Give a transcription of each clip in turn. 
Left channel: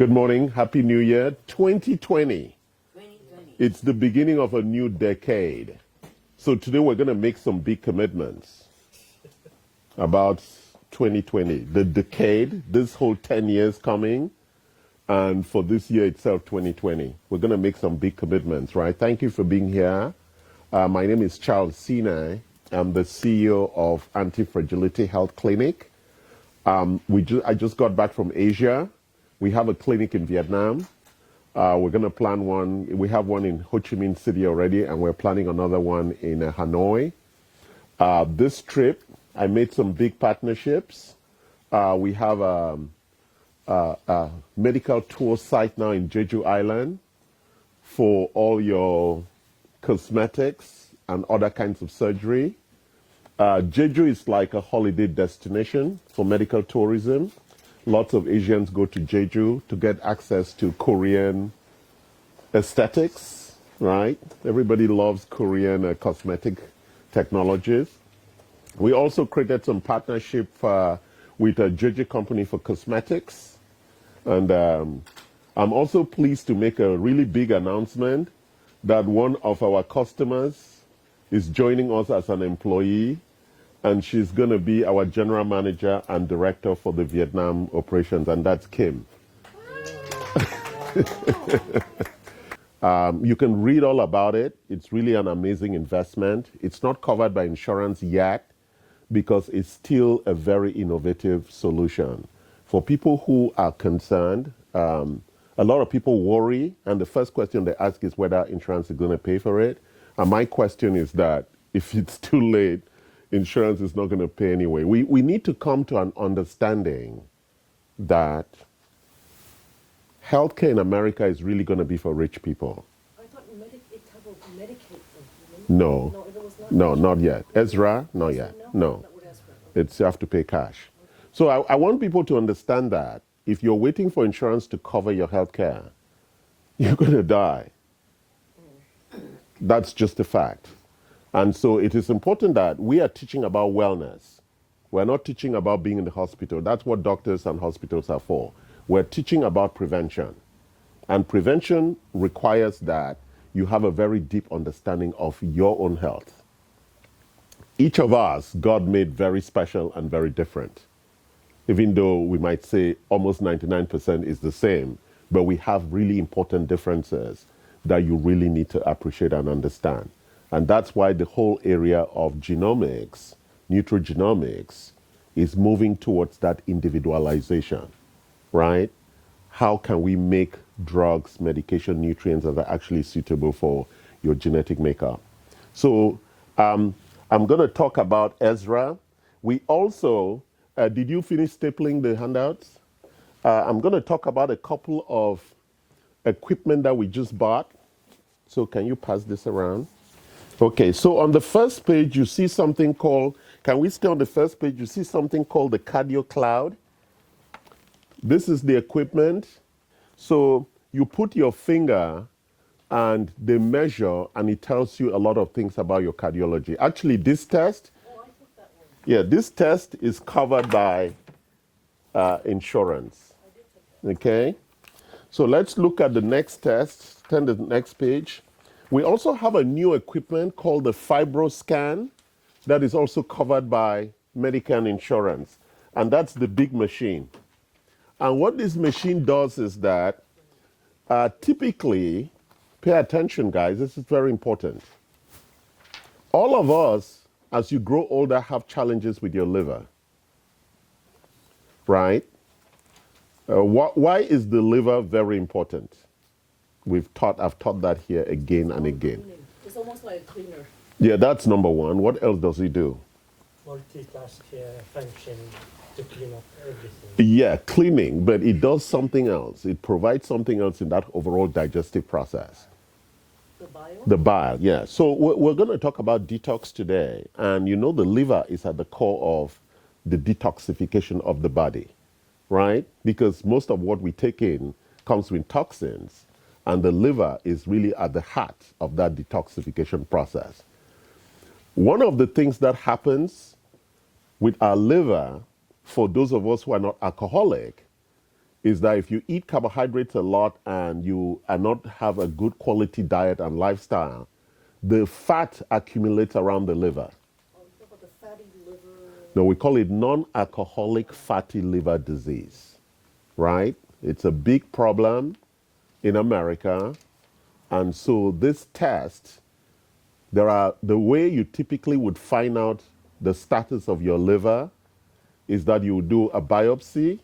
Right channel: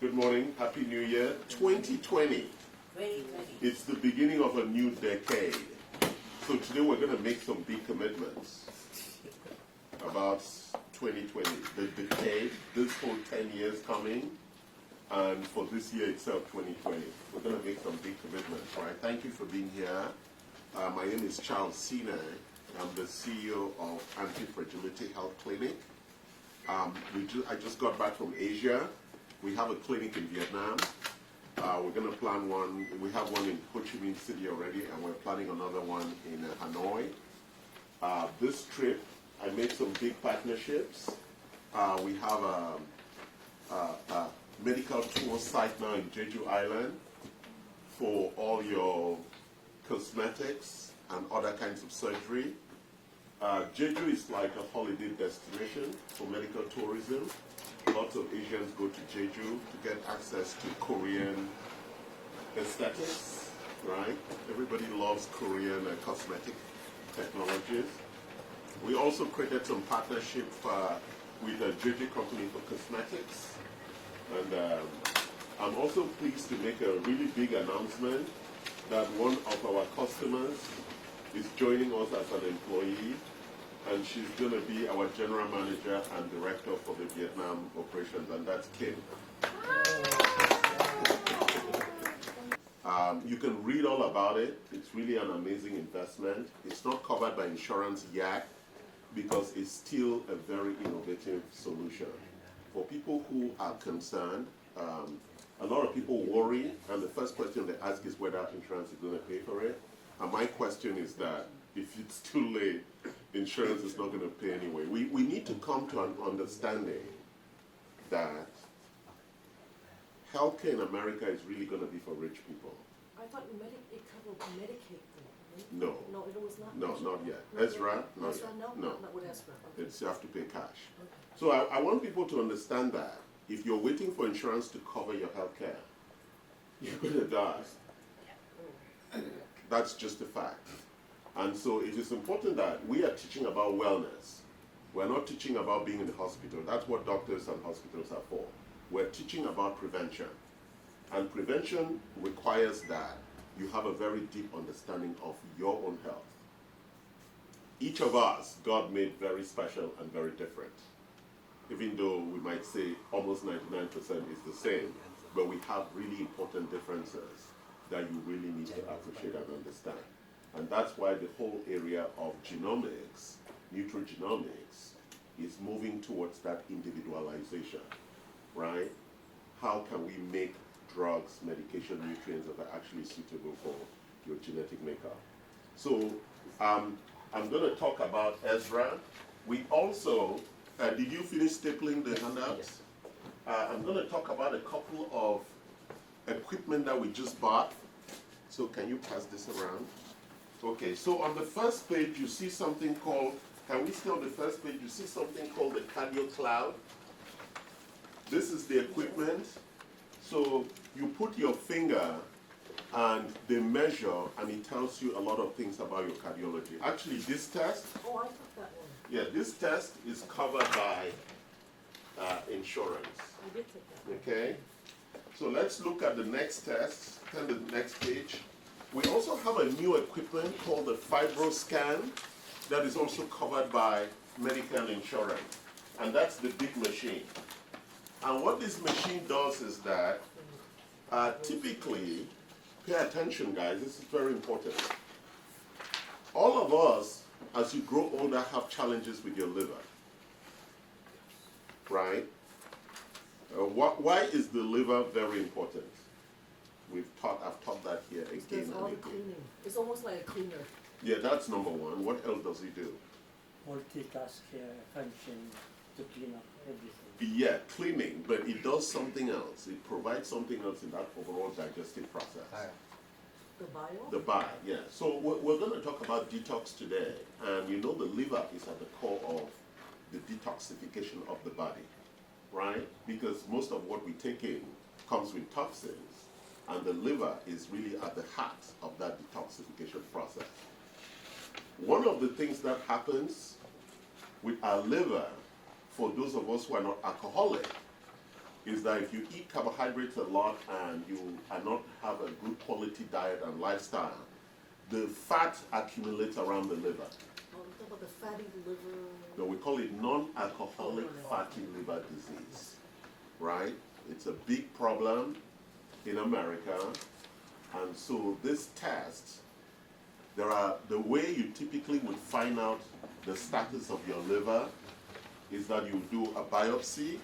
Good morning. Happy New Year. 2020. 2020. It's the beginning of a new decade. So today we're going to make some big commitments about 2020. The decade, this whole 10 years coming, and for this year itself, 2020. We're going to make some big commitments, right? Thank you for being here. My name is Charles Sine. I'm the CEO of Anti-Fragility Health Clinic. I just got back from Asia. We have a clinic in Vietnam. We're going to plan one. We have one in Ho Chi Minh City already, and we're planning another one in Hanoi. This trip, I made some big partnerships. We have a medical tour site now in Jeju Island for all your cosmetics and other kinds of surgery. Jeju is like a holiday destination for medical tourism. Lots of Asians go to Jeju to get access to Korean aesthetics, right? Everybody loves Korean cosmetic technologies. We also created some partnership with a Jeju company for cosmetics. And I'm also pleased to make a really big announcement that one of our customers is joining us as an employee, and she's going to be our general manager and director for the Vietnam operations, and that's Kim. You can read all about it. It's really an amazing investment. It's not covered by insurance yet because it's still a very innovative solution. For people who are concerned, a lot of people worry, and the first question they ask is whether insurance is going to pay for it. And my question is that if it's too late, insurance is not going to pay anyway. We need to come to an understanding that healthcare in America is really going to be for rich people. I thought it covered Medicaid. No, No, it was not. no, not yet. Ezra, not yet. No, Not with Ezra. it's you have to pay cash. So I want people to understand that if you're waiting for insurance to cover your healthcare, you're going to die. That's just a fact. And so it is important that we are teaching about wellness. We're not teaching about being in the hospital. That's what doctors and hospitals are for. We're teaching about prevention. And prevention requires that you have a very deep understanding of your own health. Each of us, God made very special and very different. Even though we might say almost 99% is the same, but we have really important differences that you really need to appreciate and understand. And that's why the whole area of genomics, nutrigenomics, is moving towards that individualization, right? How can we make drugs, medication, nutrients that are actually suitable for your genetic makeup? So I'm going to talk about Ezra. We also, did you finish stapling the handouts? I'm going to talk about a couple of equipment that we just bought. So can you pass this around? Okay, so on the first page, you see something called, can we stay on the first page? You see something called the Cardio Cloud. This is the equipment. So you put your finger and they measure and it tells you a lot of things about your cardiology. Actually, this test, Oh, I took that one. yeah, this test is covered by insurance. I did take that. Okay, so let's look at the next test. Turn to the next page. We also have a new equipment called the FibroScan that is also covered by Medicare insurance. And that's the big machine. And what this machine does is that typically, pay attention guys, this is very important. All of us, as you grow older, have challenges with your liver, right? Why is the liver very important? I've taught that here again and again. Cleaning. It's almost like a cleaner. Yeah, that's number one. What else does he do? Multitask function to clean up everything. Yeah, cleaning, but it does something else. It provides something else in that overall digestive process. The bio? The bile, yeah. So we're going to talk about detox today. And you know the liver is at the core of the detoxification of the body, right? Because most of what we take in comes with toxins. And the liver is really at the heart of that detoxification process. One of the things that happens with our liver, for those of us who are not alcoholic, is that if you eat carbohydrates a lot and you are not have a good quality diet and lifestyle, the fat accumulates around the liver. Oh, we talk about the fatty liver. No, we call it non-alcoholic fatty liver disease, right? It's a big problem in America. And so this test, the way you typically would find out the status of your liver is that you do a biopsy.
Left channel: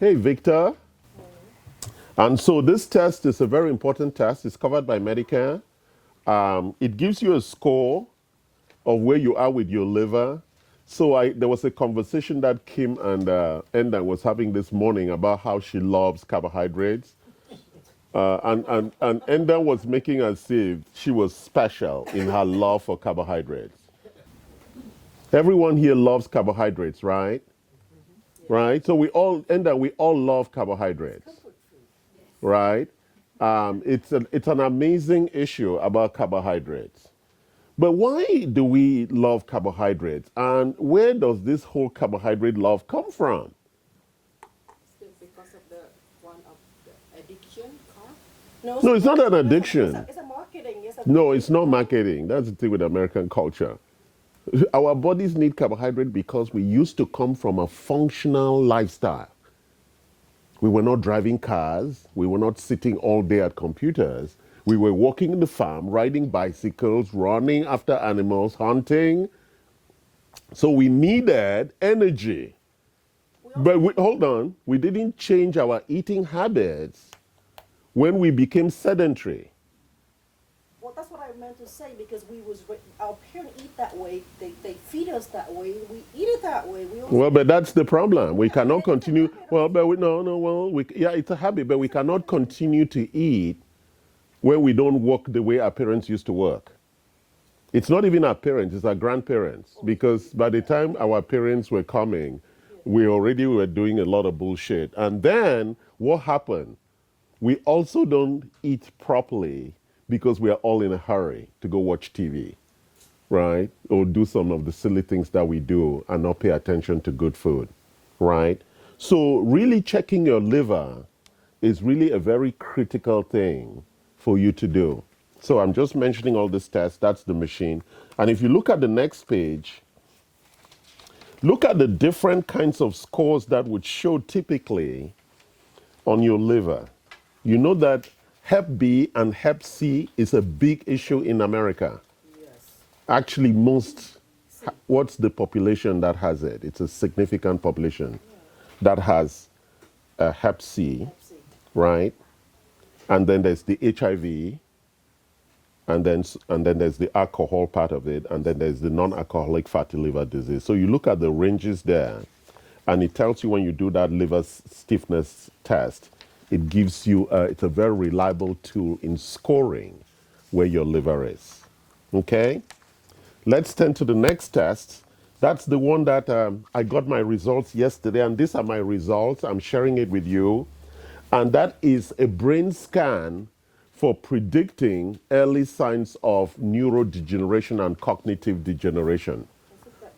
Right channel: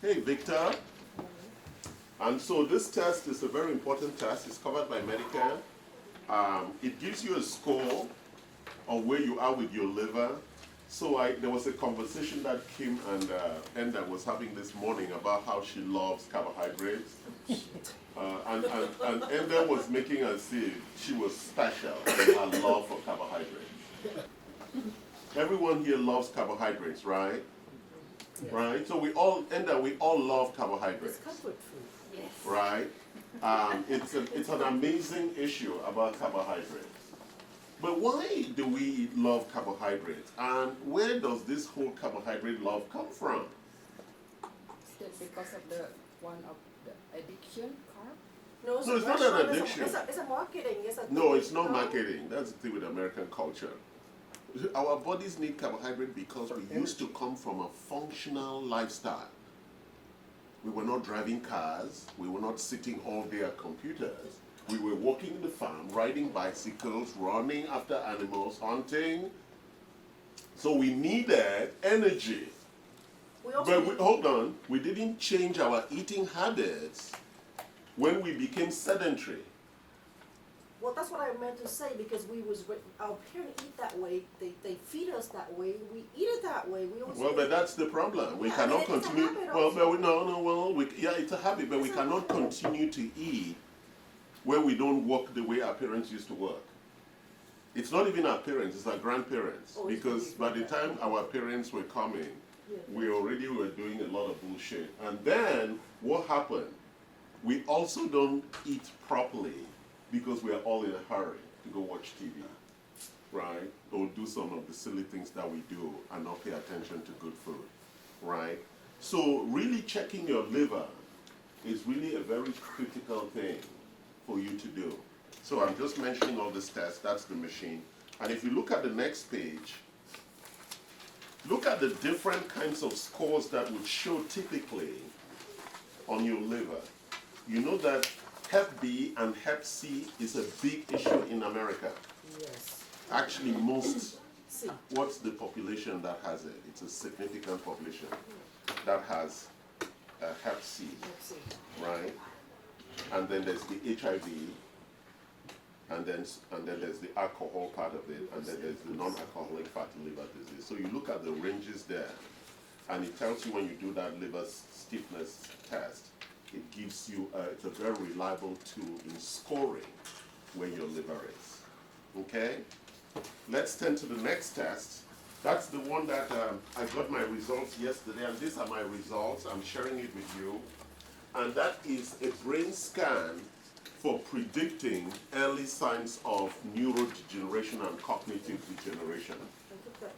Hey, Victor. And so this test is a very important test. It's covered by Medicare. It gives you a score of where you are with your liver. So there was a conversation that Kim and Enda was having this morning about how she loves carbohydrates. And Enda was making as if she was special in her love for carbohydrates. Everyone here loves carbohydrates, right? Right? So we all love carbohydrates, Comfort food. right? It's an amazing issue about carbohydrates. But why do we love carbohydrates? And where does this whole carbohydrate love come from? Is it because of the one of the addiction carb? No, it's not an addiction. It's a marketing. No, it's not marketing. That's the thing with American culture. Our bodies need carbohydrate because we used to come from a functional lifestyle. We were not driving cars. We were not sitting all day at computers. We were walking in the farm, riding bicycles, running after animals, hunting. So we needed energy. But hold on, we didn't change our eating habits when we became sedentary. Well, that's what I meant to say because our parents eat that way. They feed us that way. We eat it that way. We also Well, but that's the problem. We cannot it's a continue. habit Well, also. but yeah, it's a habit, but we cannot continue to eat where we don't work the way our parents used to work. It's not even our parents, it's our grandparents. Because by the time our parents were coming, we already were doing a lot of bullshit. And then what happened? We also don't eat properly because we are all in a hurry to go watch TV, right? Or do some of the silly things that we do and not pay attention to good food, right? So really checking your liver is really a very critical thing for you to do. So I'm just mentioning all this tests. That's the machine. And if you look at the next page, look at the different kinds of scores that would show typically on your liver. You know that Hep B and Hep C is a big issue in America. Yes. Actually, what's the population that has it? It's a significant population that has Hep C, right? And then there's the HIV, and then there's the alcohol part of it, and then there's the non-alcoholic fatty liver disease. So you look at the ranges there, and it tells you when you do that liver stiffness test, it gives you, it's a very reliable tool in scoring where your liver is. Okay? Let's turn to the next test. That's the one that I got my results yesterday, and these are my results. I'm sharing it with you. And that is a brain scan for predicting early signs of neurodegeneration and cognitive degeneration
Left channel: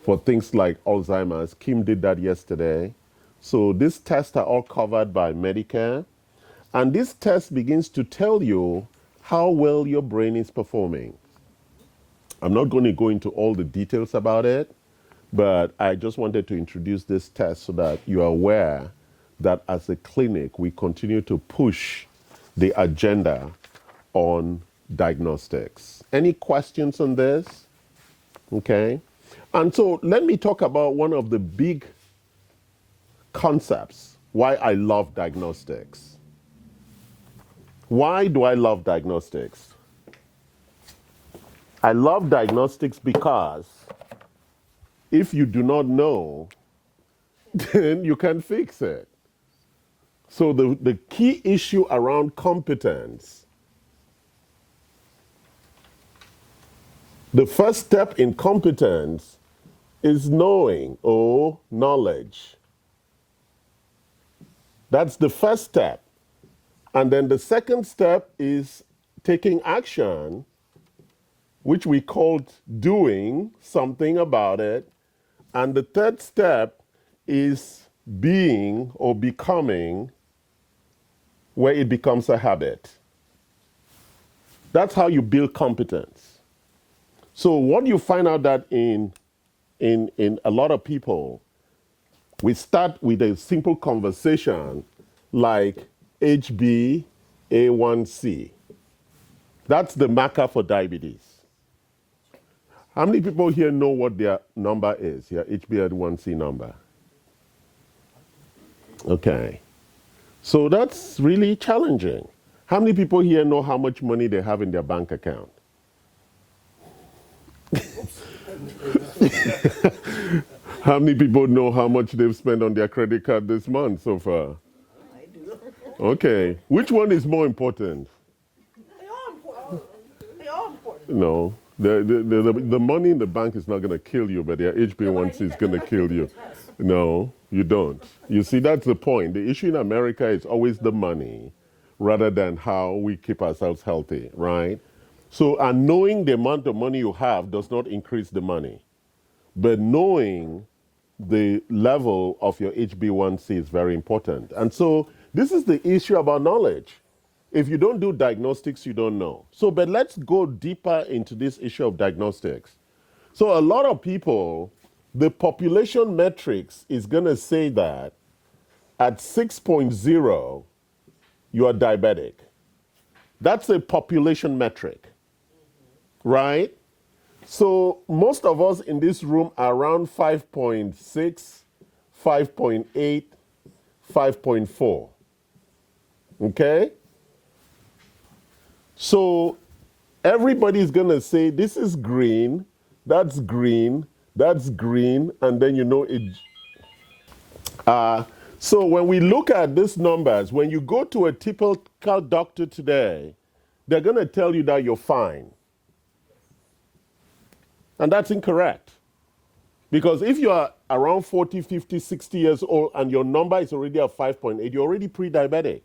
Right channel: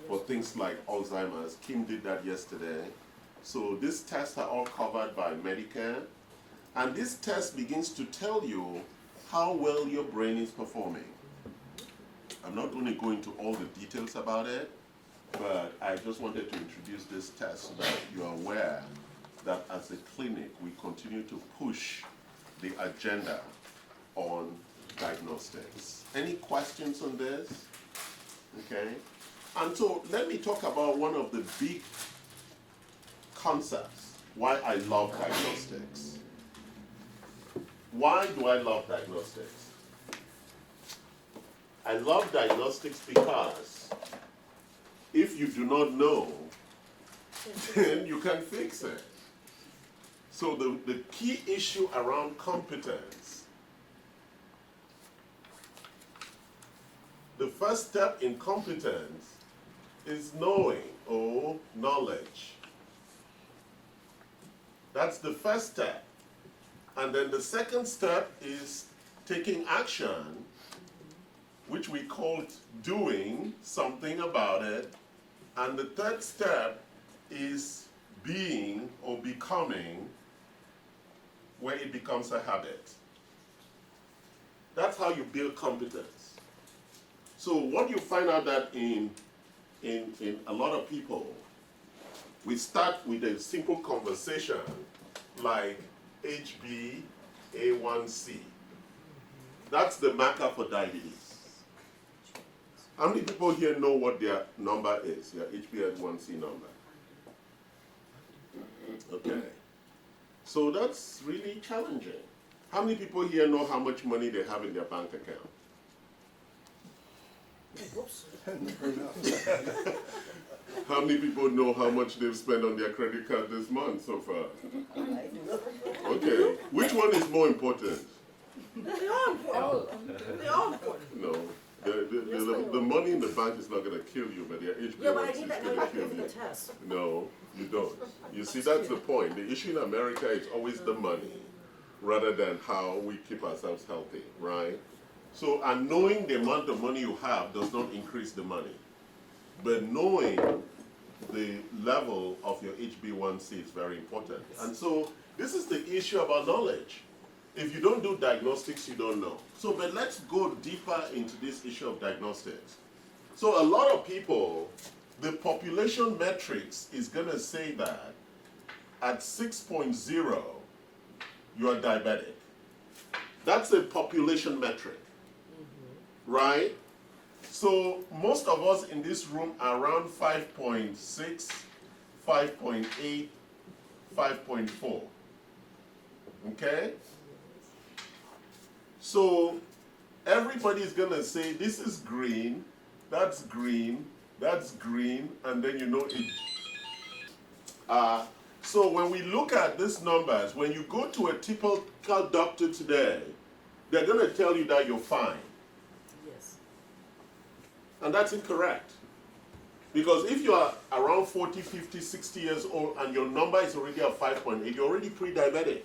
for things like Alzheimer's. Kim did that yesterday. So these tests are all covered by Medicare. And this test begins to tell you how well your brain is performing. I'm not going to go into all the details about it, but I just wanted to introduce this test so that you are aware that as a clinic, we continue to push the agenda on diagnostics. Any questions on this? Okay. And so let me talk about one of the big concepts, why I love diagnostics. Why do I love diagnostics? I love diagnostics because if you do not know, then you can fix it. So the key issue around competence, the first step in competence is knowing or knowledge. That's the first step. And then the second step is taking action, which we called doing something about it. And the third step is being or becoming where it becomes a habit. That's how you build competence. So what you find out that in a lot of people, we start with a simple conversation like HbA1c. That's the marker for diabetes. How many people here know what their number is, your HbA1c number? Okay. So that's really challenging. How many people here know how much money they have in their bank account? How many people know how much they've spent on their credit card this month so far? Okay. Which one is more important? They are important. They are important. No. The money in the bank is not going to kill you, but their HbA1c is going to kill you. No, you don't. You see, that's the point. The issue in America is always the money rather than how we keep ourselves healthy, right? So, and knowing the amount of money you have does not increase the money. But knowing the level of your HbA1c is very important. And so this is the issue about knowledge. If you don't do diagnostics, you don't know. So, but let's go deeper into this issue of diagnostics. So a lot of people, the population metrics is going to say that at 6.0, you are diabetic. That's a population metric, right? So most of us in this room are around 5.6, 5.8, 5.4. Okay? So everybody's going to say, this is green, that's green, that's green, and then you know it. So when we look at these numbers, when you go to a typical doctor today, they're going to tell you that you're fine. Yes. And that's incorrect. Because if you are around 40, 50, 60 years old and your number is already at 5.8, you're already pre-diabetic.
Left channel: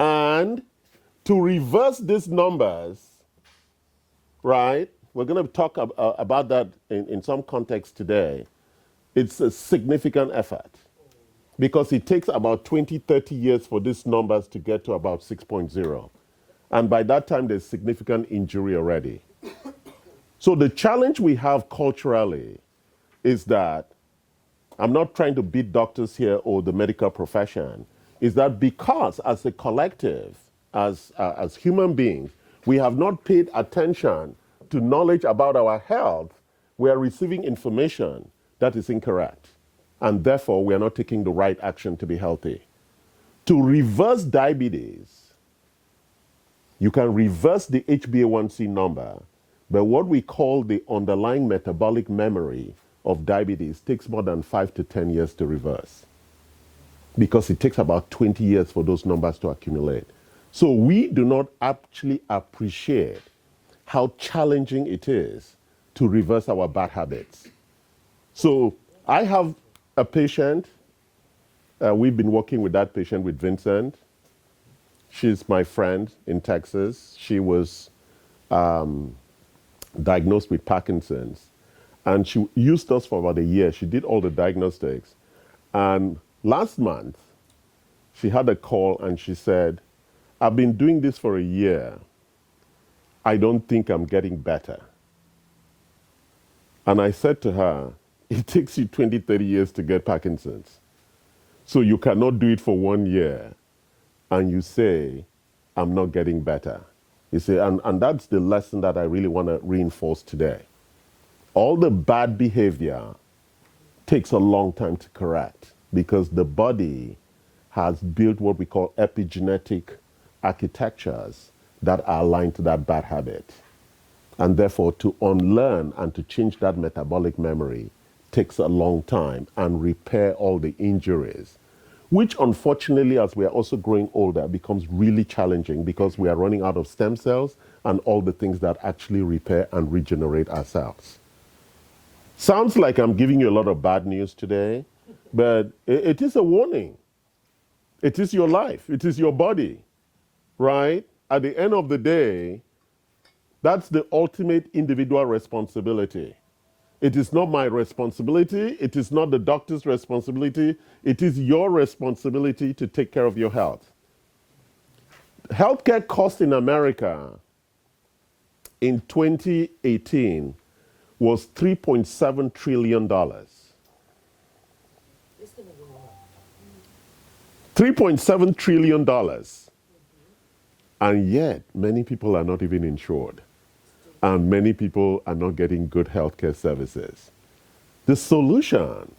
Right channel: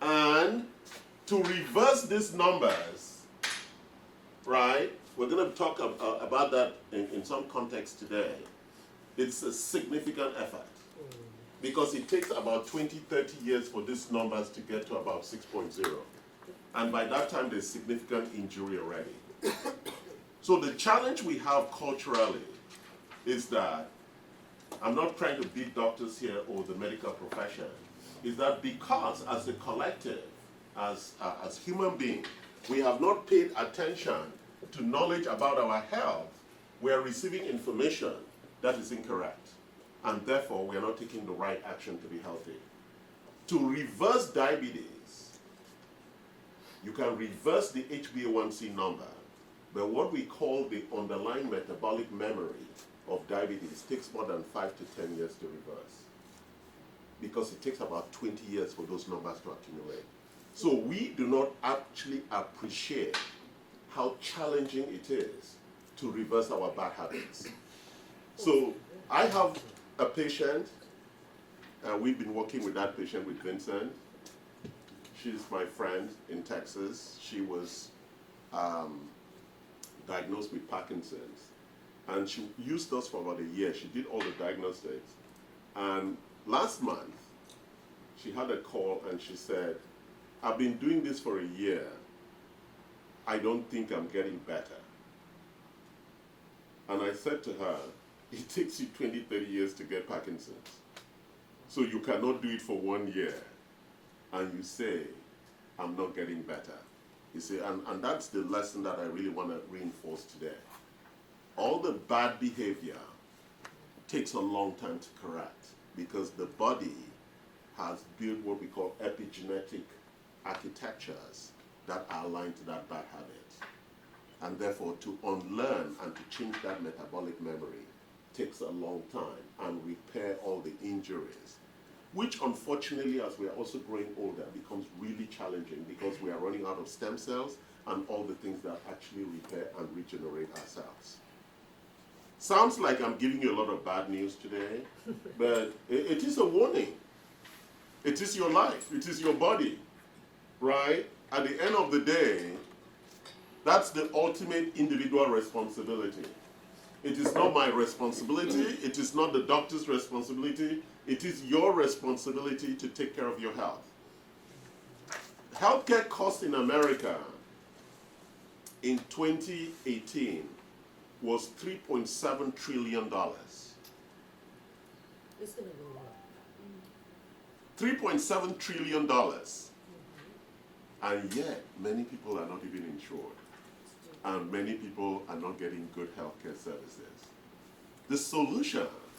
And to reverse these numbers, right, we're going to talk about that in some context today. It's a significant effort because it takes about 20, 30 years for these numbers to get to about 6.0. And by that time, there's significant injury already. So the challenge we have culturally is that, I'm not trying to beat doctors here or the medical profession, is that because as a collective, as human beings, we have not paid attention to knowledge about our health, we are receiving information that is incorrect. And therefore, we are not taking the right action to be healthy. To reverse diabetes, you can reverse the HbA1c number, but what we call the underlying metabolic memory of diabetes takes more than 5 to 10 years to reverse because it takes about 20 years for those numbers to accumulate. So we do not actually appreciate how challenging it is to reverse our bad habits. So I have a patient. We've been working with that patient, with Vincent. She's my friend in Texas. She was diagnosed with Parkinson's. And she used us for about a year. She did all the diagnostics. And last month, she had a call and she said, I've been doing this for a year. I don't think I'm getting better. And I said to her, it takes you 20, 30 years to get Parkinson's. So you cannot do it for 1 year and you say, I'm not getting better. You see, and that's the lesson that I really want to reinforce today. All the bad behavior takes a long time to correct because the body has built what we call epigenetic architectures that are aligned to that bad habit. And therefore, to unlearn and to change that metabolic memory takes a long time and repair all the injuries, which unfortunately, as we are also growing older, becomes really challenging because we are running out of stem cells and all the things that actually repair and regenerate ourselves. Sounds like I'm giving you a lot of bad news today, but it is a warning. It is your life. It is your body, right? At the end of the day, that's the ultimate individual responsibility. It is not my responsibility. It is not the doctor's responsibility. It is your responsibility to take care of your health. Healthcare cost in America in 2018 was $3.7 trillion. It's gonna go up. $3.7 trillion. And yet, many people are not even insured. And many people are not getting good healthcare services. The solution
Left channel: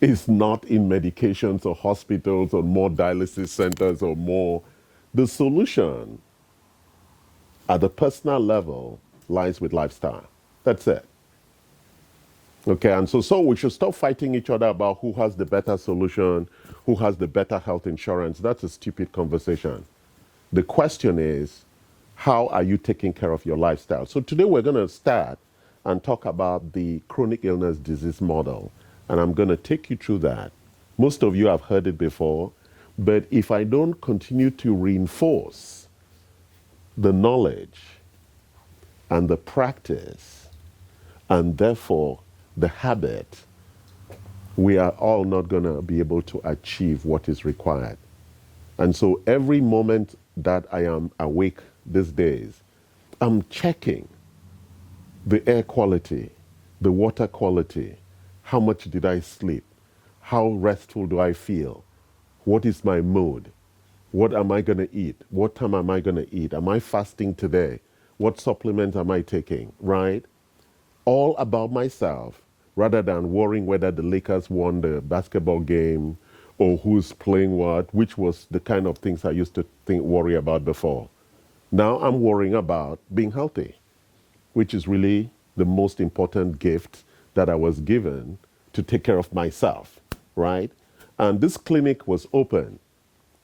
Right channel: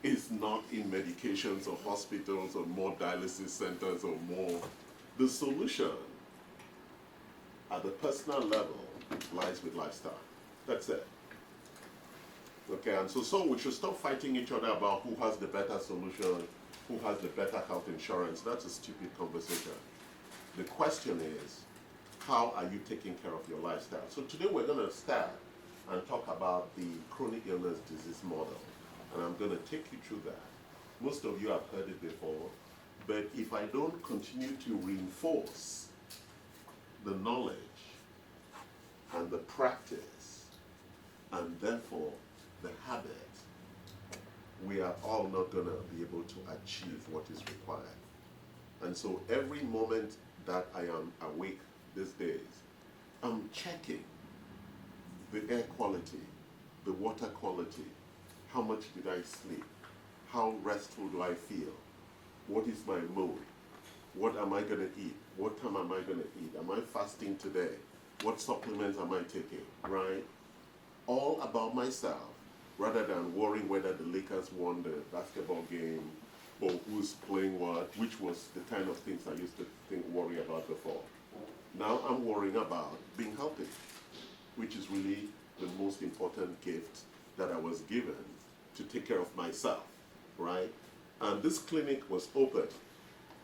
is not in medications or hospitals or more dialysis centers or more. The solution at the personal level lies with lifestyle. That's it. Okay, and so we should stop fighting each other about who has the better solution, who has the better health insurance. That's a stupid conversation. The question is, how are you taking care of your lifestyle? So today we're going to start and talk about the chronic illness disease model. And I'm going to take you through that. Most of you have heard it before, but if I don't continue to reinforce the knowledge and the practice, and therefore the habit, we are all not going to be able to achieve what is required. And so every moment that I am awake these days, I'm checking the air quality, the water quality, how much did I sleep, how restful do I feel, what is my mood, what am I going to eat, what time am I going to eat, am I fasting today, what supplement am I taking, right? All about myself, rather than worrying whether the Lakers won the basketball game or who's playing what, which was the kind of things I used to worry about before. Now I'm worrying about being healthy, which is really the most important gift that I was given to take care of myself, right? And this clinic was open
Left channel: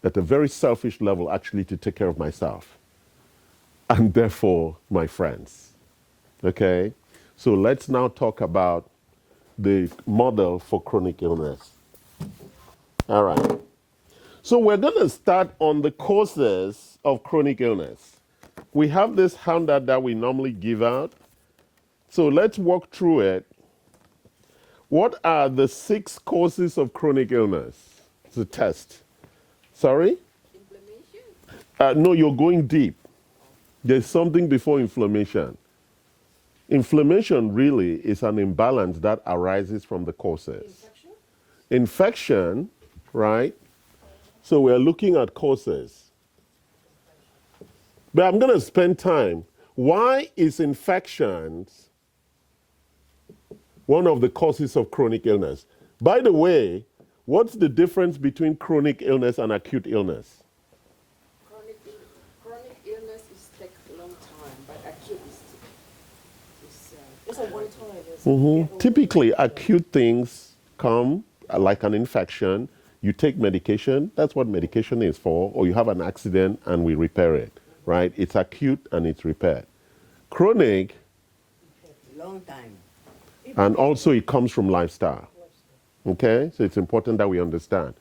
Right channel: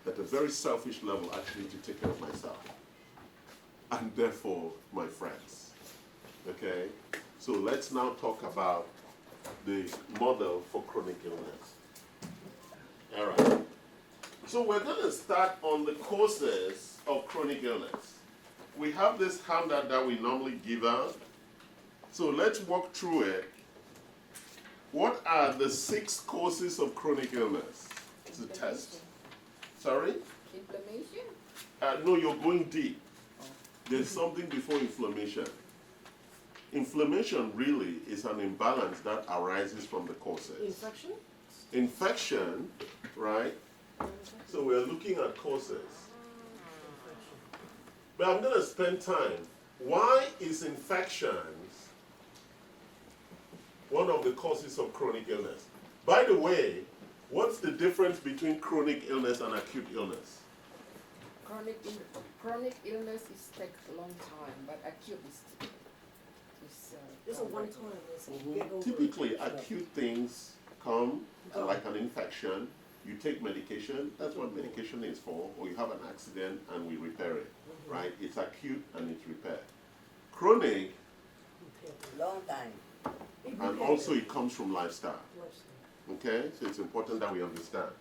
at a very selfish level, actually, to take care of myself and therefore my friends, okay? So let's now talk about the model for chronic illness. All right. So we're going to start on the causes of chronic illness. We have this handout that we normally give out. So let's walk through it. What are the 6 causes of chronic illness? It's a test. Sorry? Inflammation? No, you're going deep. There's something before inflammation. Inflammation really is an imbalance that arises from the causes. Infection? Infection, right? So we're looking at causes. But I'm going to spend time. Why is infections one of the causes of chronic illness? By the way, what's the difference between chronic illness and acute illness? Chronic illness is take a long time, but acute is It's a one time. Typically, acute things come like an infection. You take medication, that's what medication is for, or you have an accident and we repair it, right? It's acute and it's repaired. Chronic, long time. and also it comes from lifestyle, okay? So it's important that we understand.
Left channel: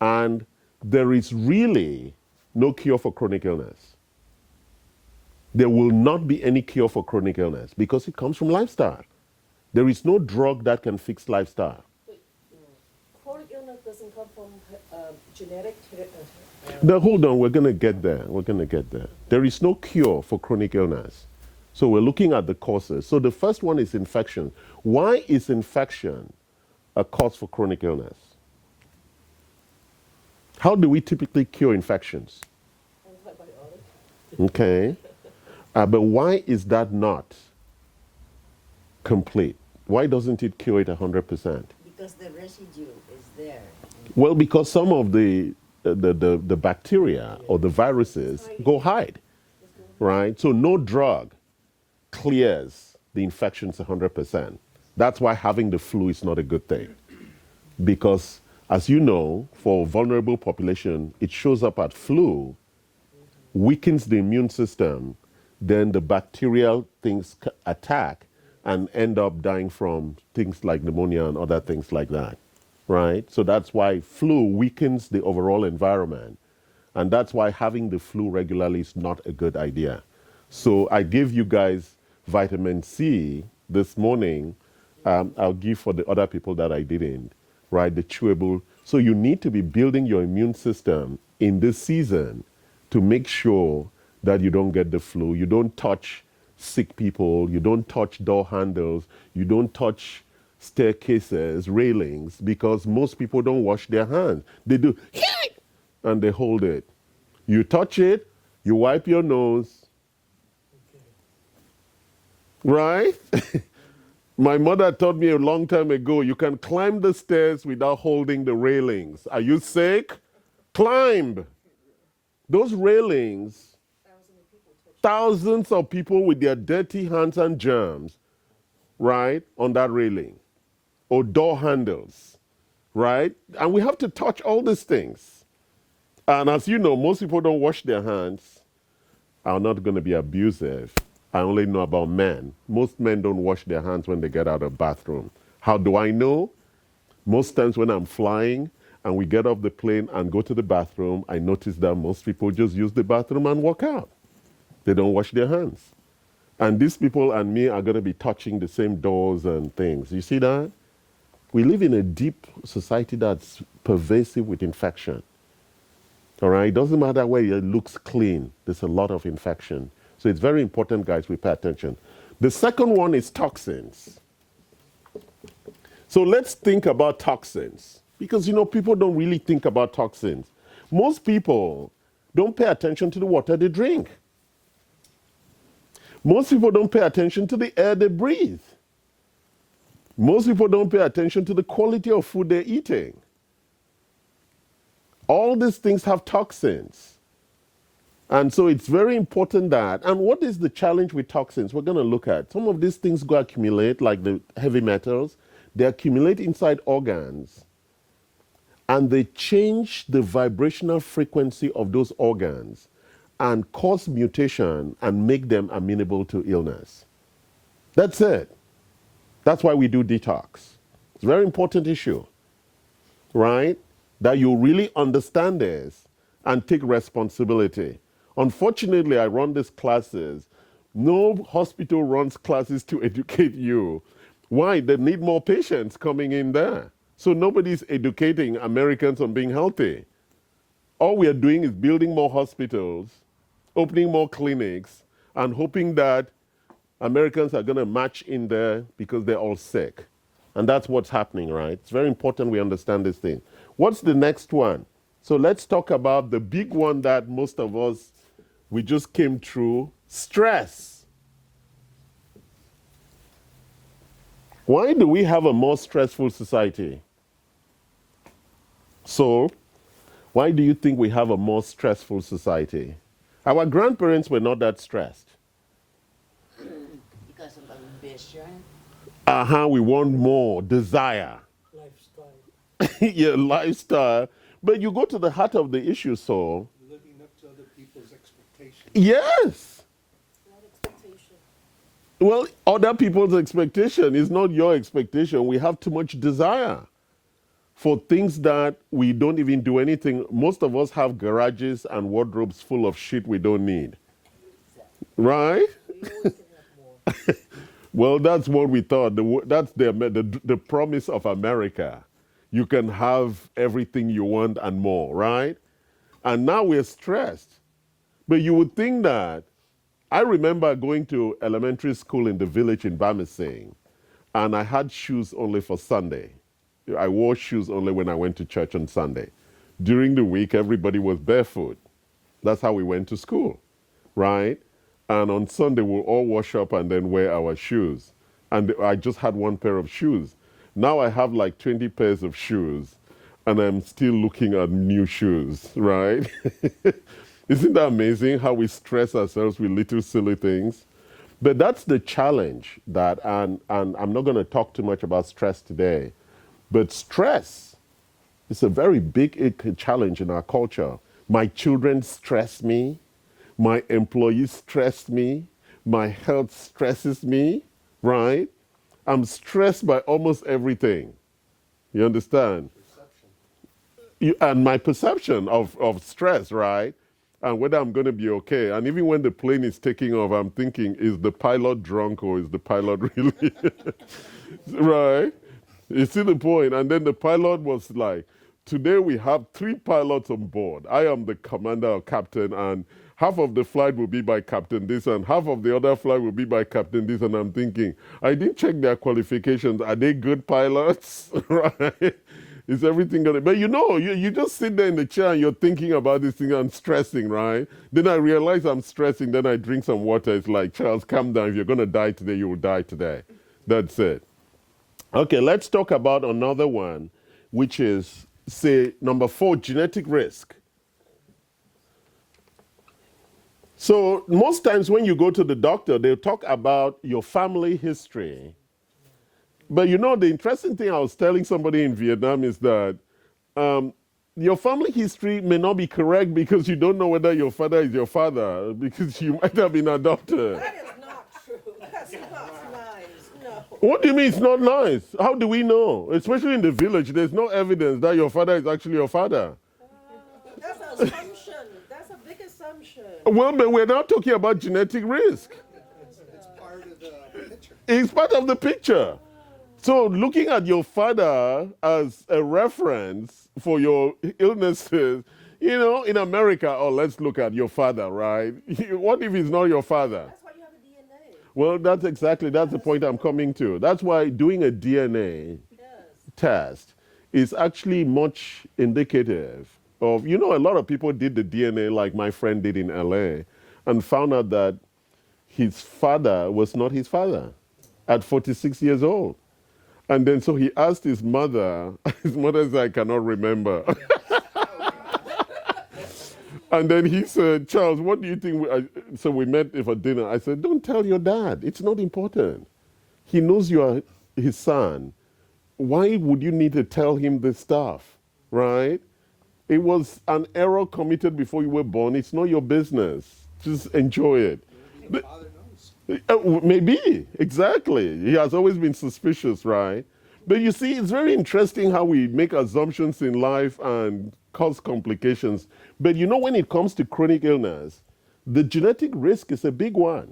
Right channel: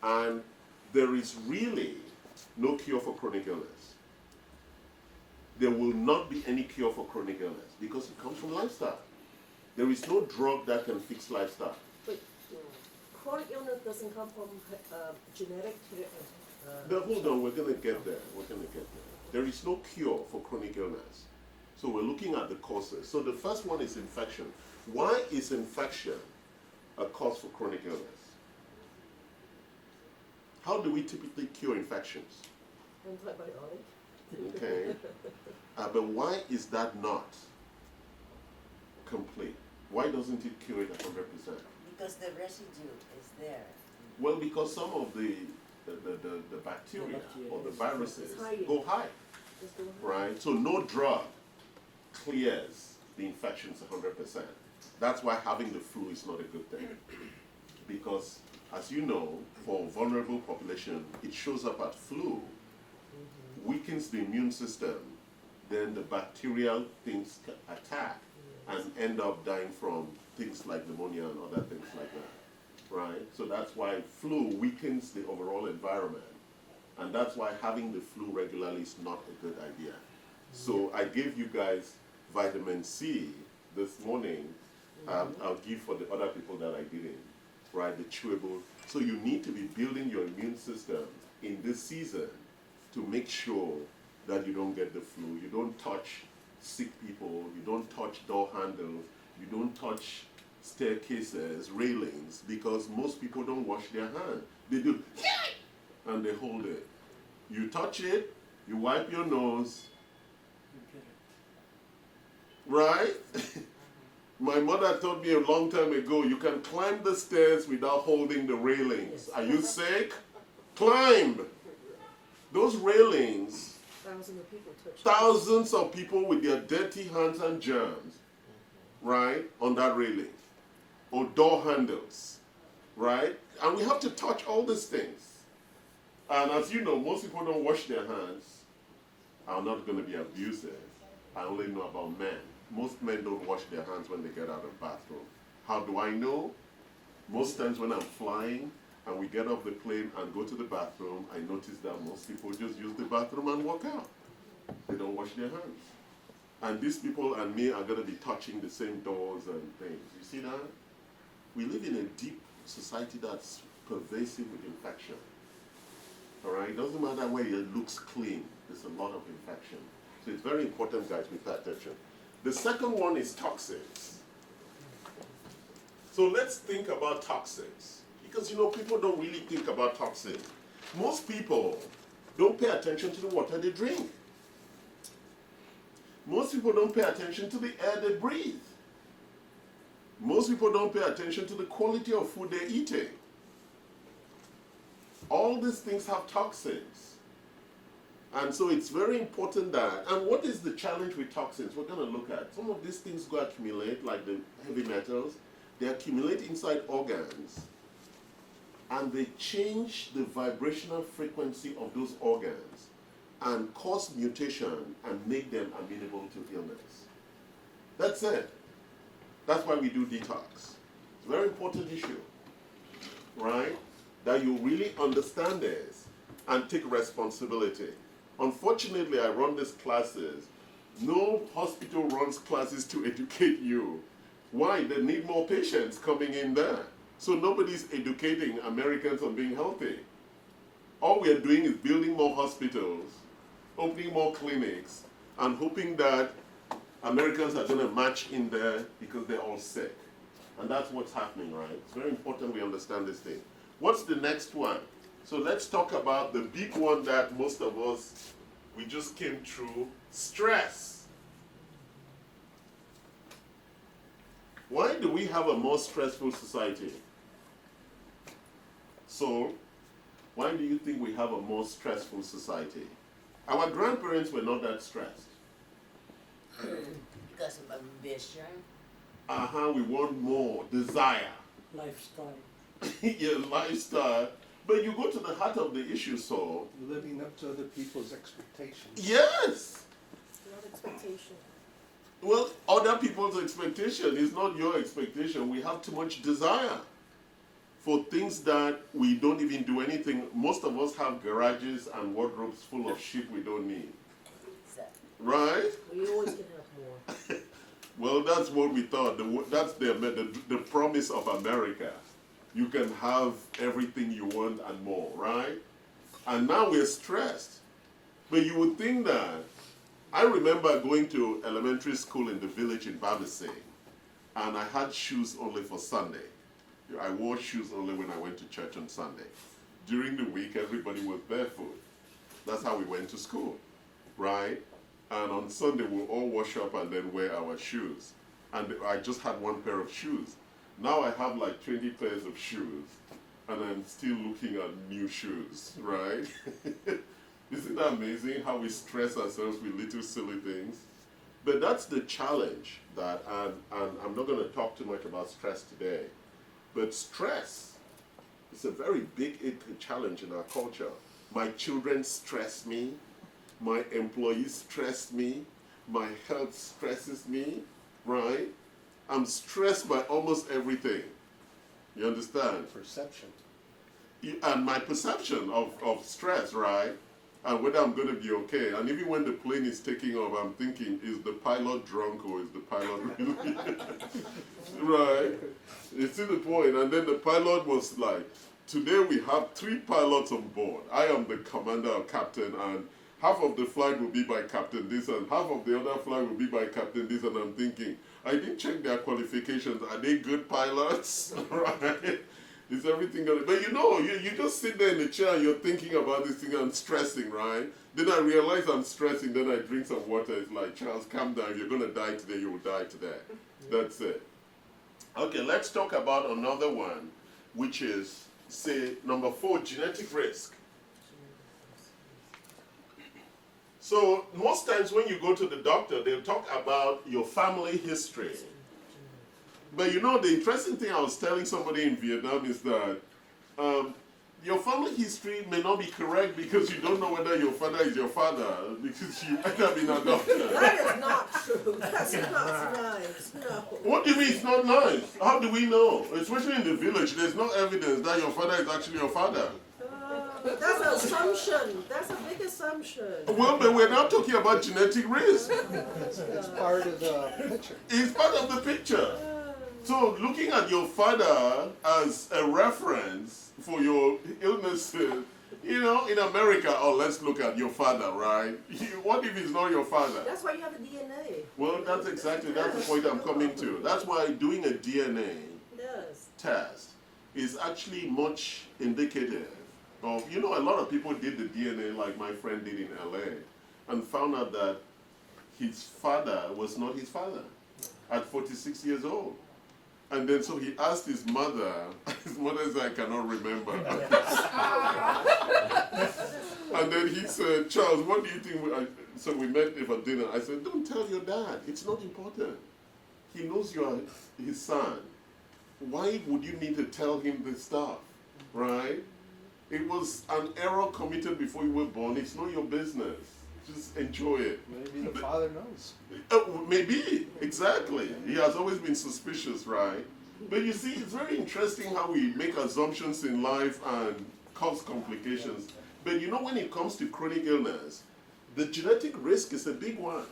And there is really no cure for chronic illness. There will not be any cure for chronic illness because it comes from lifestyle. There is no drug that can fix lifestyle. But chronic illness doesn't come from genetic. Now, hold on, we're going to get there. We're going to get there. There is no cure for chronic illness. So we're looking at the causes. So the first one is infection. Why is infection a cause for chronic illness? How do we typically cure infections? Antibiotic. Okay. But why is that not complete? Why doesn't it cure it 100%? Because the residue is there. Well, because some of the bacteria or the viruses go hide, right? So no drug clears the infections 100%. That's why having the flu is not a good thing. Because, as you know, for vulnerable population, it shows up at flu, weakens the immune system, then the bacterial things attack and end up dying from things like pneumonia and other things like that, right? So that's why flu weakens the overall environment. And that's why having the flu regularly is not a good idea. So I gave you guys vitamin C this morning. I'll give for the other people that I didn't, right? The chewable. So you need to be building your immune system in this season to make sure that you don't get the flu. You don't touch sick people. You don't touch door handles. You don't touch staircases, railings, because most people don't wash their hands. They do, and they hold it. You touch it, you wipe your nose, right? My mother taught me a long time ago, you can climb the stairs without holding the railings. Are you sick? Climb. Those railings, thousands of people with their dirty hands and germs, right, on that railing. Or door handles, right? And we have to touch all these things. And as you know, most people don't wash their hands. I'm not going to be abusive. I only know about men. Most men don't wash their hands when they get out of the bathroom. How do I know? Most times when I'm flying and we get off the plane and go to the bathroom, I notice that most people just use the bathroom and walk out. They don't wash their hands. And these people and me are going to be touching the same doors and things. You see that? We live in a deep society that's pervasive with infection. All right? It doesn't matter where it looks clean. There's a lot of infection. So it's very important, guys, we pay attention. The second one is toxins. So let's think about toxins. Because, you know, people don't really think about toxins. Most people don't pay attention to the water they drink. Most people don't pay attention to the air they breathe. Most people don't pay attention to the quality of food they're eating. All these things have toxins. And so it's very important that, and what is the challenge with toxins? We're going to look at. Some of these things go accumulate, like the heavy metals. They accumulate inside organs, and they change the vibrational frequency of those organs and cause mutation and make them amenable to illness. That's it. That's why we do detox. It's a very important issue, right? That you really understand this and take responsibility. Unfortunately, I run these classes. No hospital runs classes to educate you. Why? They need more patients coming in there. So nobody's educating Americans on being healthy. All we are doing is building more hospitals, opening more clinics, and hoping that Americans are going to march in there because they're all sick. And that's what's happening, right? It's very important we understand this thing. What's the next one? So let's talk about the big one that most of us, we just came through, stress. Why do we have a more stressful society? So, why do you think we have a more stressful society? Our grandparents were not that stressed. Because of ambition. We want more, desire. Lifestyle. Yeah, lifestyle. But you go to the heart of the issue, so. Living up to other people's expectations. Yes. Not expectation. Well, other people's expectation is not your expectation. We have too much desire for things that we don't even do anything. Most of us have garages and wardrobes full of shit we don't need. Right? We always can have more. Well, that's what we thought. That's the promise of America. You can have everything you want and more, right? And now we're stressed. But you would think that, I remember going to elementary school in the village in Bamising, and I had shoes only for Sunday. I wore shoes only when I went to church on Sunday. During the week, everybody was barefoot. That's how we went to school, right? And on Sunday, we'll all wash up and then wear our shoes. And I just had one pair of shoes. Now I have like 20 pairs of shoes, and I'm still looking at new shoes, right? Isn't that amazing how we stress ourselves with little silly things? But that's the challenge that, and I'm not going to talk too much about stress today, but stress is a very big challenge in our culture. My children stress me. My employees stress me. My health stresses me, right? I'm stressed by almost everything. You understand? Perception. And my perception of stress, right? And whether I'm going to be okay. And even when the plane is taking off, I'm thinking, is the pilot drunk or is the pilot really? Right? You see the point? And then the pilot was like, today we have 3 pilots on board. I am the commander or captain, and half of the flight will be by Captain this, and half of the other flight will be by Captain this. And I'm thinking, I didn't check their qualifications. Are they good pilots? Right? Is everything gonna? But you just sit there in the chair and you're thinking about this thing and stressing, right? Then I realize I'm stressing. Then I drink some water. It's like, Charles, calm down. If you're gonna die today, you will die today. That's it. Okay, let's talk about another one, which is, say, number 4, genetic risk. So most times when you go to the doctor, they'll talk about your family history. But the interesting thing I was telling somebody in Vietnam is that your family history may not be correct because you don't know whether your father is your father, because you might have been adopted. That is not true. That's not nice. No. What do you mean it's not nice? How do we know? Especially in the village, there's no evidence that your father is actually your father. That's an assumption. That's a big assumption. Well, but we're not talking about genetic risk. It's part of the picture. It's part of the picture. So looking at your father as a reference for your illnesses, in America, let's look at your father, right? What if he's not your father? That's why you have a DNA. Well, that's the point I'm coming to. That's why doing a DNA Yes. test is actually much indicative of, a lot of people did the DNA like my friend did in LA and found out that his father was not his father at 46 years old. And then so he asked his mother said, I cannot remember. And then he said, Charles, what do you think? So we met for dinner. I said, don't tell your dad. It's not important. He knows you are his son. Why would you need to tell him this stuff, right? It was an error committed before you were born. It's not your business. Just enjoy it. Maybe the father knows. Maybe, exactly. He has always been suspicious, right? But you see, it's very interesting how we make assumptions in life and cause complications. But when it comes to chronic illness, the genetic risk is a big one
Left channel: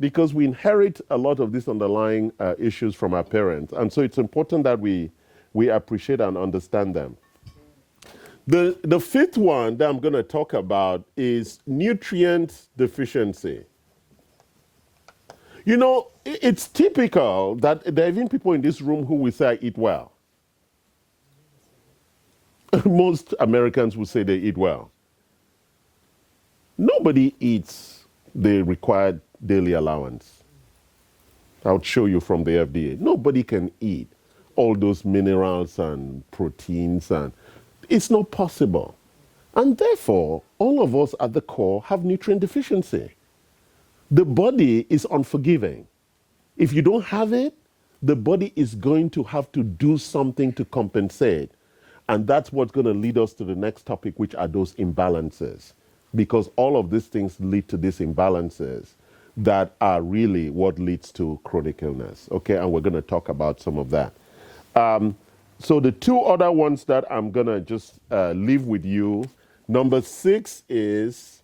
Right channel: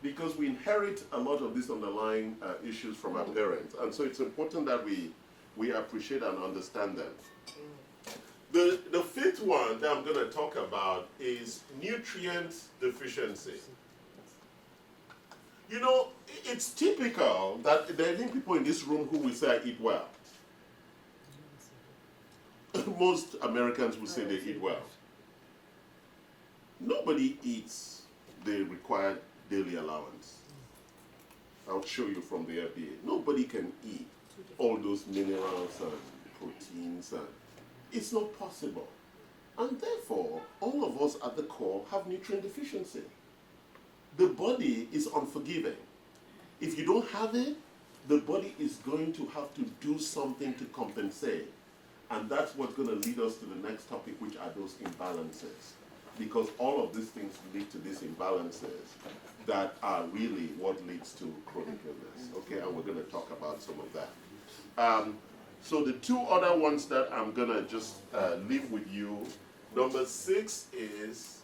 because we inherit a lot of these underlying issues from our parents. And so it's important that we appreciate and understand them. The 5th one that I'm going to talk about is nutrient deficiency. It's typical that there are even people in this room who will say, I eat well. Most Americans will say they eat well. Nobody eats the required daily allowance. I'll show you from the FDA. Nobody can eat all those minerals and proteins, and it's not possible. And therefore, all of us at the core have nutrient deficiency. The body is unforgiving. If you don't have it, the body is going to have to do something to compensate. And that's what's going to lead us to the next topic, which are those imbalances. Because all of these things lead to these imbalances that are really what leads to chronic illness. Okay, and we're going to talk about some of that. So the 2 other ones that I'm going to just leave with you. Number 6 is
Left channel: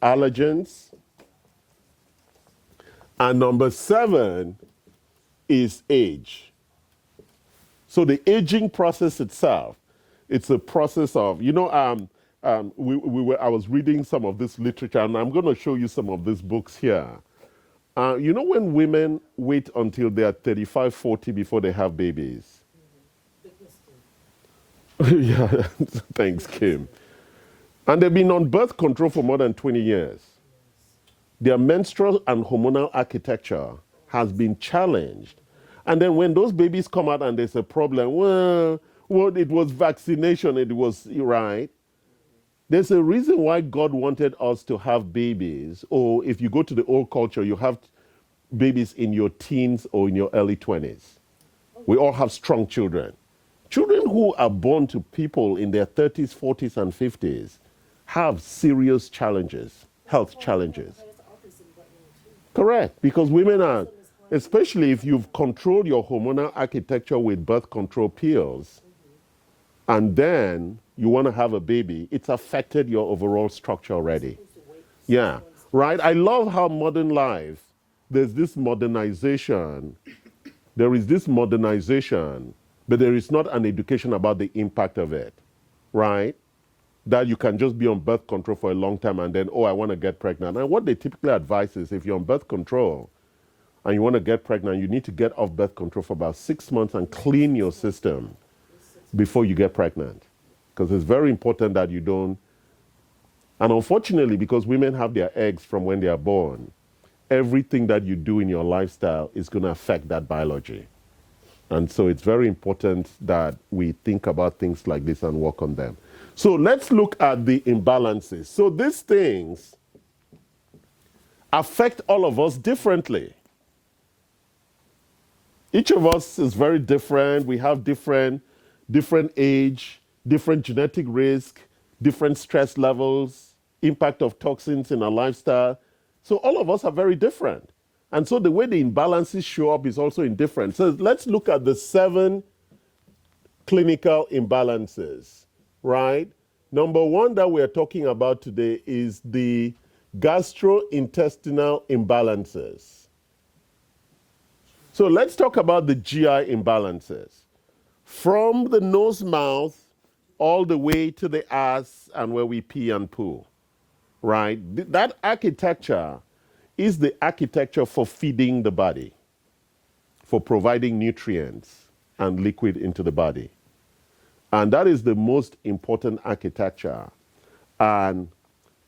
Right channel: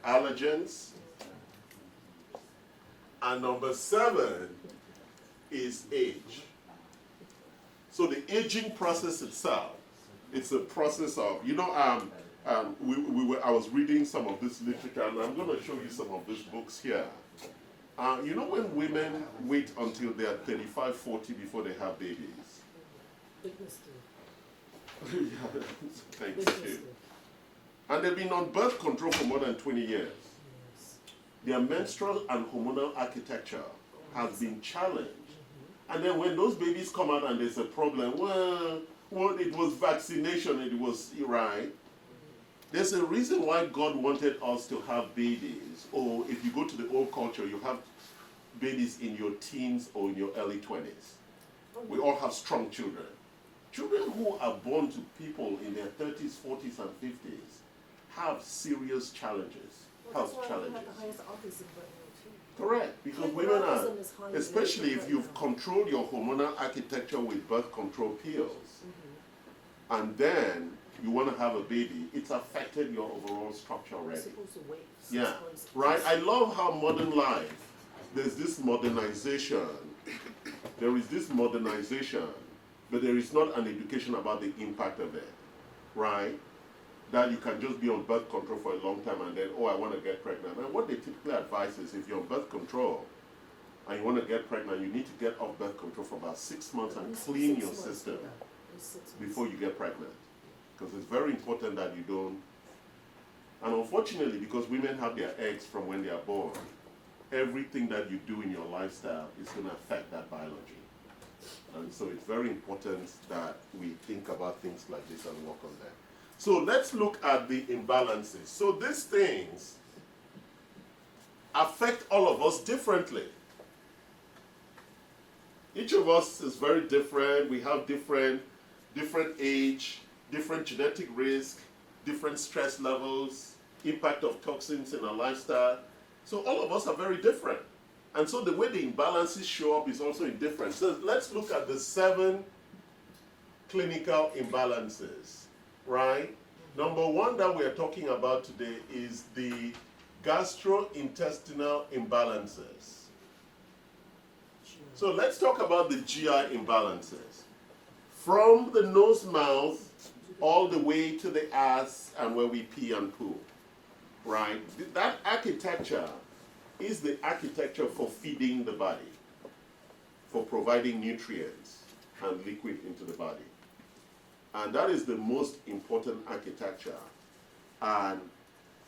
allergens. And number 7 is age. So the aging process itself, it's a process of, I was reading some of this literature, and I'm going to show you some of these books here. When women wait until they are 35, 40 before they have babies? Yeah, thanks, Kim. And they've been on birth control for more than 20 years. Their menstrual and hormonal architecture has been challenged. And then when those babies come out and there's a problem, well, it was vaccination, it was right. There's a reason why God wanted us to have babies. Or if you go to the old culture, you have babies in your teens or in your early 20s. We all have strong children. Children who are born to people in their 30s, 40s, and 50s have serious challenges, health challenges. Correct, because women are, especially if you've controlled your hormonal architecture with birth control pills, and then you want to have a baby, it's affected your overall structure already. Yeah, right? I love how modern life, there is this modernization but there is not an education about the impact of it, right? That you can just be on birth control for a long time and then, oh, I want to get pregnant. And what they typically advise is if you're on birth control and you want to get pregnant, you need to get off birth control for about 6 months and clean your system before you get pregnant. Because it's very important that you don't. And unfortunately, because women have their eggs from when they are born, everything that you do in your lifestyle is going to affect that biology. And so it's very important that we think about things like this and work on them. So let's look at the imbalances. So these things affect all of us differently. Each of us is very different. We have different age, different genetic risk, different stress levels, impact of toxins in our lifestyle. So all of us are very different. And so the way the imbalances show up is also indifferent. So let's look at the 7 clinical imbalances, right? Number 1 that we're talking about today is the gastrointestinal imbalances. So let's talk about the GI imbalances. From the nose, mouth, all the way to the ass and where we pee and poo, right? That architecture is the architecture for feeding the body, for providing nutrients and liquid into the body. And that is the most important architecture. And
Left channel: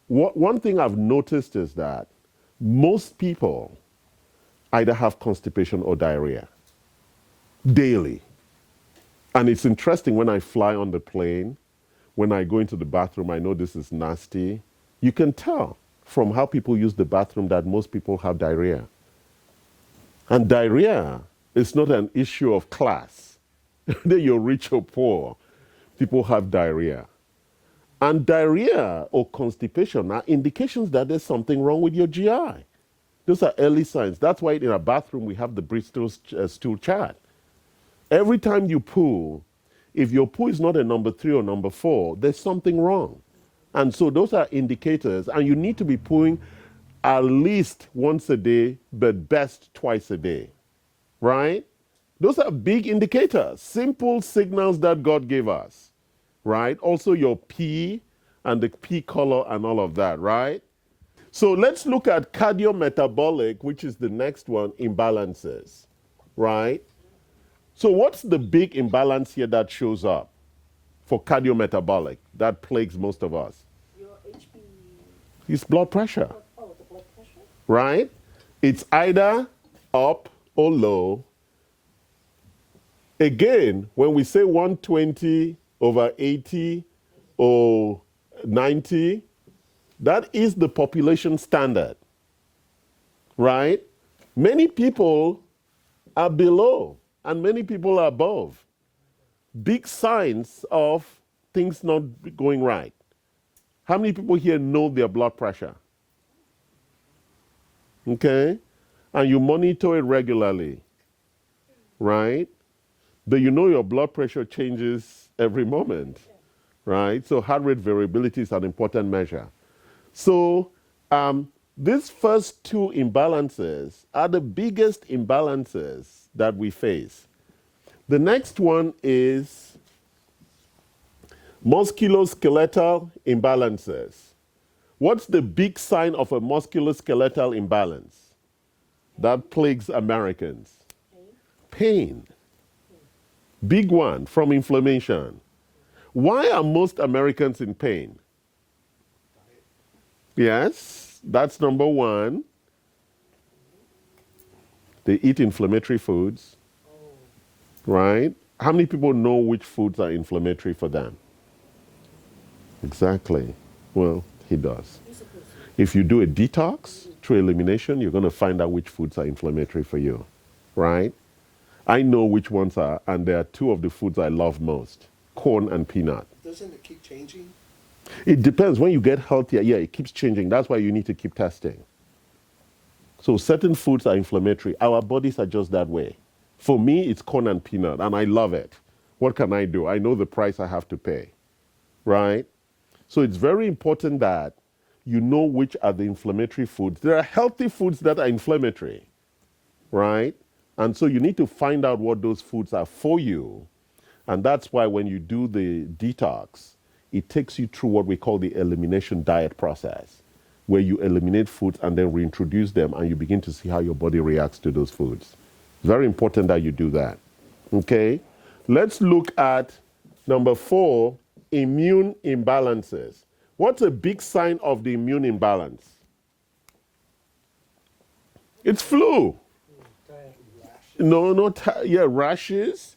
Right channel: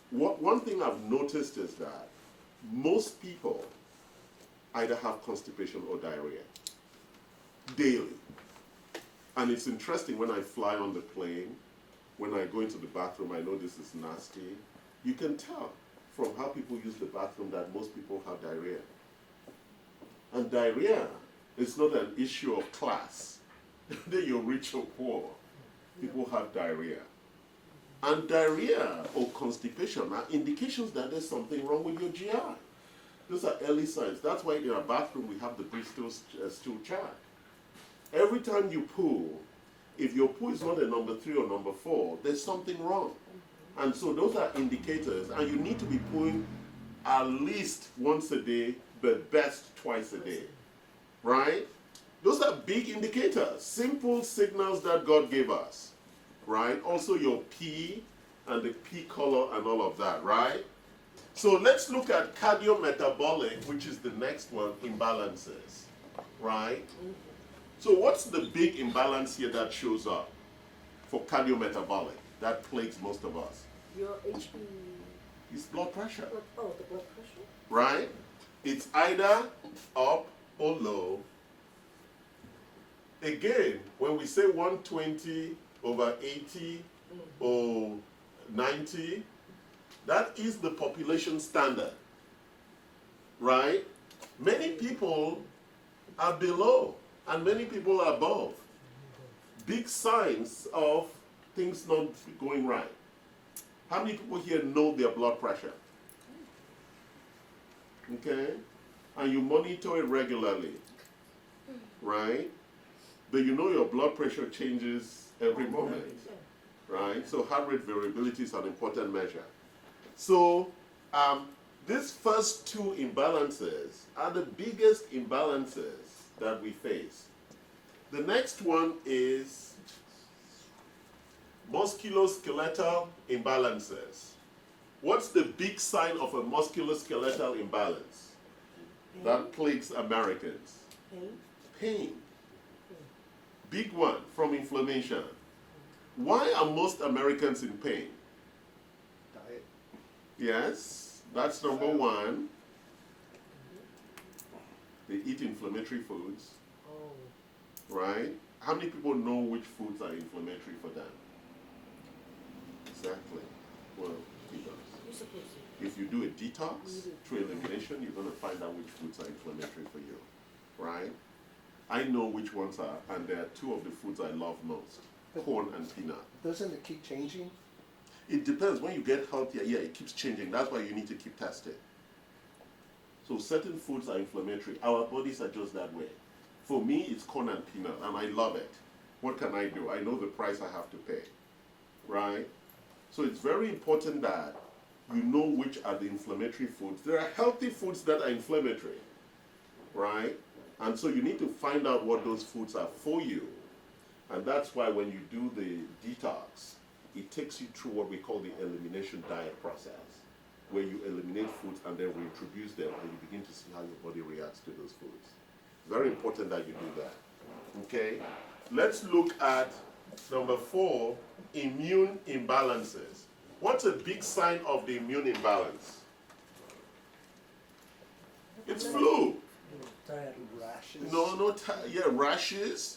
one thing I've noticed is that most people either have constipation or diarrhea daily. And it's interesting when I fly on the plane, when I go into the bathroom, I know this is nasty. You can tell from how people use the bathroom that most people have diarrhea. And diarrhea is not an issue of class. Whether you're rich or poor, people have diarrhea. And diarrhea or constipation are indications that there's something wrong with your GI. Those are early signs. That's why in a bathroom we have the Bristol stool chart. Every time you poo, if your poo is not a number 3 or number 4, there's something wrong. And so those are indicators, and you need to be pooing at least once a day, but best twice a day, right? Those are big indicators, simple signals that God gave us, right? Also your pee and the pee color and all of that, right? So let's look at cardiometabolic, which is the next one, imbalances, right? So what's the big imbalance here that shows up for cardiometabolic that plagues most of us? Your HB. It's blood pressure, Oh, the blood pressure? right? It's either up or low. Again, when we say 120/80 or 90, that is the population standard, right? Many people are below and many people are above. Big signs of things not going right. How many people here know their blood pressure? Okay? And you monitor it regularly, right? But you know your blood pressure changes every moment, right? So heart rate variability is an important measure. So these first 2 imbalances are the biggest imbalances that we face. The next one is musculoskeletal imbalances. What's the big sign of a musculoskeletal imbalance that plagues Americans? Pain. Big one from inflammation. Why are most Americans in pain? Diet. Yes, that's number 1. They eat inflammatory foods, right? How many people know which foods are inflammatory for them? Exactly. Well, he does. If you do a detox through elimination, you're going to find out which foods are inflammatory for you, right? I know which ones are, and there are 2 of the foods I love most, corn and peanut. Doesn't it keep changing? It depends. When you get healthier, yeah, it keeps changing. That's why you need to keep testing. So certain foods are inflammatory. Our bodies are just that way. For me, it's corn and peanut, and I love it. What can I do? I know the price I have to pay, right? So it's very important that you know which are the inflammatory foods. There are healthy foods that are inflammatory, right? And so you need to find out what those foods are for you And that's why when you do the detox, it takes you through what we call the elimination diet process, where you eliminate foods and then reintroduce them, and you begin to see how your body reacts to those foods. Very important that you do that. Okay? Let's look at number 4, immune imbalances. What's a big sign of the immune imbalance? It's flu. Tired rashes. No, yeah, rashes,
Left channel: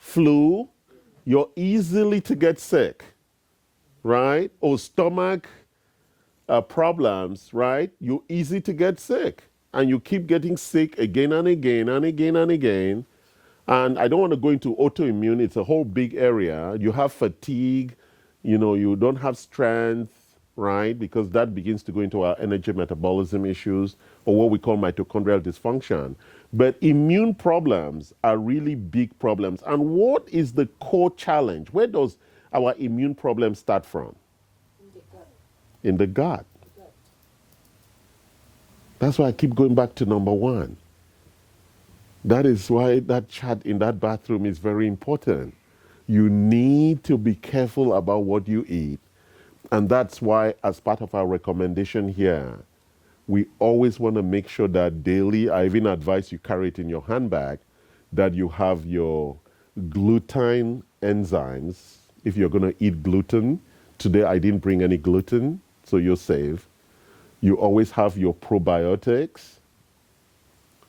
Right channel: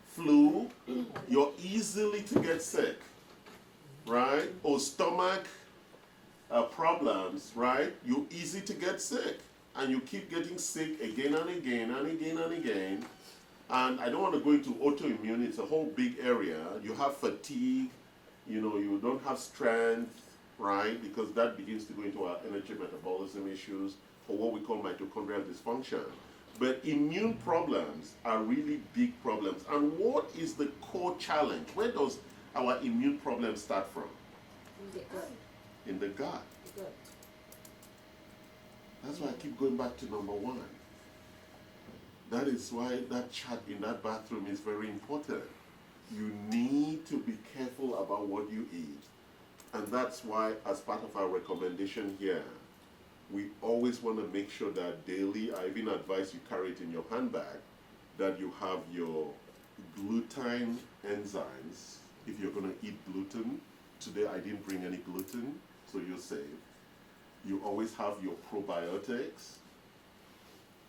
flu. You're easily to get sick, right? Or stomach problems, right? You're easy to get sick. And you keep getting sick again and again and again and again. And I don't want to go into autoimmune. It's a whole big area. You have fatigue. You don't have strength, right? Because that begins to go into our energy metabolism issues, or what we call mitochondrial dysfunction. But immune problems are really big problems. And what is the core challenge? Where does our immune problem start from? In the gut. That's why I keep going back to number 1. That is why that chart in that bathroom is very important. You need to be careful about what you eat. And that's why, as part of our recommendation here, we always want to make sure that daily, I even advise you carry it in your handbag, that you have your gluten enzymes. If you're going to eat gluten, today I didn't bring any gluten, so you're safe. You always have your probiotics.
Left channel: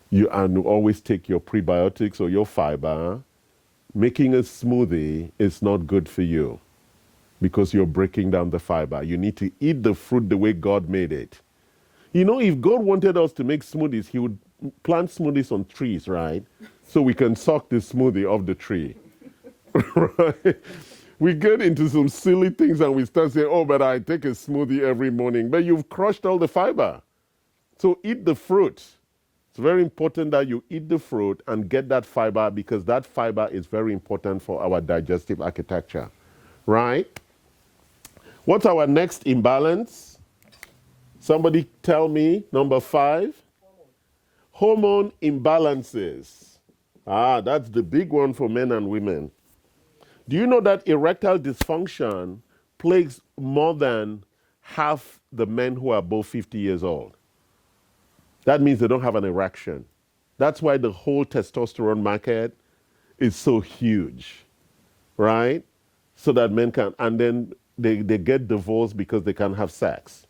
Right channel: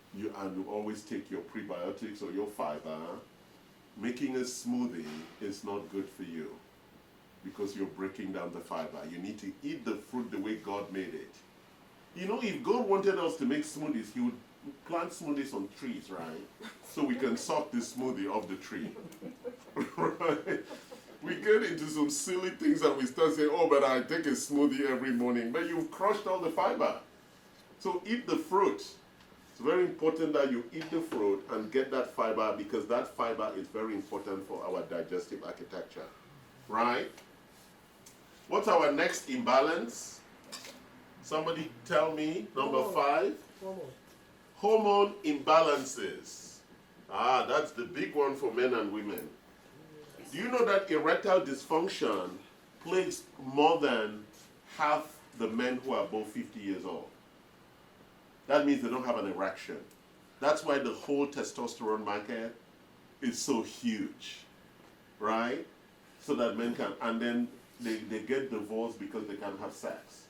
You always take your prebiotics or your fiber. Making a smoothie is not good for you because you're breaking down the fiber. You need to eat the fruit the way God made it. If God wanted us to make smoothies, he would plant smoothies on trees, right? So we can suck the smoothie off the tree. Right? We get into some silly things and we start saying, oh, but I take a smoothie every morning. But you've crushed all the fiber. So eat the fruit. It's very important that you eat the fruit and get that fiber, because that fiber is very important for our digestive architecture, right? What's our next imbalance? Somebody tell me, number 5. Hormone imbalances. That's the big one for men and women. Do you know that erectile dysfunction plagues more than half the men who are above 50 years old? That means they don't have an erection. That's why the whole testosterone market is so huge, right? So that men can, and then they get divorced because they can't have sex.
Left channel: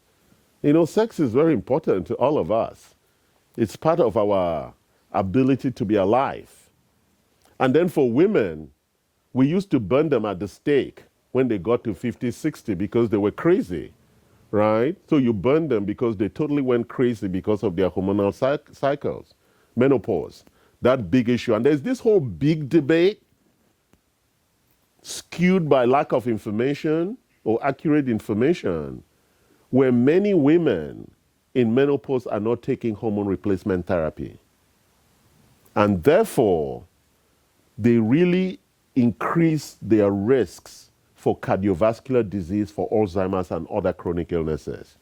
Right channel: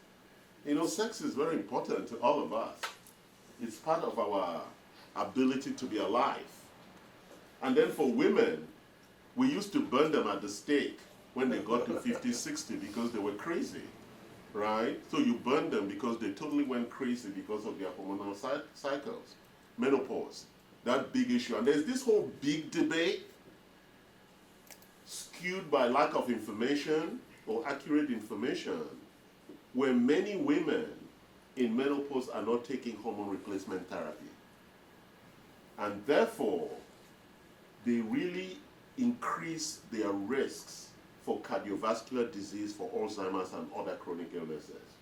Sex is very important to all of us. It's part of our ability to be alive. And then for women, we used to burn them at the stake when they got to 50, 60 because they were crazy, right? So you burn them because they totally went crazy because of their hormonal cycles, menopause, that big issue. And there's this whole big debate skewed by lack of information or accurate information, where many women in menopause are not taking hormone replacement therapy. And therefore, they really increase their risks for cardiovascular disease, for Alzheimer's and other chronic illnesses.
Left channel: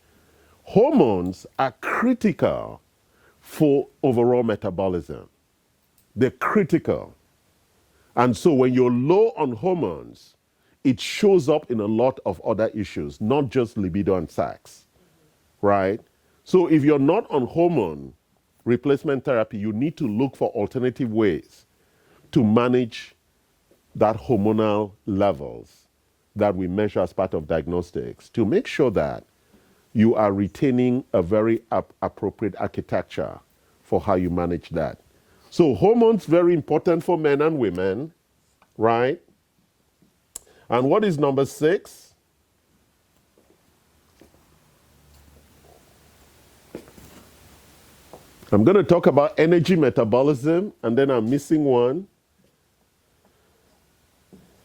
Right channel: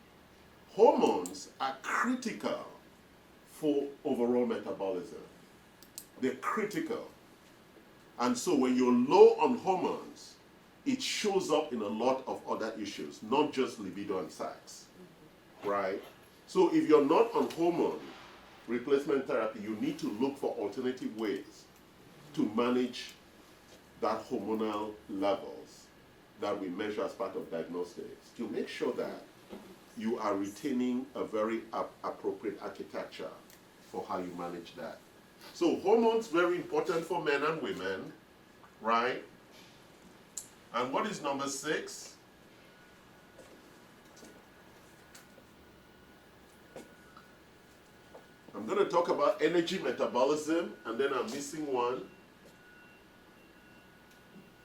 Hormones are critical for overall metabolism. They're critical. And so when you're low on hormones, it shows up in a lot of other issues, not just libido and sex, right? So if you're not on hormone replacement therapy, you need to look for alternative ways to manage that hormonal levels that we measure as part of diagnostics, to make sure that you are retaining a very appropriate architecture for how you manage that. So hormones, very important for men and women, right? And what is number 6? I'm going to talk about energy metabolism, and then I'm missing one.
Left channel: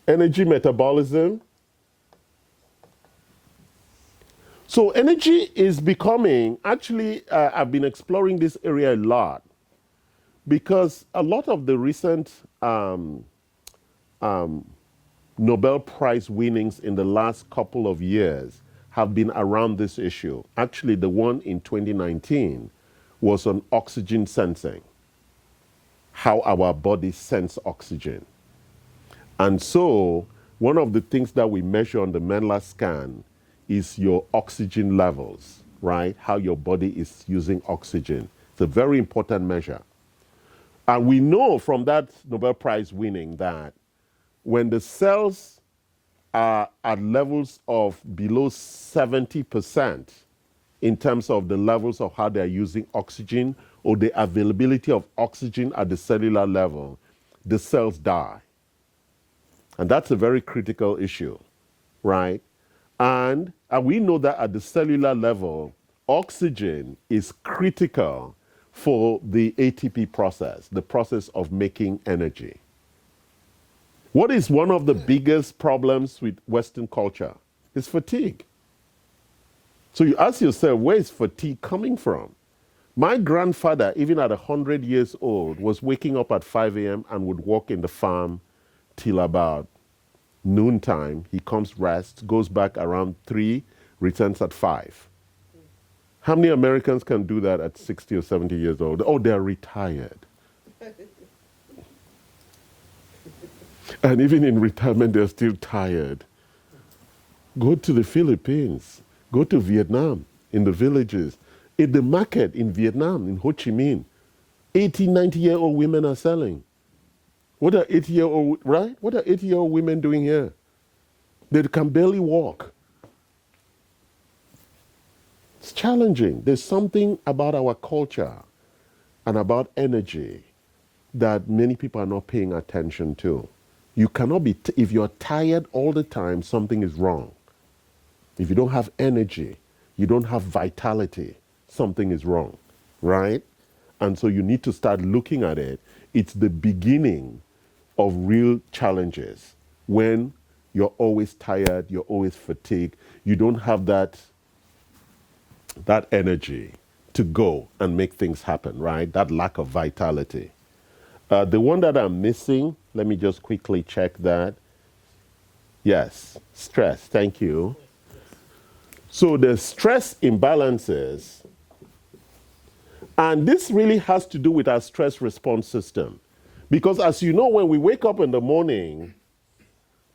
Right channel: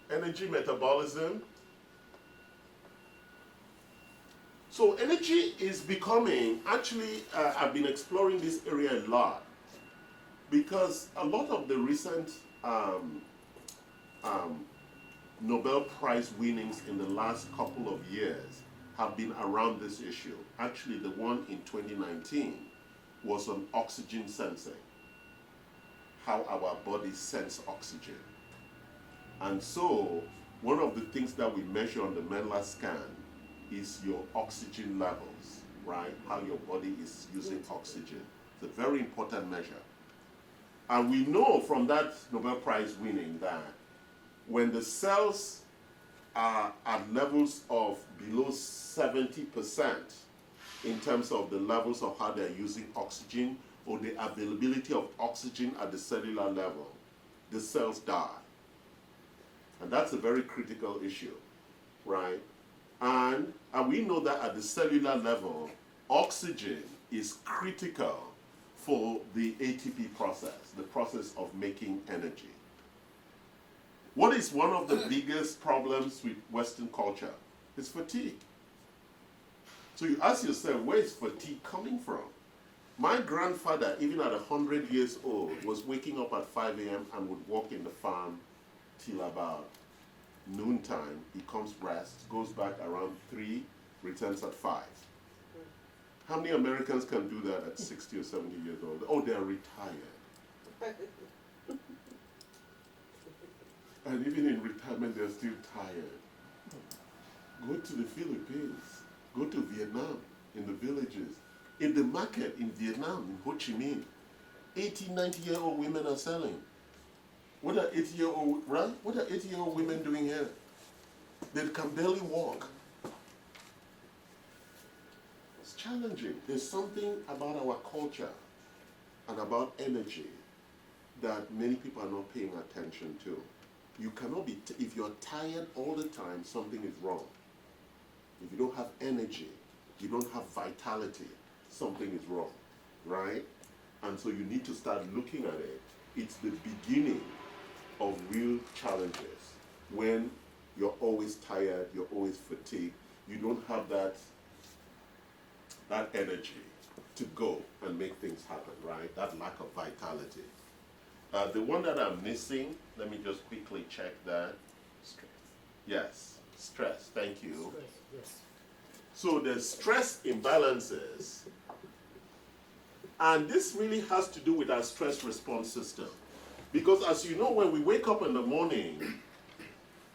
Energy metabolism. So energy is becoming, I've been exploring this area a lot, because a lot of the recent Nobel Prize winnings in the last couple of years have been around this issue. Actually, the one in 2019 was on oxygen sensing, how our bodies sense oxygen. And so, one of the things that we measure on the Menla scan is your oxygen levels, right? How your body is using oxygen. It's a very important measure. And we know from that Nobel Prize winning that when the cells are at levels of below 70% in terms of the levels of how they're using oxygen or the availability of oxygen at the cellular level, the cells die. And that's a very critical issue, right? And we know that at the cellular level, oxygen is critical for the ATP process, the process of making energy. What is one of the biggest problems with Western culture? Is fatigue. So you ask yourself, where is fatigue coming from? My grandfather, even at 100 years old, was waking up at 5 a.m. and would walk in the farm till about noontime. He comes, rests, goes back around 3, returns at 5. How many Americans can do that at 60 or 70 years old? Oh, they're retired. And even in retirement, they're still tired. Go to the Philippines. Go to Vietnam, in the villages. In the market in Vietnam, in Ho Chi Minh, 80, 90-year-old women are selling. What are 80-year-old, right? What are 80-year-old women doing here? They can barely walk. It's challenging. There's something about our culture and about energy that many people are not paying attention to. You cannot be, if you're tired all the time, something is wrong. If you don't have energy, you don't have vitality, something is wrong, right? And so you need to start looking at it. It's the beginning of real challenges when you're always tired, you're always fatigued, you don't have that energy to go and make things happen, right? That lack of vitality. The one that I'm missing, let me just quickly check that. Yes, stress, thank you. So the stress imbalances, and this really has to do with our stress response system. Because as you know, when we wake up in the morning,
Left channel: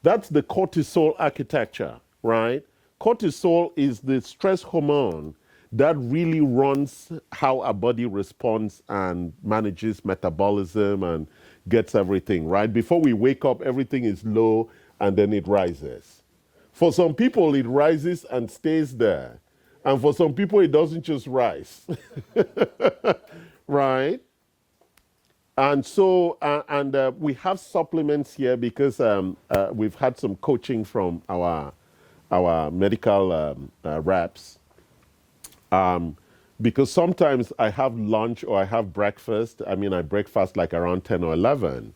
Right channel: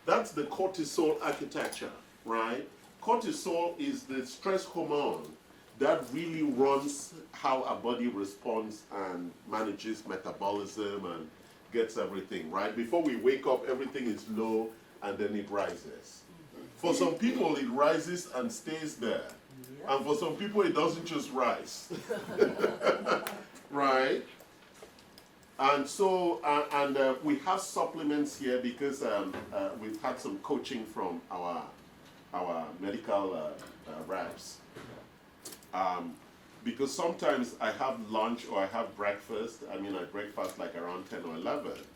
that's the cortisol architecture, right? Cortisol is the stress hormone that really runs how our body responds and manages metabolism and gets everything, right? Before we wake up, everything is low and then it rises. For some people, it rises and stays there. And for some people, it doesn't just rise. Right? And so, we have supplements here because we've had some coaching from our medical reps. Because sometimes I have lunch or I have breakfast. I mean, I breakfast like around 10 or 11.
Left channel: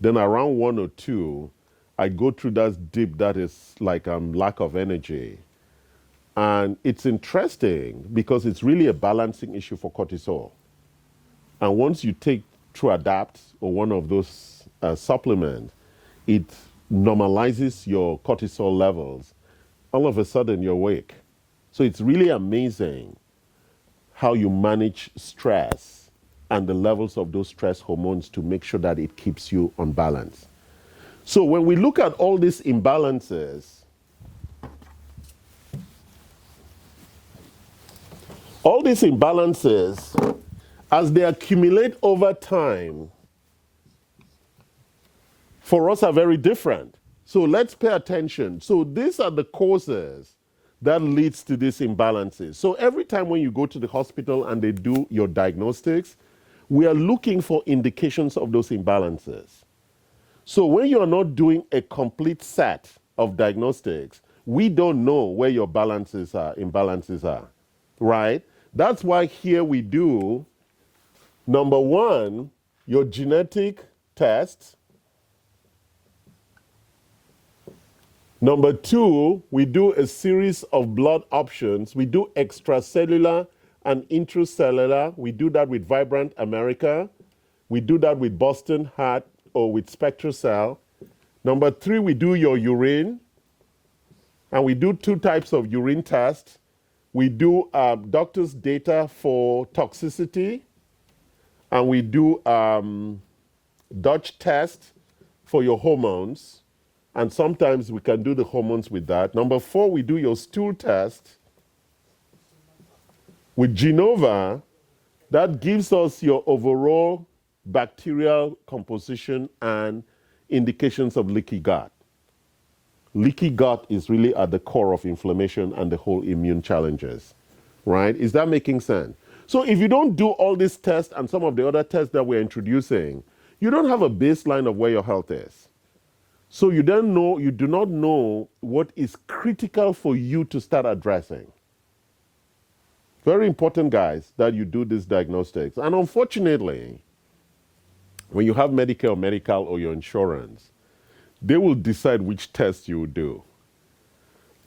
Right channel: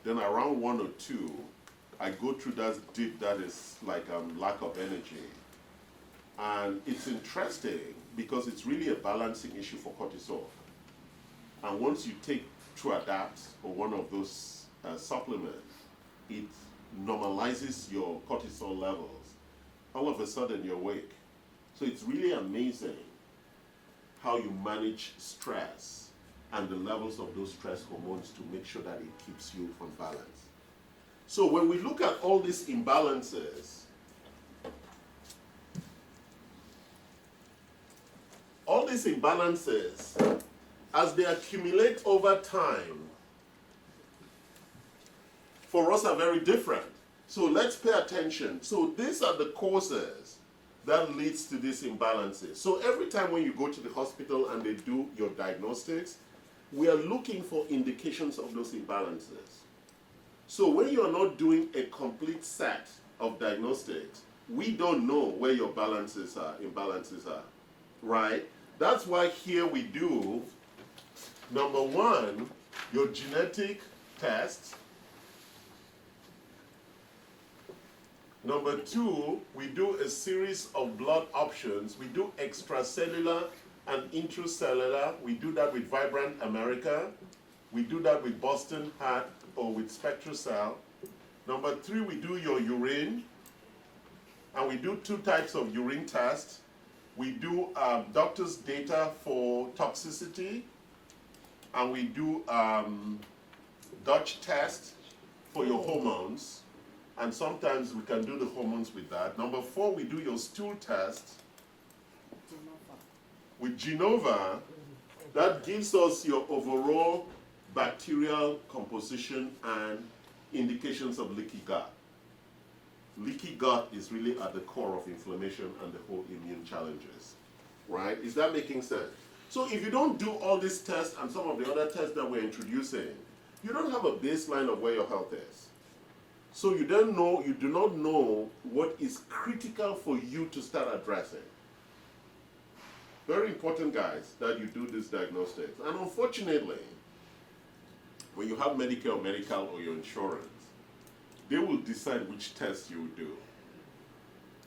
Then around 1 or 2, I go through that dip that is like lack of energy. And it's interesting because it's really a balancing issue for cortisol. And once you take True Adapt or one of those supplements, it normalizes your cortisol levels. All of a sudden, you're awake. So it's really amazing how you manage stress and the levels of those stress hormones to make sure that it keeps you on balance. So when we look at all these imbalances, as they accumulate over time, for us are very different. So let's pay attention. So these are the causes that leads to these imbalances. So every time when you go to the hospital and they do your diagnostics, we are looking for indications of those imbalances. So when you are not doing a complete set of diagnostics, we don't know where your imbalances are, right? That's why here we do, number 1, your genetic test. Number 2, we do a series of blood options. We do extracellular and intracellular. We do that with Vibrant America. We do that with Boston Heart or with SpectraCell. Number 3, we do your urine. And we do 2 types of urine tests. We do doctor's data for toxicity. And we do Dutch test for your hormones, and sometimes we can do the hormones with that. Number 4, we do your stool test with Genova. That gives us your overall bacterial composition and indications of leaky gut. Leaky gut is really at the core of inflammation and the whole immune challenges, right? Is that making sense? So if you don't do all these tests and some of the other tests that we're introducing, you don't have a baseline of where your health is. So you do not know what is critical for you to start addressing. Very important, guys, that you do these diagnostics. And unfortunately, when you have Medicare or medical or your insurance, they will decide which test you will do.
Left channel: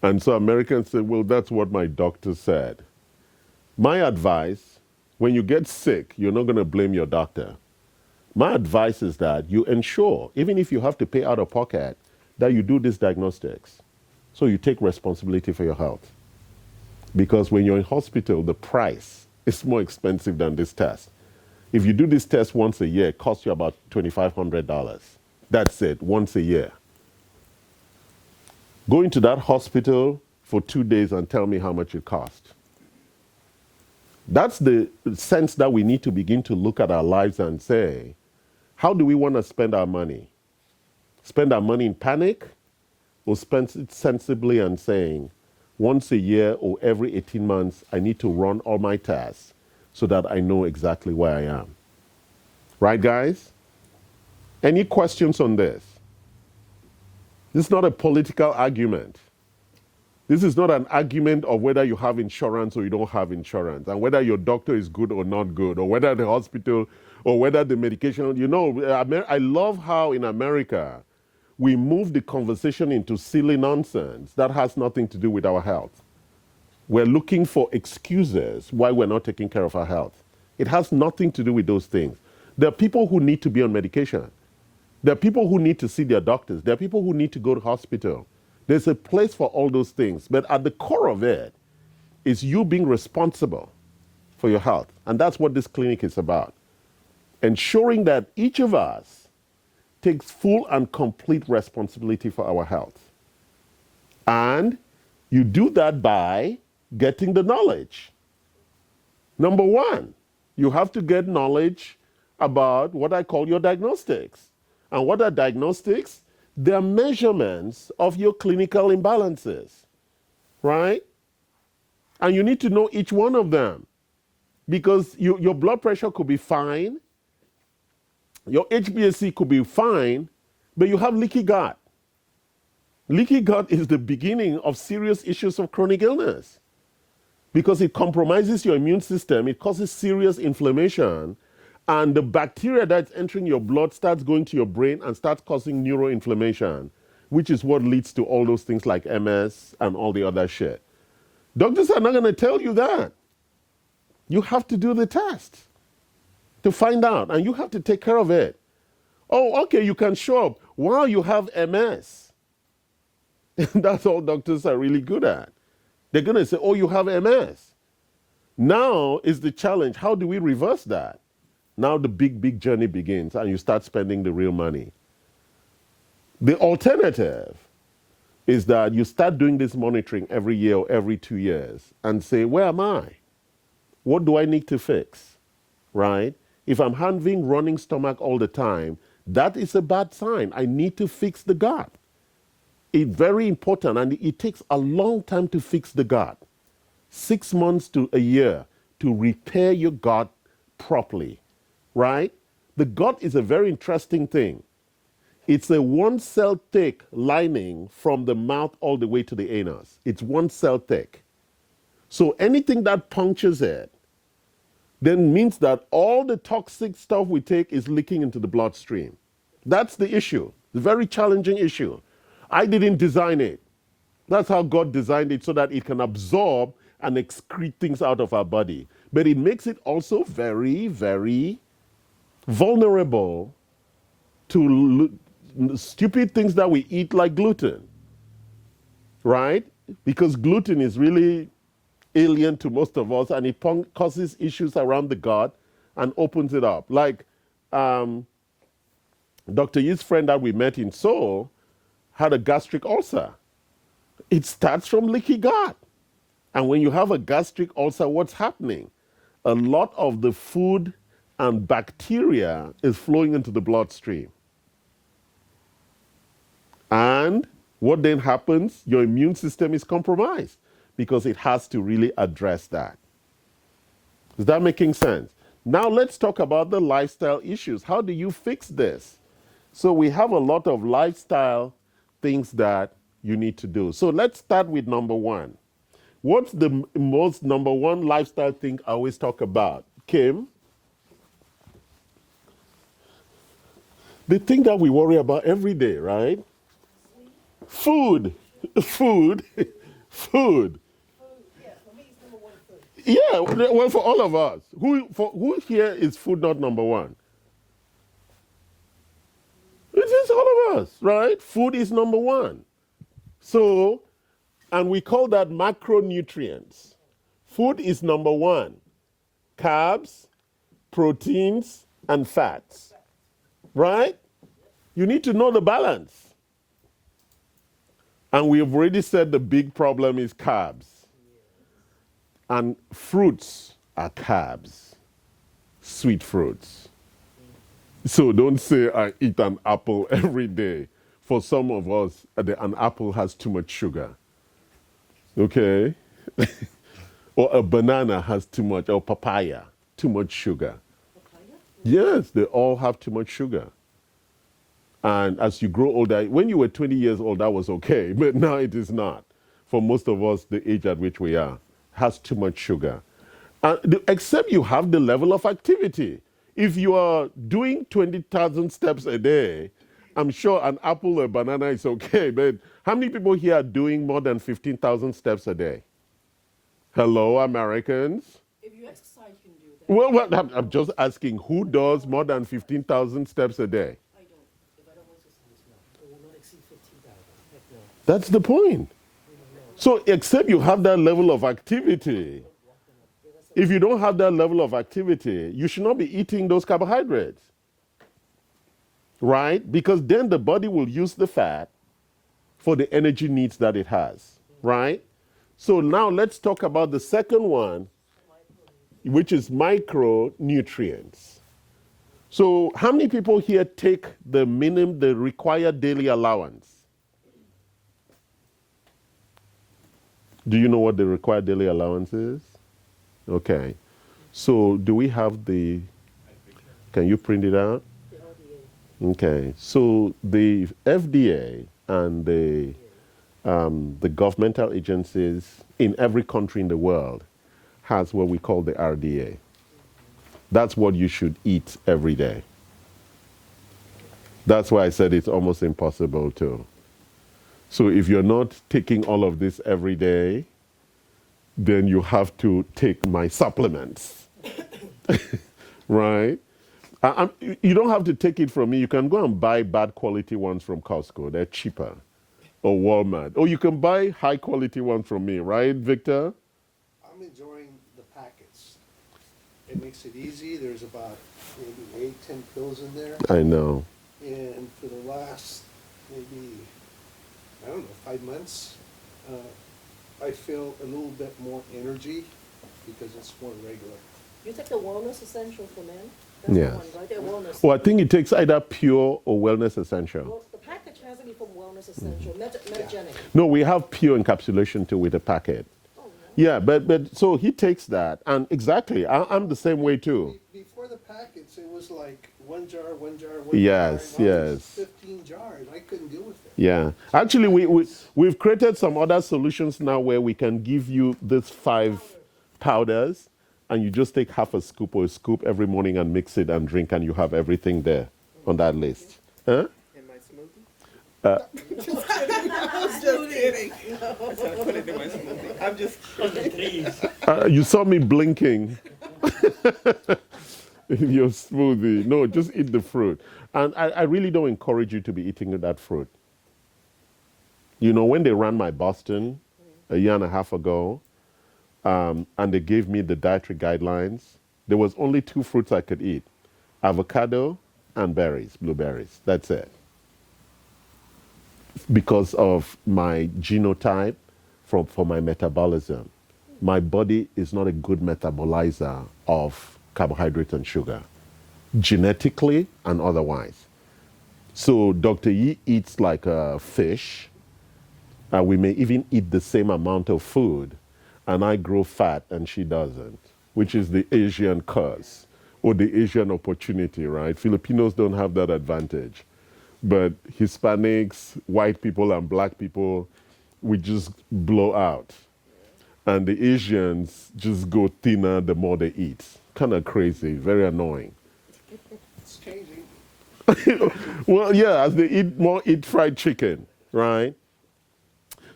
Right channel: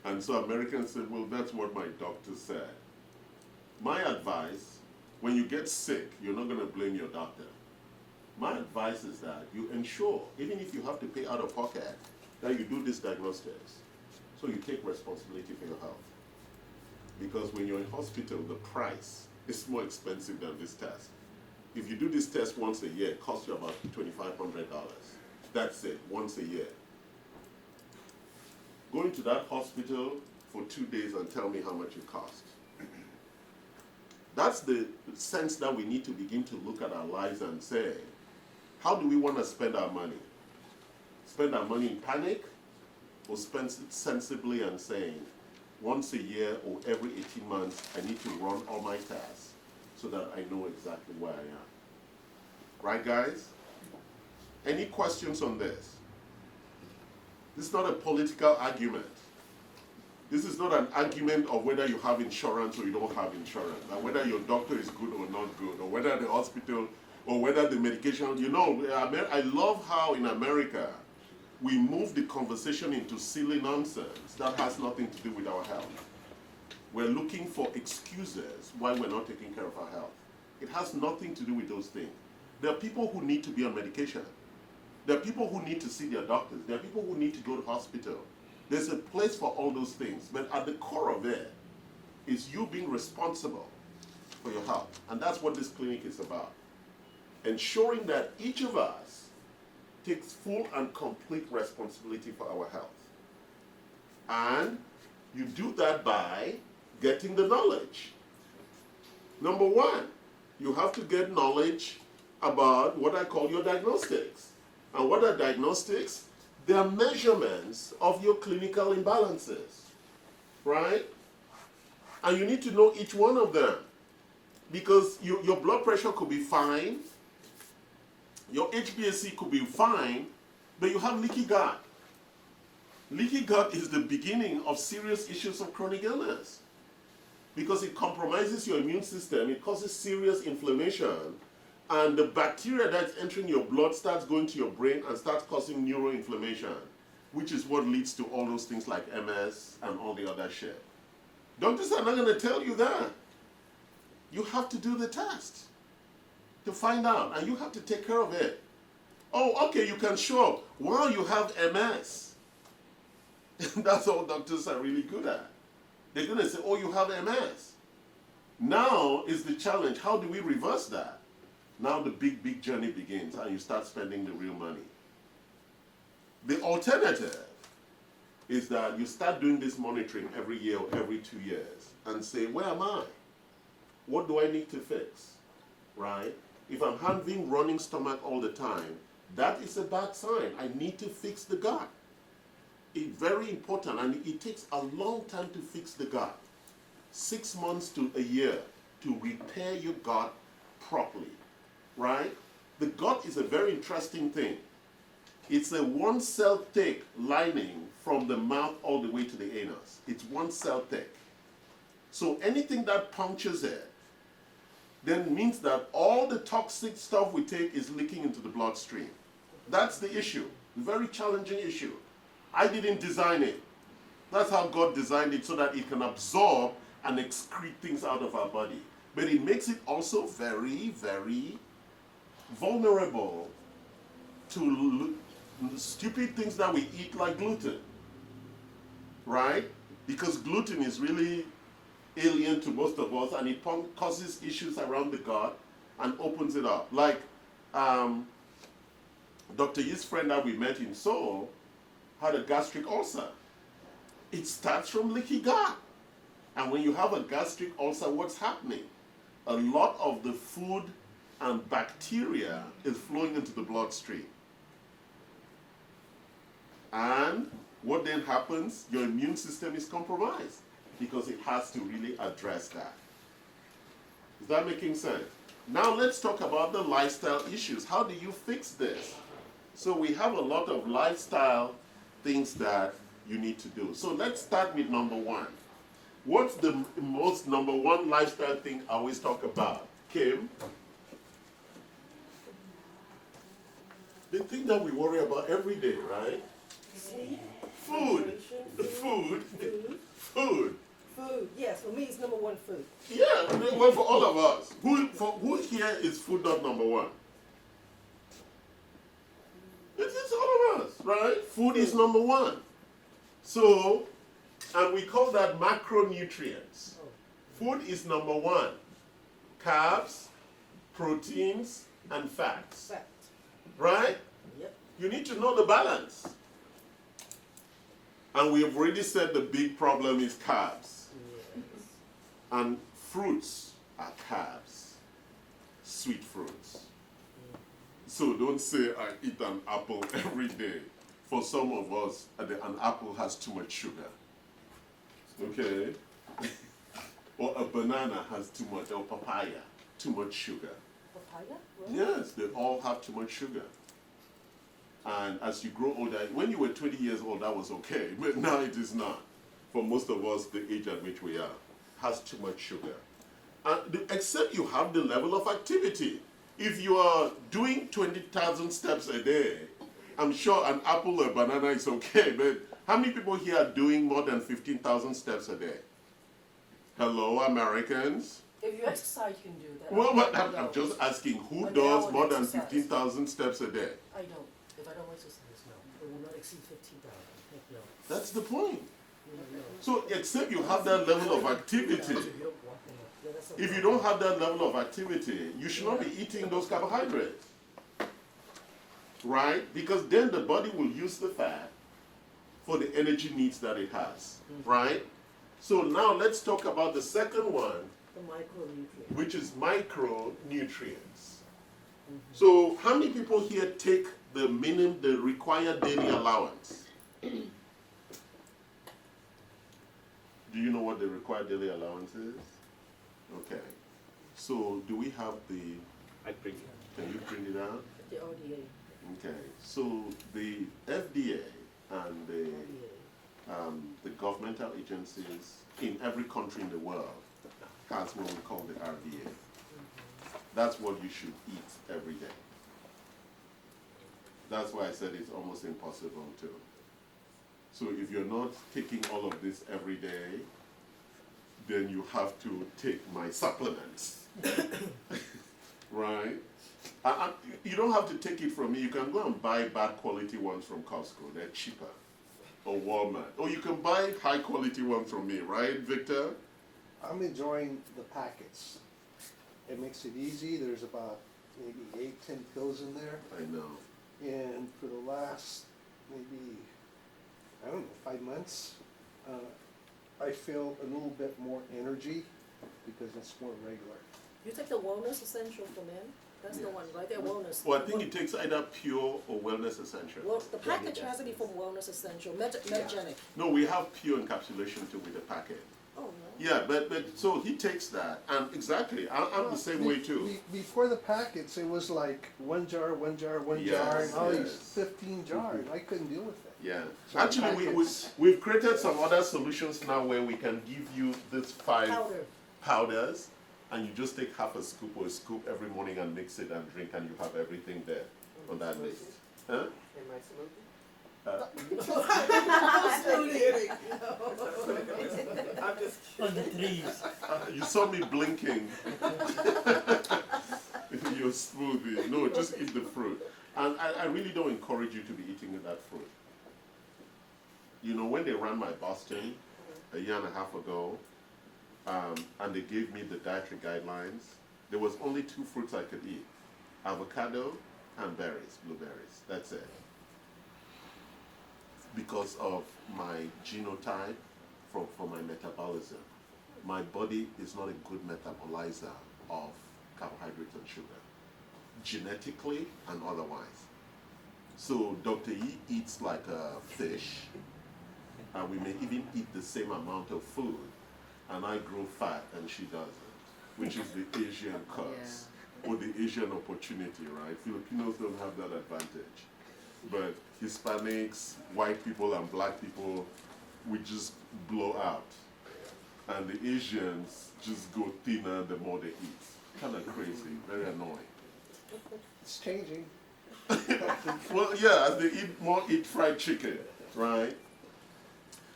And so Americans say, well, that's what my doctor said. My advice, when you get sick, you're not going to blame your doctor. My advice is that you ensure, even if you have to pay out of pocket, that you do these diagnostics. So you take responsibility for your health. Because when you're in hospital, the price is more expensive than this test. If you do this test once a year, it costs you about $2,500. That's it, once a year. Go into that hospital for 2 days and tell me how much it cost. That's the sense that we need to begin to look at our lives and say, how do we want to spend our money? Spend our money in panic, or spend it sensibly and saying, once a year or every 18 months, I need to run all my tests so that I know exactly where I am. Right, guys? Any questions on this? This is not a political argument. This is not an argument of whether you have insurance or you don't have insurance, and whether your doctor is good or not good, or whether the hospital, or whether the medication. You know, I love how in America, we move the conversation into silly nonsense that has nothing to do with our health. We're looking for excuses why we're not taking care of our health. It has nothing to do with those things. There are people who need to be on medication. There are people who need to see their doctors. There are people who need to go to hospital. There's a place for all those things. But at the core of it is you being responsible for your health. And that's what this clinic is about. Ensuring that each of us takes full and complete responsibility for our health. And you do that by getting the knowledge. Number 1, you have to get knowledge about what I call your diagnostics. And what are diagnostics? They're measurements of your clinical imbalances, right? And you need to know each one of them, because your blood pressure could be fine, your HbA1c could be fine, but you have leaky gut. Leaky gut is the beginning of serious issues of chronic illness, because it compromises your immune system, it causes serious inflammation, and the bacteria that's entering your blood starts going to your brain and starts causing neuroinflammation, which is what leads to all those things like MS and all the other shit. Doctors are not going to tell you that. You have to do the test to find out, and you have to take care of it. Oh, okay, you can show up while you have MS. That's all doctors are really good at. They're going to say, oh, you have MS. Now is the challenge. How do we reverse that? Now the big journey begins, and you start spending the real money. The alternative is that you start doing this monitoring every year or every 2 years and say, where am I? What do I need to fix? Right? If I'm having running stomach all the time, that is a bad sign. I need to fix the gut. It's very important, and it takes a long time to fix the gut. 6 months to a year to repair your gut properly. Right? The gut is a very interesting thing. It's a 1 cell thick lining from the mouth all the way to the anus. It's 1 cell thick. So anything that punctures it then means that all the toxic stuff we take is leaking into the bloodstream. That's the issue. The very challenging issue. I didn't design it. That's how God designed it, so that it can absorb and excrete things out of our body. But it makes it also very, very vulnerable to stupid things that we eat, like gluten, right? Because gluten is really alien to most of us, and it causes issues around the gut and opens it up. Like Dr. Yi's friend that we met in Seoul had a gastric ulcer. It starts from leaky gut. And when you have a gastric ulcer, what's happening? A lot of the food and bacteria is flowing into the bloodstream. And what then happens? Your immune system is compromised because it has to really address that. Is that making sense? Now let's talk about the lifestyle issues. How do you fix this? So we have a lot of lifestyle things that you need to do. So let's start with number one. What's the most number one lifestyle thing I always talk about? Kim? The thing that we worry about every day, right? Food. Food. Food. Food, yes, for me it's number one food. Yeah, well, for all of us. Who here is food not number one? It is all of us, right? Food is number one. So, and we call that macronutrients. Food is number one. Carbs, proteins, and fats. Fact. Right? Yep. You need to know the balance. And we've already said the big problem is carbs. And fruits are carbs. Sweet fruits. So don't say I eat an apple every day. For some of us, an apple has too much sugar. Okay? Or a banana has too much, or papaya, too much sugar. Papaya? Yes, they all have too much sugar. And as you grow older, when you were 20 years old, that was okay, but now it is not. For most of us, the age at which we are has too much sugar. Except you have the level of activity. If you are doing 20,000 steps a day, I'm sure an apple or a banana is okay, but how many people here are doing more than 15,000 steps a day? Hello, Americans? If you exercise, you can do that. Well, I'm just asking, who But does now more than exercise. 15,000 steps a day? I don't. If I don't exercise now, it will not exceed 15,000. Heck no. That's the point. So, except you have that level of activity, if you don't have that level of activity, you should not be eating those carbohydrates. Right? Because then the body will use the fat for the energy needs that it has. Right? So now let's talk about the second one, The micronutrients. which is micronutrients. So how many people here take the required daily allowance? Do you know what the required daily allowance is? Okay. So do we have can you print it out? The RDA. Okay. So the FDA and the governmental agencies in every country in the world has what we call the RDA. That's what you should eat every day. That's why I said it's almost impossible to. So if you're not taking all of this every day, then you have to take my supplements. Right? You don't have to take it from me. You can go and buy bad quality ones from Costco. They're cheaper. Or Walmart. Or you can buy high quality ones from me, right, Victor? I'm enjoying the packets. It makes it easy. There's about maybe 8, 10 pills in there. I know. And for the last maybe, I don't know, 5 months, I feel a little bit more energy because it's more regular. You take the wellness essential for men? That's Yes. the one, right? The wellness. Well, I think it takes either pure or wellness essential. Well, the package has to be from wellness essential, metagenic. No, we have pure encapsulation too with the packet. Oh, no. Yeah, but so he takes that, and exactly, I'm the same way too. Before the packets, it was like one jar, one jar, Yes, jar. Now it's yes. 15 jars. I couldn't deal with it. Yeah, actually, we've created some other solutions now where we can give you these 5 Powder. powders, and you just take half a scoop or a scoop every morning and mix it and drink, and you have everything there on that list. Huh? I'm just on the trees. You saw me blinking. Your smoothie. No, just eat the fruit. And I really don't encourage you to be eating that fruit. You know, when they ran my Boston a year and a half ago, and they gave me the dietary guidelines, there was only 2 fruits I could eat, avocado and berries, blueberries. That's it. Because of my genotype, for my metabolism, my body is not a good metabolizer of carbohydrate and sugar, genetically and otherwise. So Dr. Yi eats like a fish, and we may even eat the same amount of food, and I grow fat and she doesn't, which is the Asian curse or the Asian opportunity, right? Filipinos don't have that advantage. But Hispanics, white people, and black people, we just blow out. And the Asians just go thinner the more they eat. Kind of crazy, very annoying. It's changing. Well, yeah, as they eat fried chicken, right?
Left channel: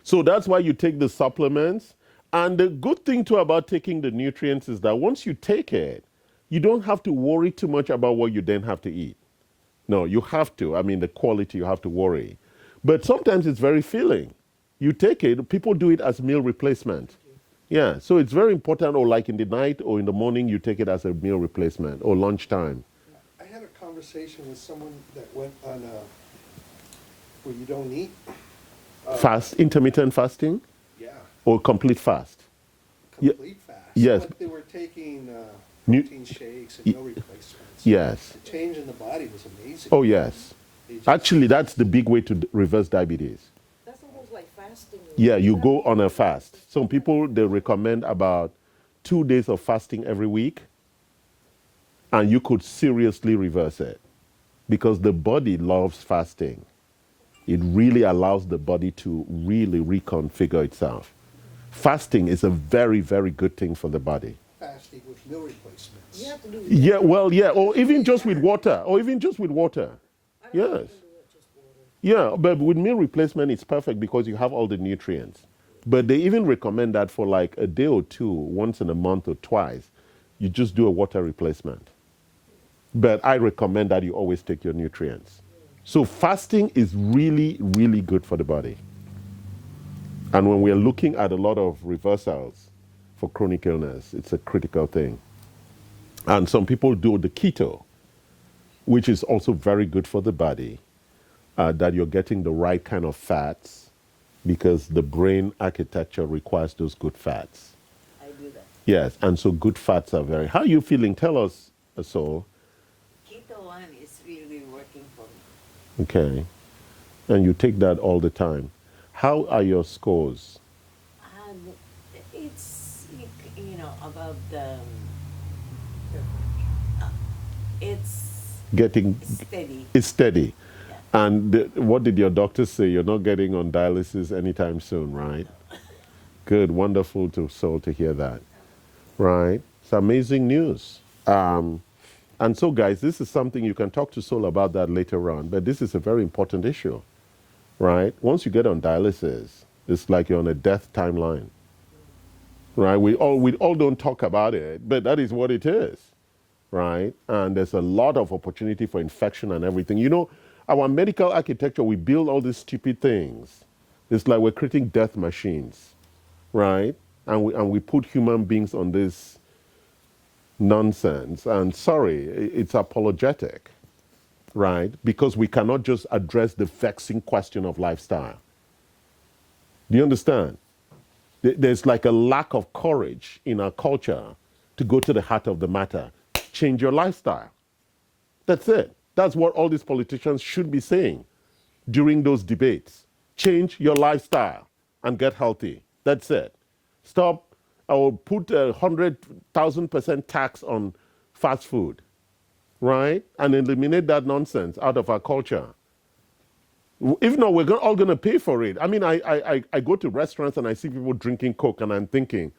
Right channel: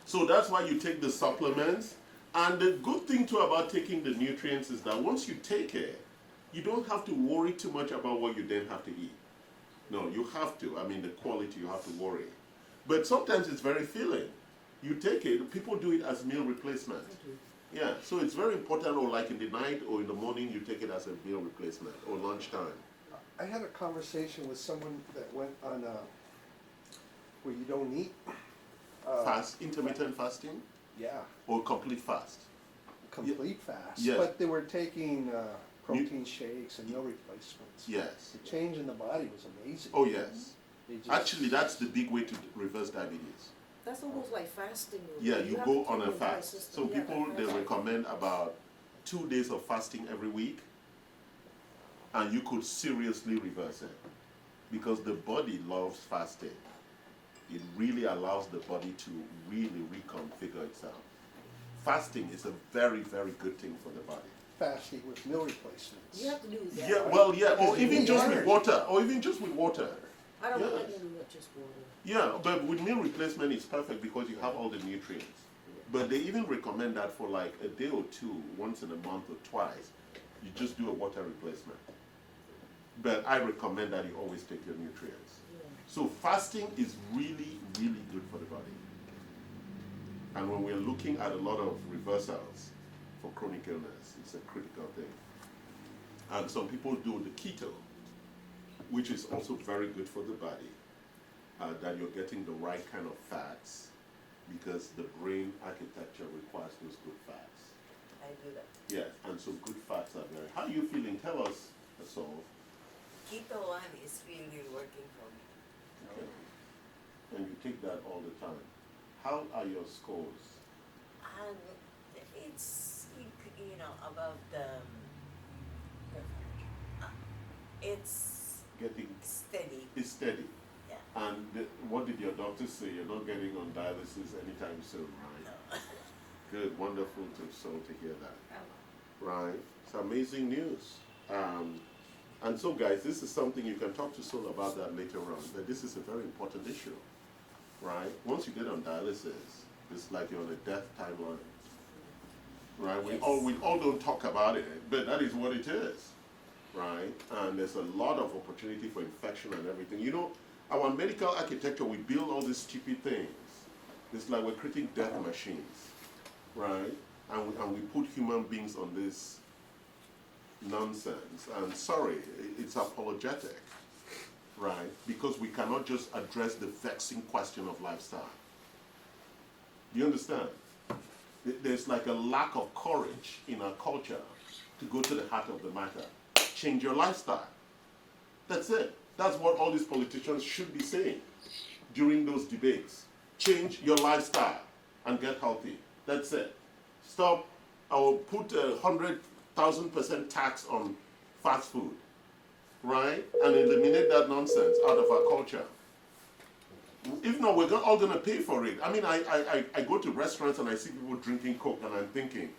So that's why you take the supplements. And the good thing too about taking the nutrients is that once you take it, you don't have to worry too much about what you then have to eat. No, you have to. I mean, the quality you have to worry. But sometimes it's very filling. You take it, people do it as meal replacement. Yeah, so it's very important, or like in the night or in the morning, you take it as a meal replacement, or lunchtime. I had a conversation with someone that went on where you don't eat. Fast, intermittent fasting, Yeah, or complete fast? complete fast. Yes. But they were taking Nu- protein shakes and meal replacements. Yes. The change in the body was amazing. Oh, yes. It just- Actually, that's the big way to reverse diabetes. That's almost like fasting. Yeah, you have go to on do a it fast. consistently. Some people, they recommend about 2 days of fasting every week, and you could seriously reverse it because the body loves fasting. It really allows the body to really reconfigure itself. Fasting is a very, very good thing for the body. Fasting with meal replacements. You have to do it. Yeah, well, yeah, or even just with water, or even just with water. I don't Yes. recommend not just water. Yeah, but with meal replacement, it's perfect because you have all the nutrients. But they even recommend that for like a day or two, once in a month or twice, you just do a water replacement. But I recommend that you always take your nutrients. So fasting is really, really good for the body. And when we're looking at a lot of reversals for chronic illness, it's a critical thing. And some people do the keto, which is also very good for the body, that you're getting the right kind of fats because the brain architecture requires those good fats. I do that. Yes, and so good fats are very. How are you feeling? Tell us, so. Keto one is really working for me. Okay. And you take that all the time. How are your scores? And it's, you know, about the, it's Getting, steady. it's steady. Yeah. And what did your doctor say? You're not getting on dialysis anytime soon, right? Good, wonderful to hear that. Right? It's amazing news. And so, guys, this is something you can talk to Sol about that later on, but this is a very important issue, right? Once you get on dialysis, it's like you're on a death timeline, right? We all don't talk about it, but that is what it is, right? And there's a lot of opportunity for infection and everything. You know, our medical architecture, we build all these stupid things. It's like we're creating death machines, right? And we put human beings on this nonsense. And sorry, it's apologetic, right? Because we cannot just address the vexing question of lifestyle. Do you understand? There's like a lack of courage in our culture to go to the heart of the matter. Change your lifestyle. That's it. That's what all these politicians should be saying during those debates. Change your lifestyle and get healthy. That's it. Stop or put 100,000% tax on fast food, right? And eliminate that nonsense out of our culture. If not, we're all going to pay for it. I mean, I go to restaurants and I see people drinking Coke and I'm thinking,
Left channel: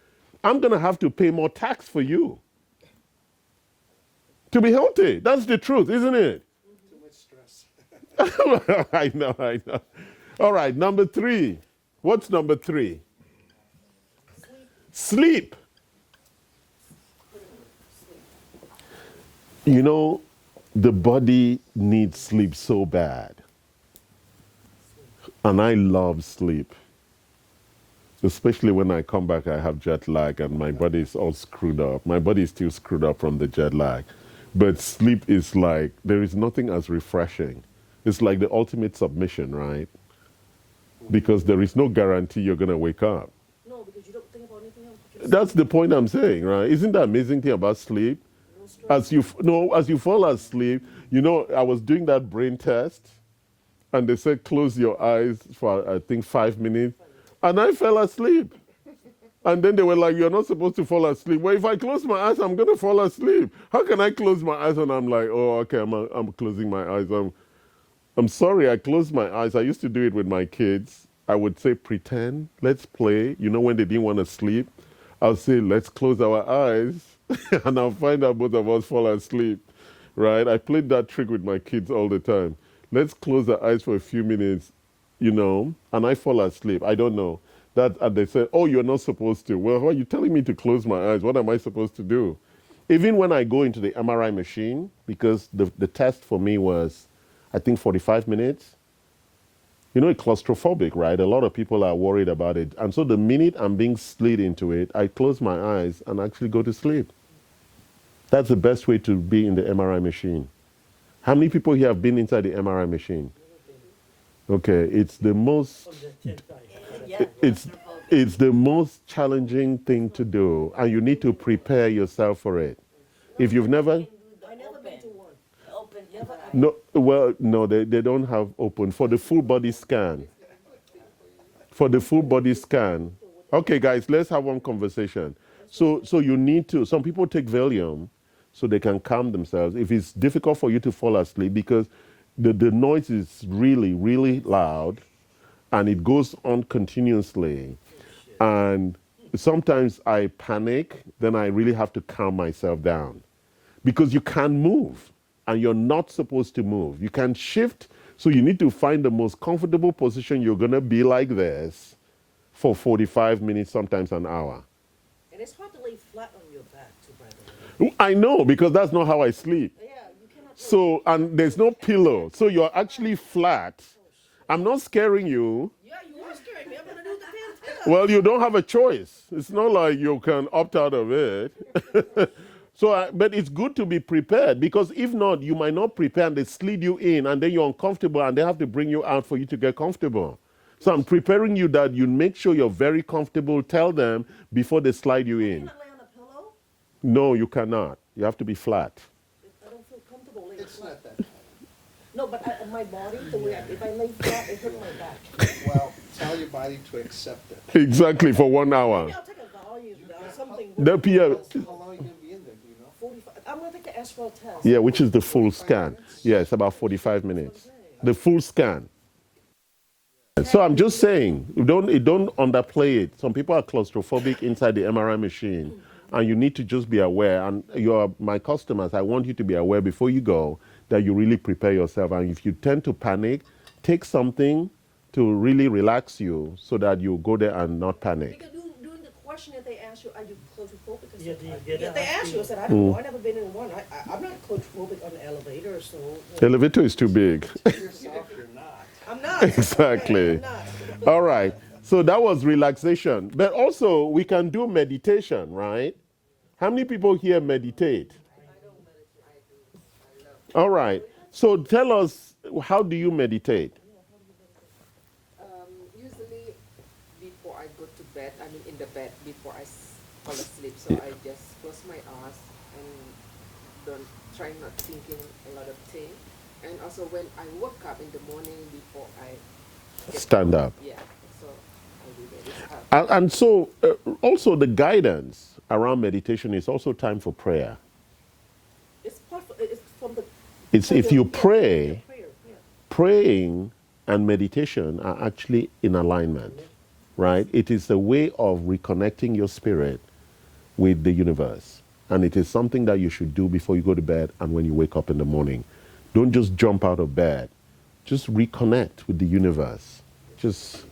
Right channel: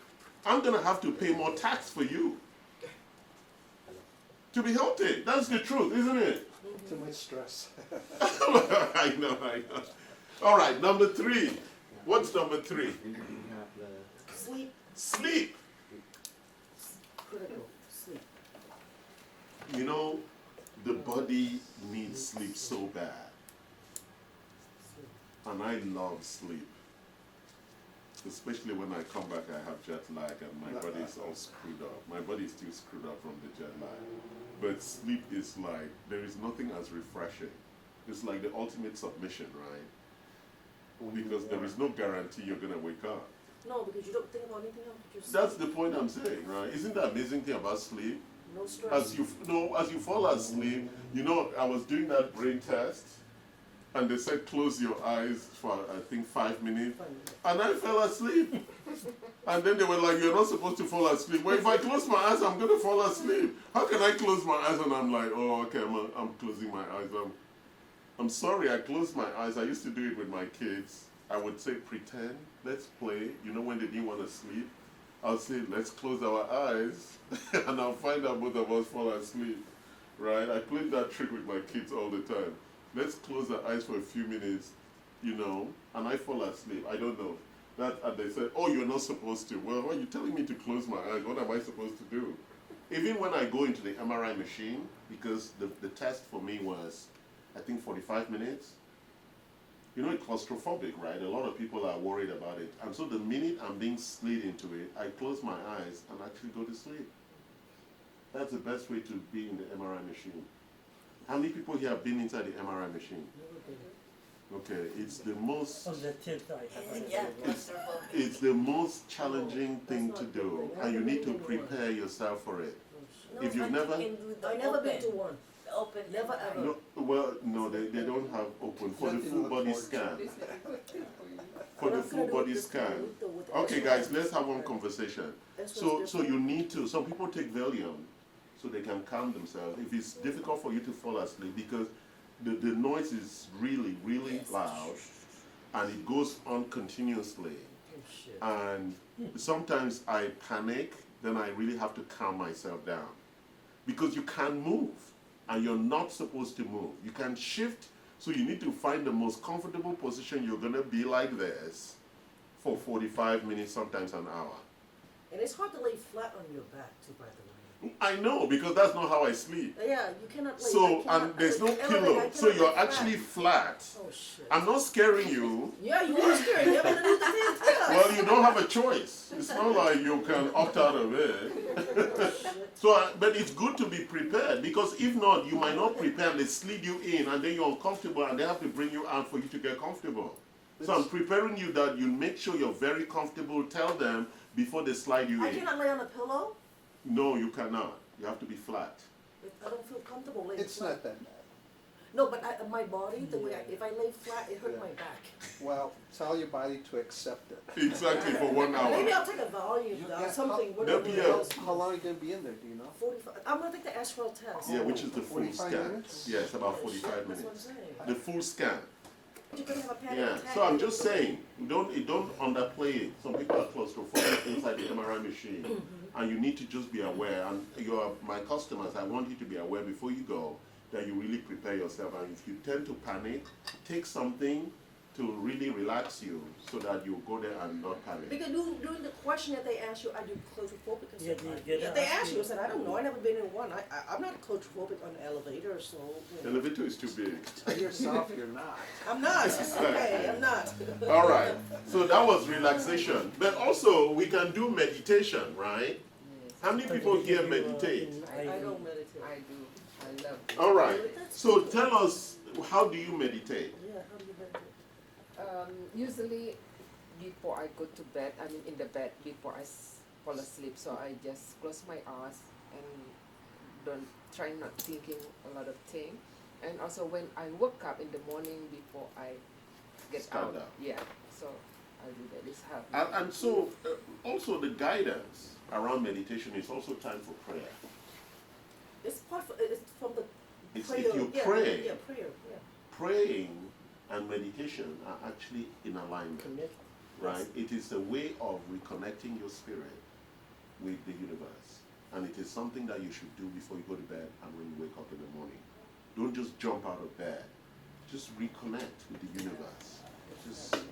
I'm going to have to pay more tax for you to be healthy. That's the truth, isn't it? Too much stress. I know. All right, number 3. What's number 3? Sleep. Sleep. Sleep. You know, the body needs sleep so bad. And I love sleep. Especially when I come back, I have jet lag and my body is all screwed up. My body is still screwed up from the jet lag. But sleep is like, there is nothing as refreshing. It's like the ultimate submission, right? Because there is no guarantee you're going to wake up. No, because you don't think about anything else. Just That's the point I'm saying, right? Isn't that amazing thing about sleep? no stress. As you fall asleep, I was doing that brain test, and they said close your eyes for I think 5 minutes, and I fell asleep. And then they were like, "You're not supposed to fall asleep." Well, if I close my eyes, I'm gonna fall asleep. How can I close my eyes? And I'm like, "Oh, okay, I'm closing my eyes. I'm sorry, I closed my eyes. I used to do it with my kids. I would say, pretend, let's play. When they didn't want to sleep, I'll say, let's close our eyes, and I'll find out both of us fall asleep, right? I played that trick with my kids all the time. Let's close our eyes for a few minutes, and I fall asleep. I don't know. And they said, oh, you're not supposed to. Well, why are you telling me to close my eyes? What am I supposed to do? Even when I go into the MRI machine, because the test for me was, I think, 45 minutes. It's claustrophobic, right? A lot of people are worried about it. And so the minute I'm being slid into it, I close my eyes and actually go to sleep. That's the best way to be in the MRI machine. How many people here have been inside the MRI machine? Okay, it's the most On the 10th, I have Yeah. it's the most challenging thing to do, and you need to prepare yourself for it. If you've never I never been to one. Open. Never ever. no, they don't have open for the full body scan. For the full body scan. Okay, guys, let's have one conversation. So you need to. Some people take Valium so they can calm themselves. If it's difficult for you to fall asleep because the noise is really, really loud, and it goes on continuously. And sometimes I panic, then I really have to calm myself down. Because you can't move, and you're not supposed to move. You can shift, so you need to find the most comfortable position. You're going to be like this for 45 minutes, sometimes an hour. And it's hard to lay flat on your back too, by the way. I know, because that's not how I sleep. Yeah, you cannot. So, and there's no pillow, so you're actually flat. Oh shit. I'm not scaring you. Yeah, you are scared. You haven't done the damn thing. Well, you don't have a choice. It's not like you can opt out of it. So, but it's good to be prepared, because if not, you might not prepare and they slid you in and then you're uncomfortable and they have to bring you out for you to get comfortable. So I'm preparing you that you make sure you're very comfortable. Tell them before they slide you I in. cannot lay on a pillow. No, you cannot. You have to be flat. I don't feel comfortable laying It's flat. not that. No, but my body, the way if I lay flat, it hurt my back. Well, tell your body to accept it. Exactly, for 1 hour. Maybe I'll take a volume down, something. The PO. How long are you gonna be in there, do you know? 45. I'm gonna take the Astral test. Yeah, which is the full 45 scan. minutes? Yeah, it's about 45 minutes. The full scan. You can have a panic So I'm just saying, you don't underplay it. Some people are claustrophobic inside the MRI machine, and you need to just be aware. And you're my customers. I want you to be aware before you go that you really prepare yourself. And if you tend to panic, take something to really relax you so that you go there and not panic. Because during the question that they asked you, are you claustrophobic? I Yeah, said, they they asked you. I said, I Mm. don't know. I never been in one. I'm not claustrophobic on the elevator, so. Elevator is too big. Yourself, you're not. I'm not. Exactly. I'm not. All right. So that was relaxation. But also, we can do meditation, right? How many people here meditate? I don't meditate. I do. I love. All right. So tell us, how do you meditate? Usually, before I go to bed, I mean in the bed before I fall asleep. So I just close my eyes and don't try not thinking a lot of things. And also when I wake up in the morning before I get Stand up. Yeah. So I do that. It's help. And so, also the guidance around meditation is also time for prayer. It's from the. It's if you pray, Prayer. praying and meditation are actually in alignment, right? It is a way of reconnecting your spirit with the universe. And it is something that you should do before you go to bed and when you wake up in the morning. Don't just jump out of bed. Just reconnect with the universe. Just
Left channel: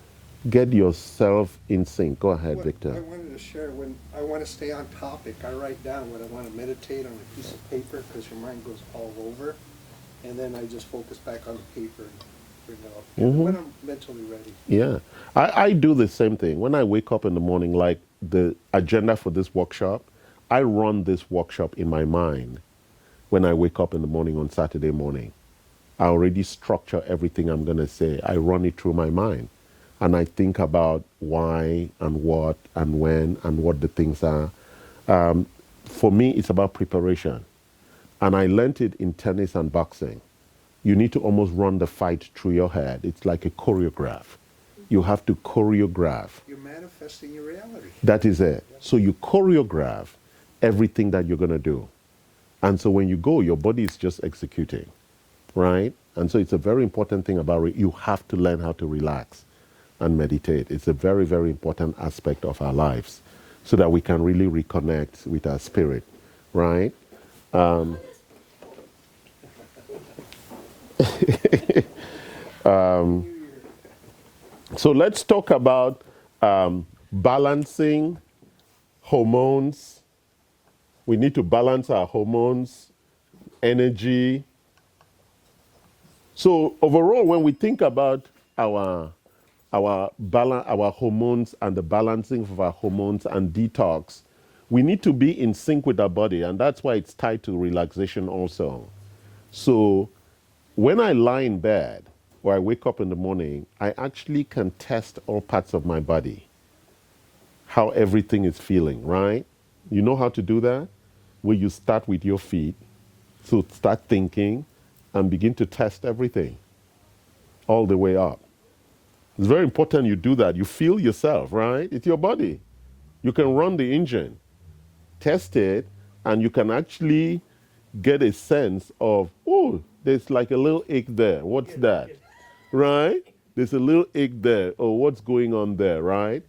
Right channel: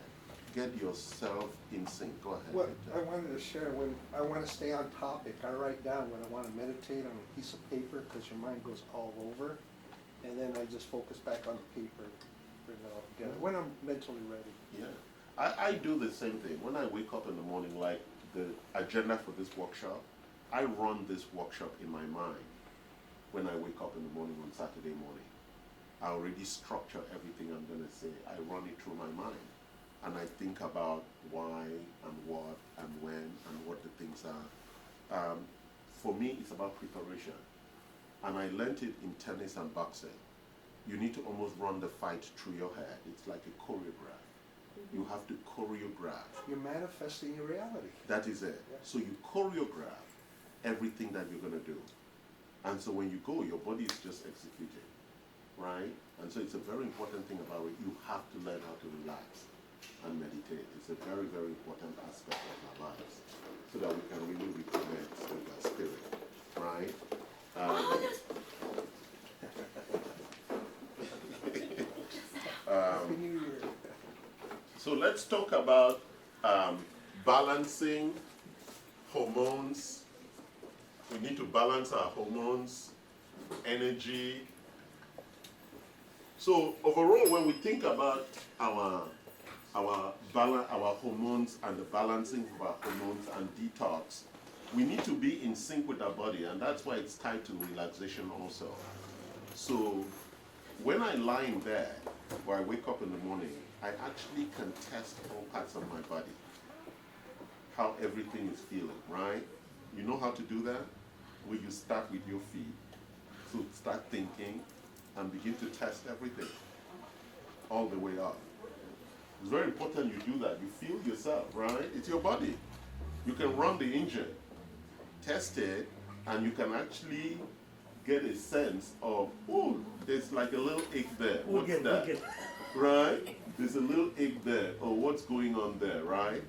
get yourself in sync. Go ahead, Well, Victor. I wanted to share, when I want to stay on topic, I write down what I want to meditate on a piece of paper, because your mind goes all over. And then I just focus back on the paper and bring it up when I'm mentally ready. Yeah. I do the same thing. When I wake up in the morning, like the agenda for this workshop, I run this workshop in my mind. when I wake up in the morning on Saturday morning. I already structure everything I'm going to say. I run it through my mind. And I think about why and what and when and what the things are. For me, it's about preparation. And I learned it in tennis and boxing. You need to almost run the fight through your head. It's like a choreograph. You have to choreograph. You're manifesting your reality. That is it. So you choreograph everything that you're going to do. And so when you go, your body is just executing, right? And so it's a very important thing about it. You have to learn how to relax and meditate. It's a very, very important aspect of our lives so that we can really reconnect with our spirit, right? So let's talk about balancing hormones. We need to balance our hormones, energy. So overall, when we think about our hormones and the balancing of our hormones and detox, we need to be in sync with our body, and that's why it's tied to relaxation also. So when I lie in bed or I wake up in the morning, I actually can test all parts of my body, how everything is feeling, right? You know how to do that? Where you start with your feet, so start thinking and begin to test everything all the way up. It's very important you do that. You feel yourself, right? It's your body. You can run the engine, test it, and you can actually get a sense of, oh, there's like a little ache there. What's that? Right? There's a little ache there. Oh, what's going on there, right?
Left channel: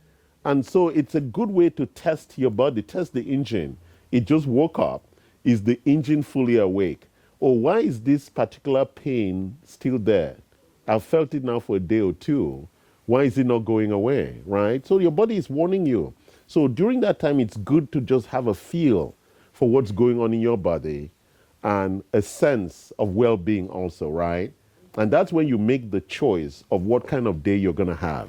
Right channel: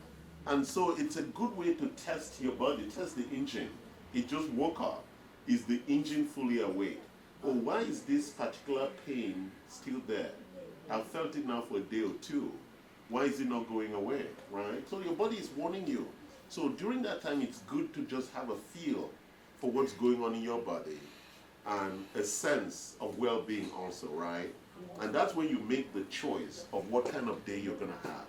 And so it's a good way to test your body, test the engine. It just woke up. Is the engine fully awake? Or why is this particular pain still there? I've felt it now for a day or two. Why is it not going away, right? So your body is warning you. So during that time, it's good to just have a feel for what's going on in your body and a sense of well-being also, right? And that's when you make the choice of what kind of day you're going to have.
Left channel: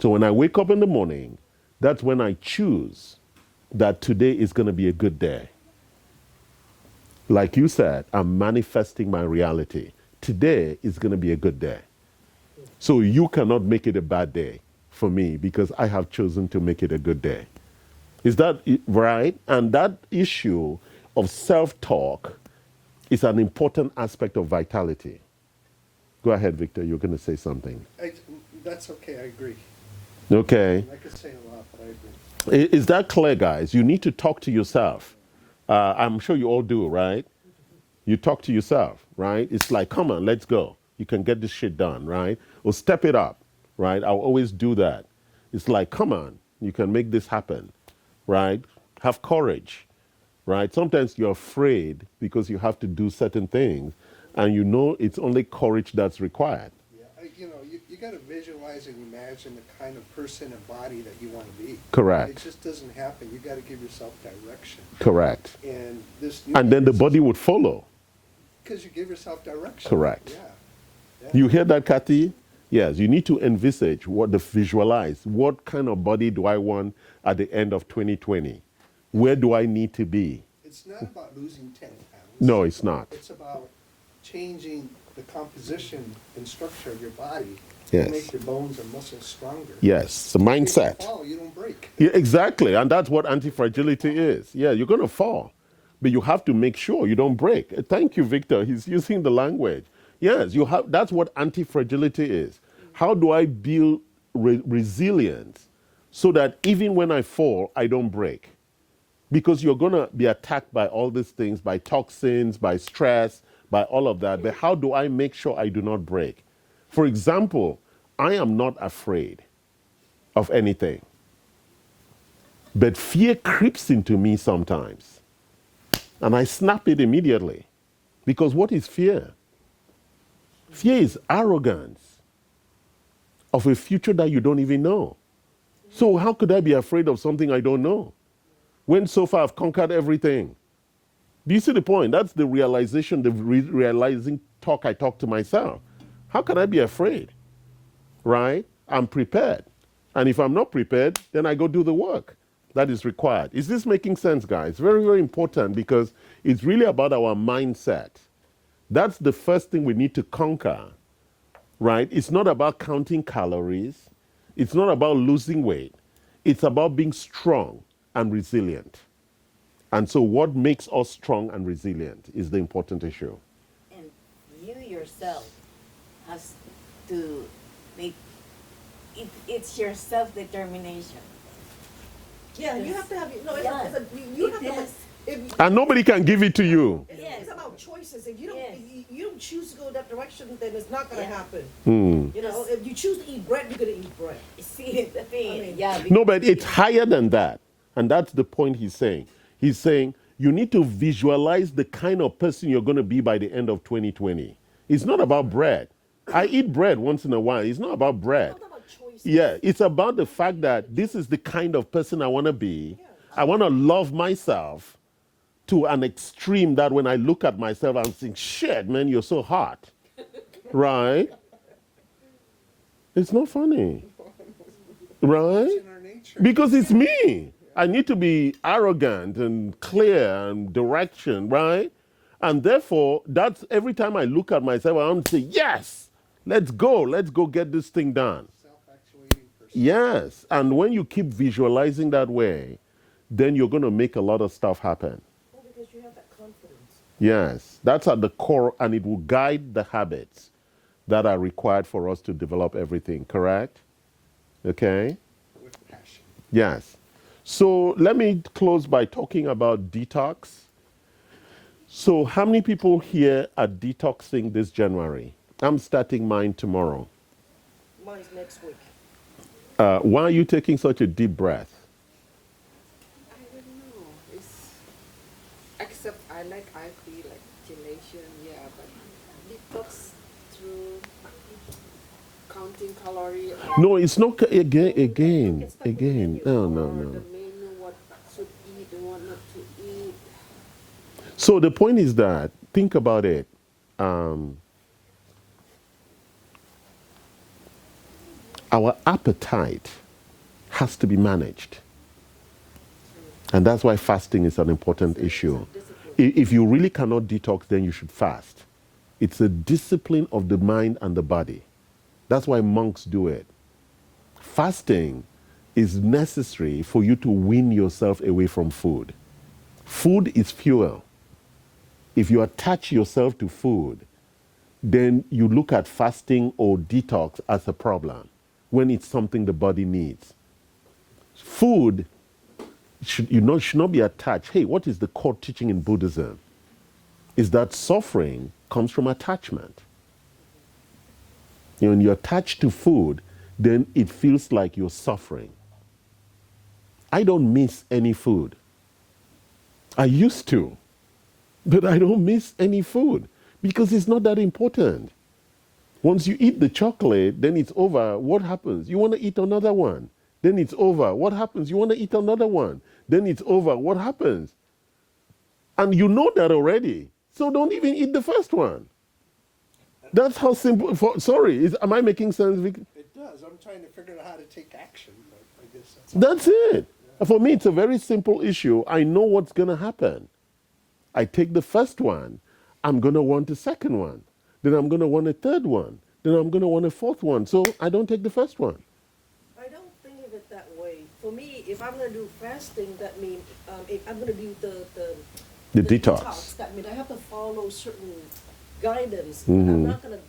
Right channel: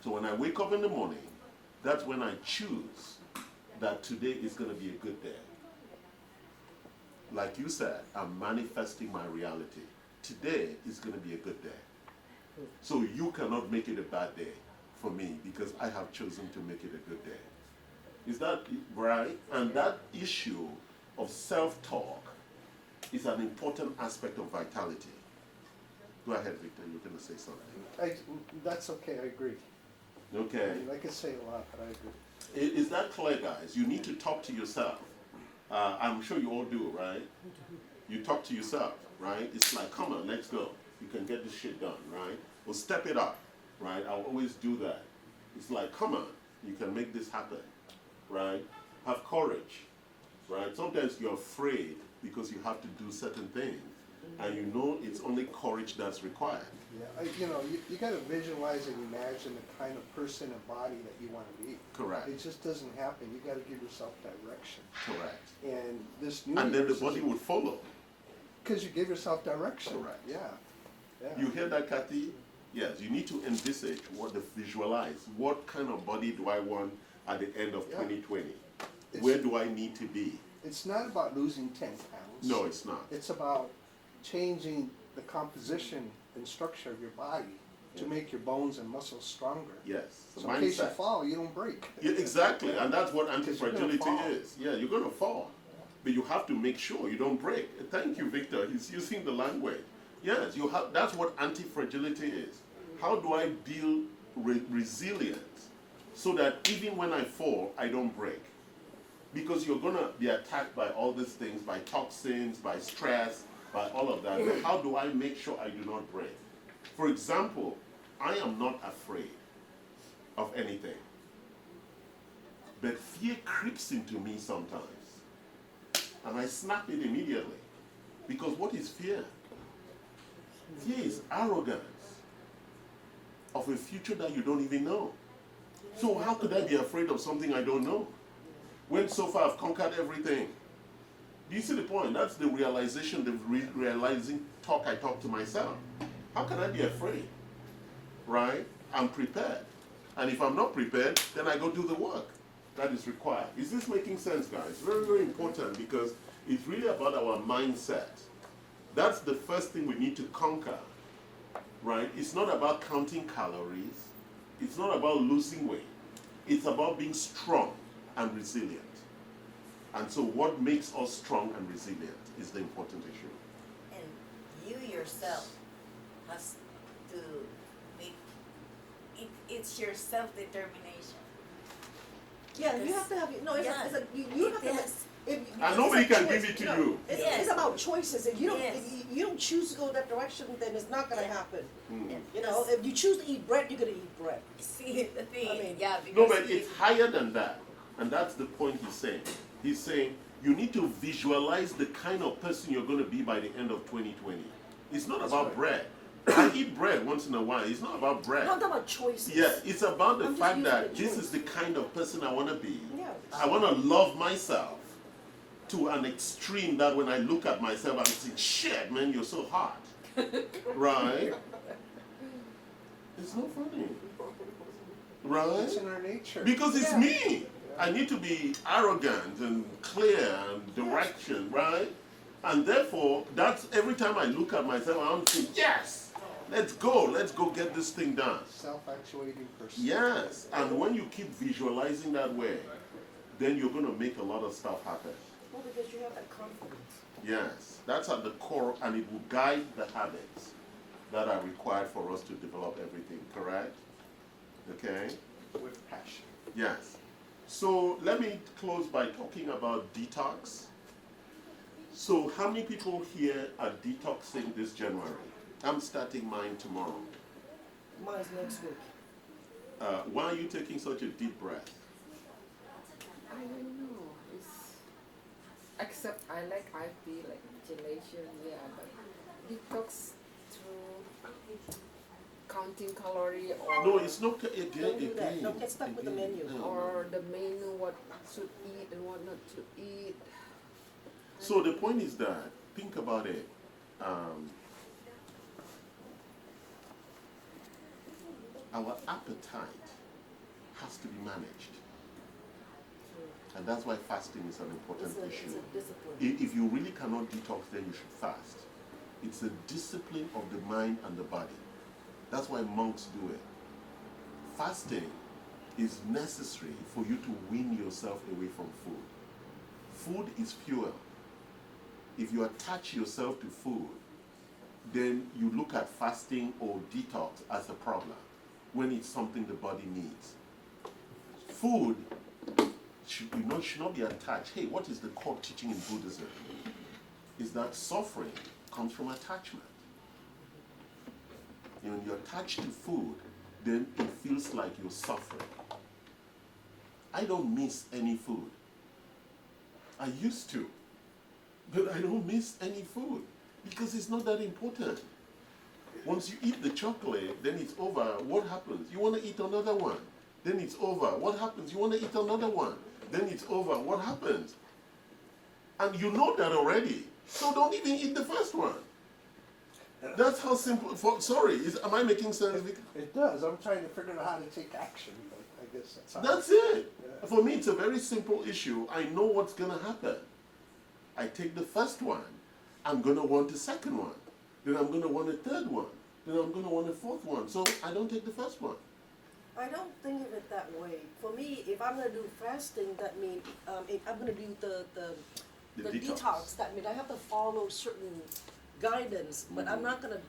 So when I wake up in the morning, that's when I choose that today is going to be a good day. Like you said, I'm manifesting my reality. Today is going to be a good day. So you cannot make it a bad day for me because I have chosen to make it a good day. Is that right? And that issue of self-talk is an important aspect of vitality. Go ahead, Victor. You're going to say something. That's okay. I agree. Okay. I could say a lot, but I agree. Is that clear, guys? You need to talk to yourself. I'm sure you all do, right? You talk to yourself, right? It's like, come on, let's go. You can get this shit done, right? Or step it up, right? I'll always do that. It's like, come on, you can make this happen, right? Have courage, right? Sometimes you're afraid because you have to do certain things, and you know it's only courage that's required. Yeah, you got to visualize and imagine the kind of person and body that you want to be. Correct. It just doesn't happen. You got to give yourself direction. Correct. And And then the body would follow. Because you give yourself direction. Correct. Yeah. You hear that, Kathy? Yes, you need to envisage, visualize, what kind of body do I want at the end of 2020? Where do I need to be? It's not about losing 10 pounds. No, it's not. It's about changing the composition and structure of your body Yes. to make your bones and muscles stronger. Yes, the In case you mindset. fall, you don't break. Yeah, exactly, and that's what anti-fragility You're gonna fall. is. Yeah, you're going to fall, but you have to make sure you don't break. Thank you, Victor. He's using the language. Yes, you have. That's what anti-fragility is. How do I build resilience so that even when I fall, I don't break? Because you're going to be attacked by all these things, by toxins, by stress, by all of that. But how do I make sure I do not break? For example, I am not afraid of anything. But fear creeps into me sometimes. And I snap it immediately. Because what is fear? Fear is arrogance of a future that you don't even know. So how could I be afraid of something I don't know? When so far I've conquered everything. Do you see the point? That's the realization, the realizing talk I talk to myself. How can I be afraid? Right? I'm prepared. And if I'm not prepared, then I go do the work that is required. Is this making sense, guys? Very, very important, because It's really about our mindset. That's the first thing we need to conquer, right? It's not about counting calories. It's not about losing weight. It's about being strong and resilient. And so what makes us strong and resilient is the important issue. And you yourself has to make it, it's your self-determination. Yeah, you have to have, no, it's, Yeah. it's a, you have to have, Yes. if, And nobody can give it to you. It's, Yes. it's about choices. If you don't, Yes. if you don't choose to go that direction, then it's not gonna Yeah. happen. Hmm. You know, if you choose to eat bread, you're gonna eat bread. See, the thing, I mean- yeah. No, because but it's higher than that. And that's the point he's saying. He's saying you need to visualize the kind of person you're going to be by the end of 2020. It's not about bread. I eat bread once in a while. It's not about bread. I'm talking about choices. Yeah, it's about the I'm just fact using that the this choice. is the kind of person I want to be. Yeah. I want to love myself to an extreme that when I look at myself, I'm saying, shit, man, you're so hot. Right? It's not funny. Right? It's in our nature. Because it's me. I need to be arrogant and clear and direction, right? And therefore, that's every time I look at myself, I'm saying, yes, let's go get this thing done. Self-actuating person. Yes. And when you keep visualizing that way, then you're going to make a lot of stuff happen. Well, because you have that confidence. Yes. That's at the core, and it will guide the habits that are required for us to develop everything, correct? Okay? With passion. Yes. So let me close by talking about detox. So how many people here are detoxing this January? I'm starting mine tomorrow. Mine's next week. Why are you taking such a deep breath? I don't know. It's except I feel like gelation, yeah, but detox through counting calorie or No, it's not Don't get stuck with the menu. or the menu, what should eat and what not to eat. So the point is that, think about it. Our appetite has to be managed. And that's why fasting is an important issue. If you really cannot detox, then you should fast. It's a discipline of the mind and the body. That's why monks do it. Fasting is necessary for you to wean yourself away from food. Food is fuel. If you attach yourself to food, then you look at fasting or detox as a problem when it's something the body needs. Food should not be attached. Hey, what is the core teaching in Buddhism? Is that suffering comes from attachment. When you're attached to food, then it feels like you're suffering. I don't miss any food. I used to, but I don't miss any food because it's not that important. Once you eat the chocolate, then it's over. What happens? You want to eat another one. Then it's over. What happens? You want to eat another one. Then it's over. What happens? And you know that already. So don't even eat the first one. That's how simple. Am I making sense? It does. I'm trying to figure out how to take action. But I guess That's it. For me, it's a very simple issue. I know what's going to happen. I take the first one. I'm going to want the second one. Then I'm going to want a third one. Then I'm going to want a fourth one. So I don't take the first one. I don't think of it that way. For me, if I'm gonna do fasting, that means if I'm gonna do The detox. That means I have to follow certain guidance. But I'm not gonna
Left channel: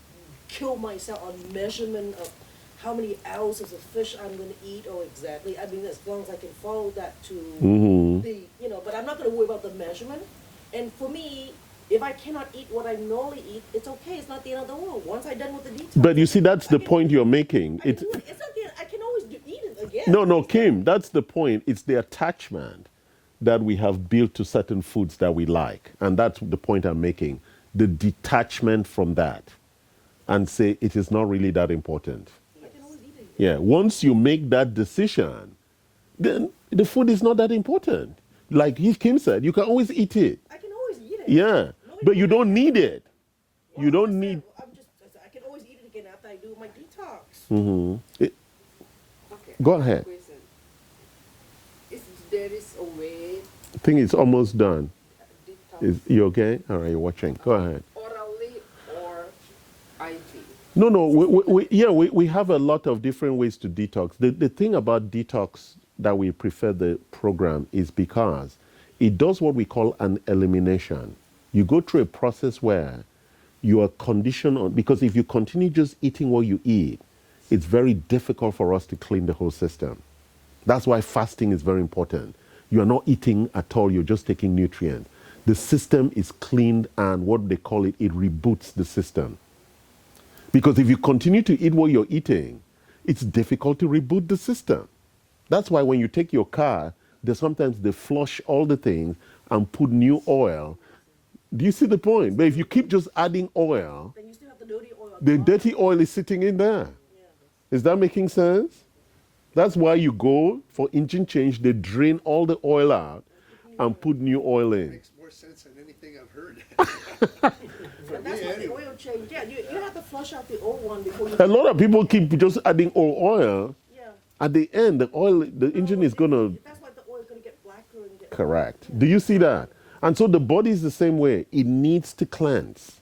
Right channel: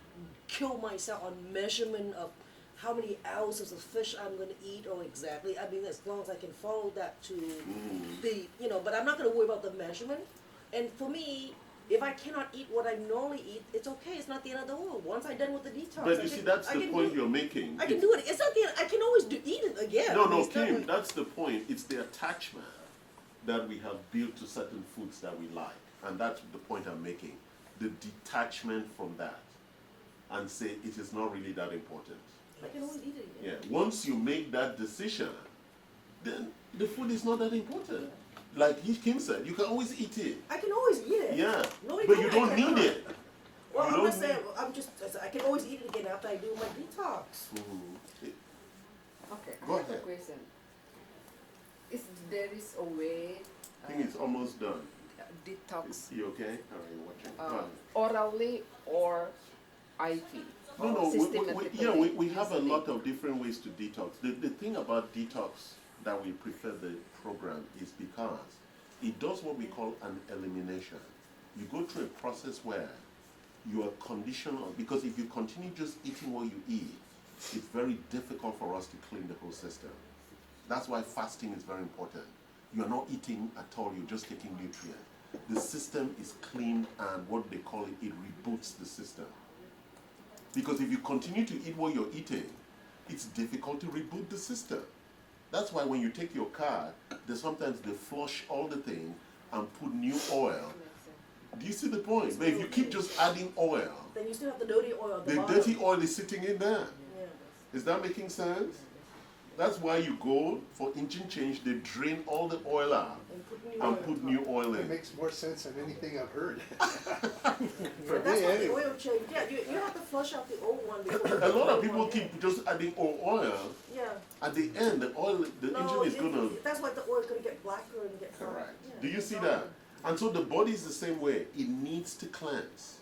kill myself on measurement of how many ounces of fish I'm gonna eat or exactly. I mean, as long as I can follow that to the, but I'm not gonna worry about the measurement. And for me, if I cannot eat what I normally eat, it's okay. It's not the end of the world. Once I'm done with the detox. But you see, that's the point you're making. I can do it. It's not the end. I can always eat it again. No, It's Kim, not- that's the point. It's the attachment that we have built to certain foods that we like. And that's the point I'm making. The detachment from that and say it is not really that important. I can always eat it. Yeah, once you make that decision, then the food is not that important. Like Kim said, you can always eat it. I can always eat it. Yeah, No, but you I don't need cannot. it. Well, You I'm don't just saying, need. I can always eat it again after I do my detox. Okay. Go I have a ahead. question. There is a way I think it's almost done. detox detox. you okay? All right, you're watching. Go ahead. Orally or IV. No, no, we have a lot of different ways to detox. The thing about detox that we prefer the program is because it does what we call an elimination. You go through a process where you are conditioned on, because if you continue just eating what you eat, it's very difficult for us to clean the whole system. That's why fasting is very important. You are not eating at all, you're just taking nutrients. The system is cleaned, and what they call it reboots the system. Because if you continue to eat what you're eating, it's difficult to reboot the system. That's why when you take your car, sometimes they flush all the things and put new oil. Do you see the point? But if you keep just adding oil, Then you still have the dirty oil. the dirty oil is sitting in there. Yeah. Is that making sense? That's why you go for engine change, they drain all the oil out and put new oil It in. makes more sense than anything I've heard. For And that's me, what the anyway. oil change. Yeah, you have to flush out the old one before you. A lot of people keep just adding oil. Yeah. At the end, the engine is gonna. That's why the oil is gonna get blacker and get. Correct. Do you see that? And so the body is the same way. It needs to cleanse.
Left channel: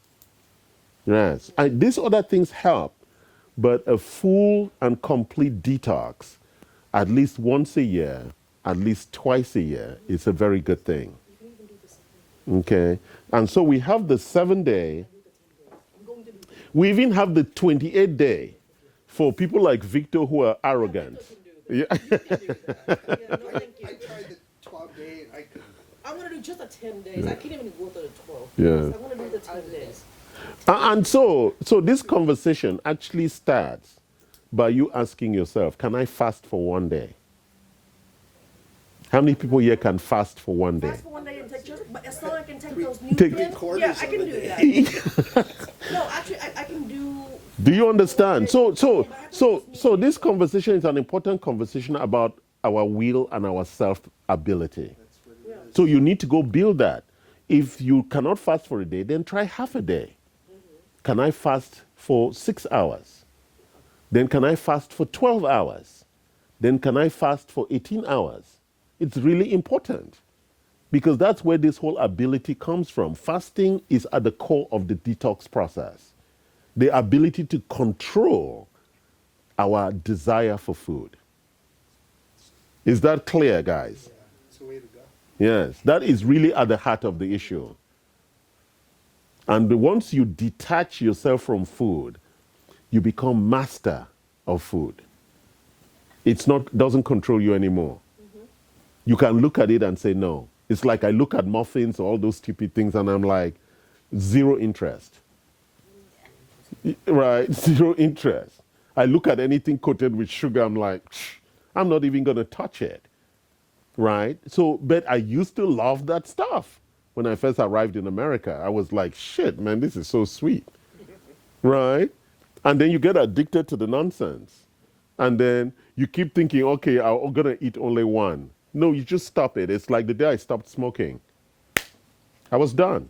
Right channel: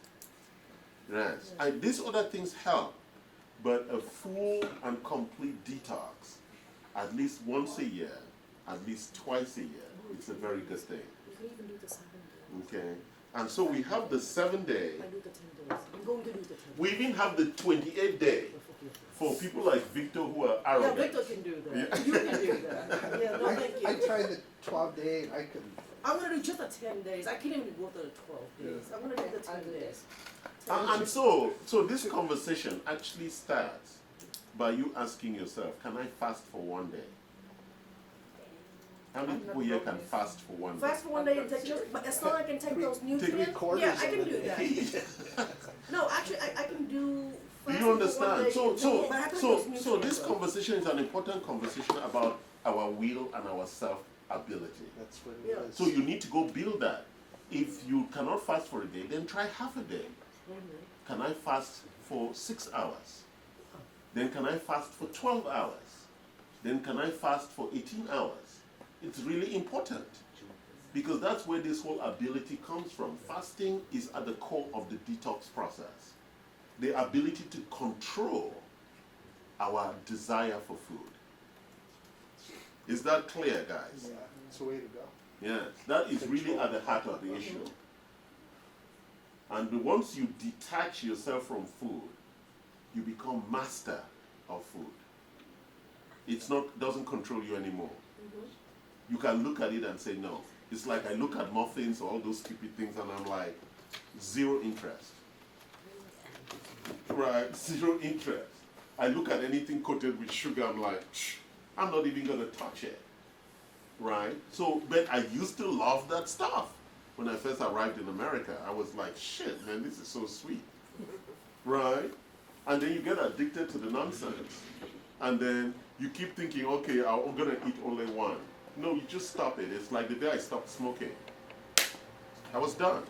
Yes. And these other things help, but a full and complete detox, at least once a year, at least twice a year, is a very good thing. You can even do the 7 days. Okay. And so we have the 7-day. I do the 10 days. I'm going to do the. We even have the 28-day for people like Victor who are Yeah, arrogant. Victor can do that. Yeah. You can do that. Yeah, no, thank I you. tried the 12-day and I couldn't. I'm gonna do just the 10 days. I can't even go to the 12. Yeah. I'm gonna do the 10 days. And so this conversation actually starts by you asking yourself, can I fast for one day? How many people here can fast for one day? Fast for one day and take just, but as long as I can take those Take- nutrients, yeah, I can do that. No, actually, I can do. Do you understand? So But I have to do those this nutrients. conversation is an important conversation about our will and our self ability. That's what Yeah. it is. So you need to go build that. If you cannot fast for a day, then try half a day. Can I fast for 6 hours? Then can I fast for 12 hours? Then can I fast for 18 hours? It's really important because that's where this whole ability comes from. Fasting is at the core of the detox process. The ability to control our desire for food. Is that clear, guys? Yeah, it's the way to go. Yes, that is really at the heart of the issue. And once you detach yourself from food, you become master of food. It's not doesn't control you anymore. You can look at it and say no. It's like I look at muffins, all those stupid things, and I'm like, zero interest. Right? Zero interest. I look at anything coated with sugar, I'm like, I'm not even gonna touch it. Right? So, but I used to love that stuff. When I first arrived in America, I was like, shit, man, this is so sweet. Right? And then you get addicted to the nonsense. And then you keep thinking, okay, I'm gonna eat only one. No, you just stop it. It's like the day I stopped smoking. I was done.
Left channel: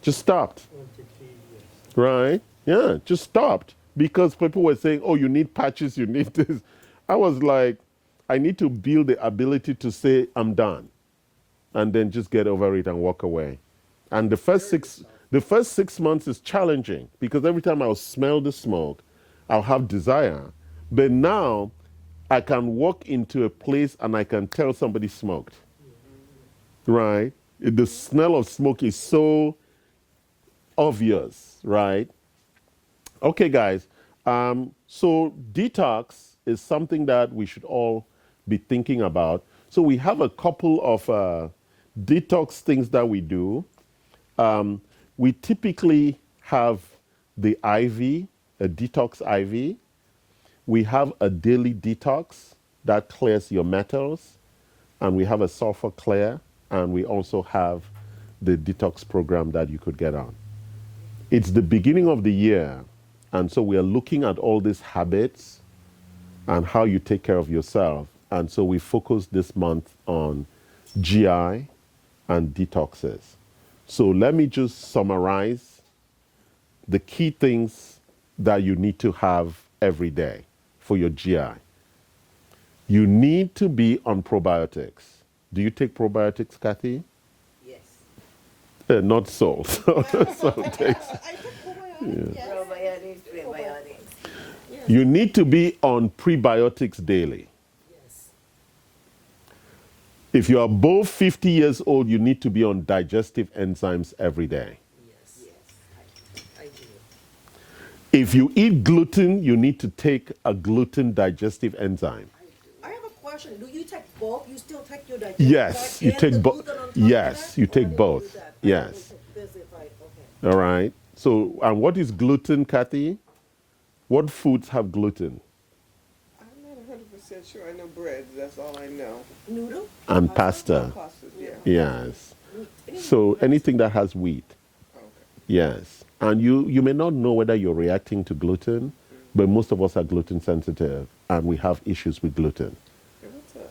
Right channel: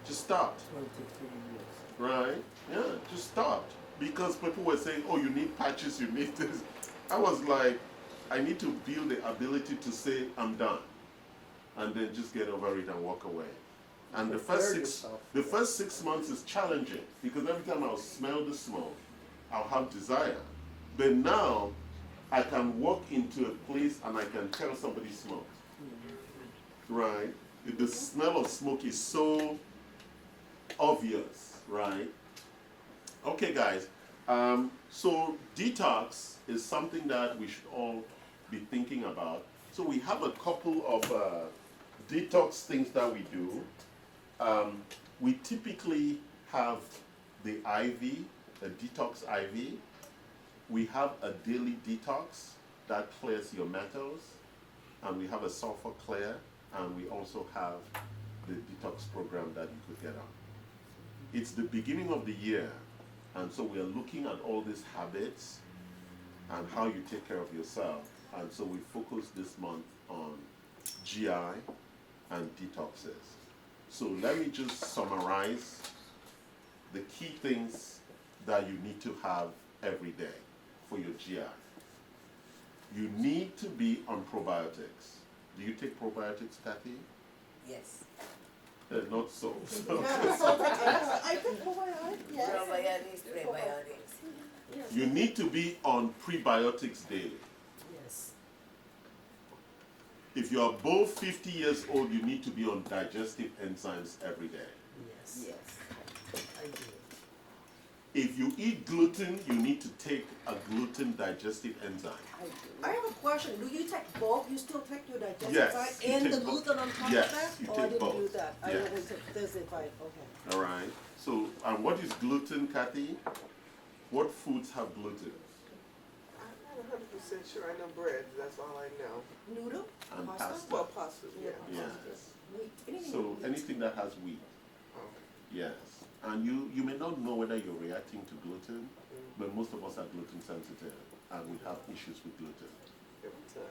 Just stopped. 23 years. Right? Yeah, just stopped. Because people were saying, oh, you need patches, you need this. I was like, I need to build the ability to say, I'm done. And then just get over it and walk away. And the first six months is challenging because every time I'll smell the smoke, I'll have desire. But now I can walk into a place and I can tell somebody smoked. Right? The smell of smoke is so obvious, right? Okay, guys. So detox is something that we should all be thinking about. So we have a couple of detox things that we do. We typically have the IV, a detox IV. We have a daily detox that clears your metals. And we have a sulfur clear. And we also have the detox program that you could get on. It's the beginning of the year. And so we are looking at all these habits and how you take care of yourself. And so we focus this month on GI and detoxes. So let me just summarize the key things that you need to have every day for your GI. You need to be on probiotics. Do you take probiotics, Kathy? not salt. Salt takes- I take probiotics. Yes. Probiotics, prebiotics. Yes. You need to be on prebiotics daily. Yes. If you're above 50 years old, you need to be on digestive enzymes every day. Yes. Yes. I do. If you eat gluten, you need to take a gluten digestive enzyme. I have a question. Do you take both? You still take your digestive Yes, back you and take the both. gluten on top Yes, of that? you Or take I didn't both. do that. Yes. I only took this if I, okay. All right. So, and what is gluten, Kathy? What foods have gluten? I'm not 100% sure. I know bread. That's all I know. Noodle? And pasta. Oh, pastas, yeah. Yes. Meat. So anything that has wheat. Okay. Yes. And you may not know whether you're reacting to gluten, but most of us are gluten sensitive and we have issues with gluten. Yeah,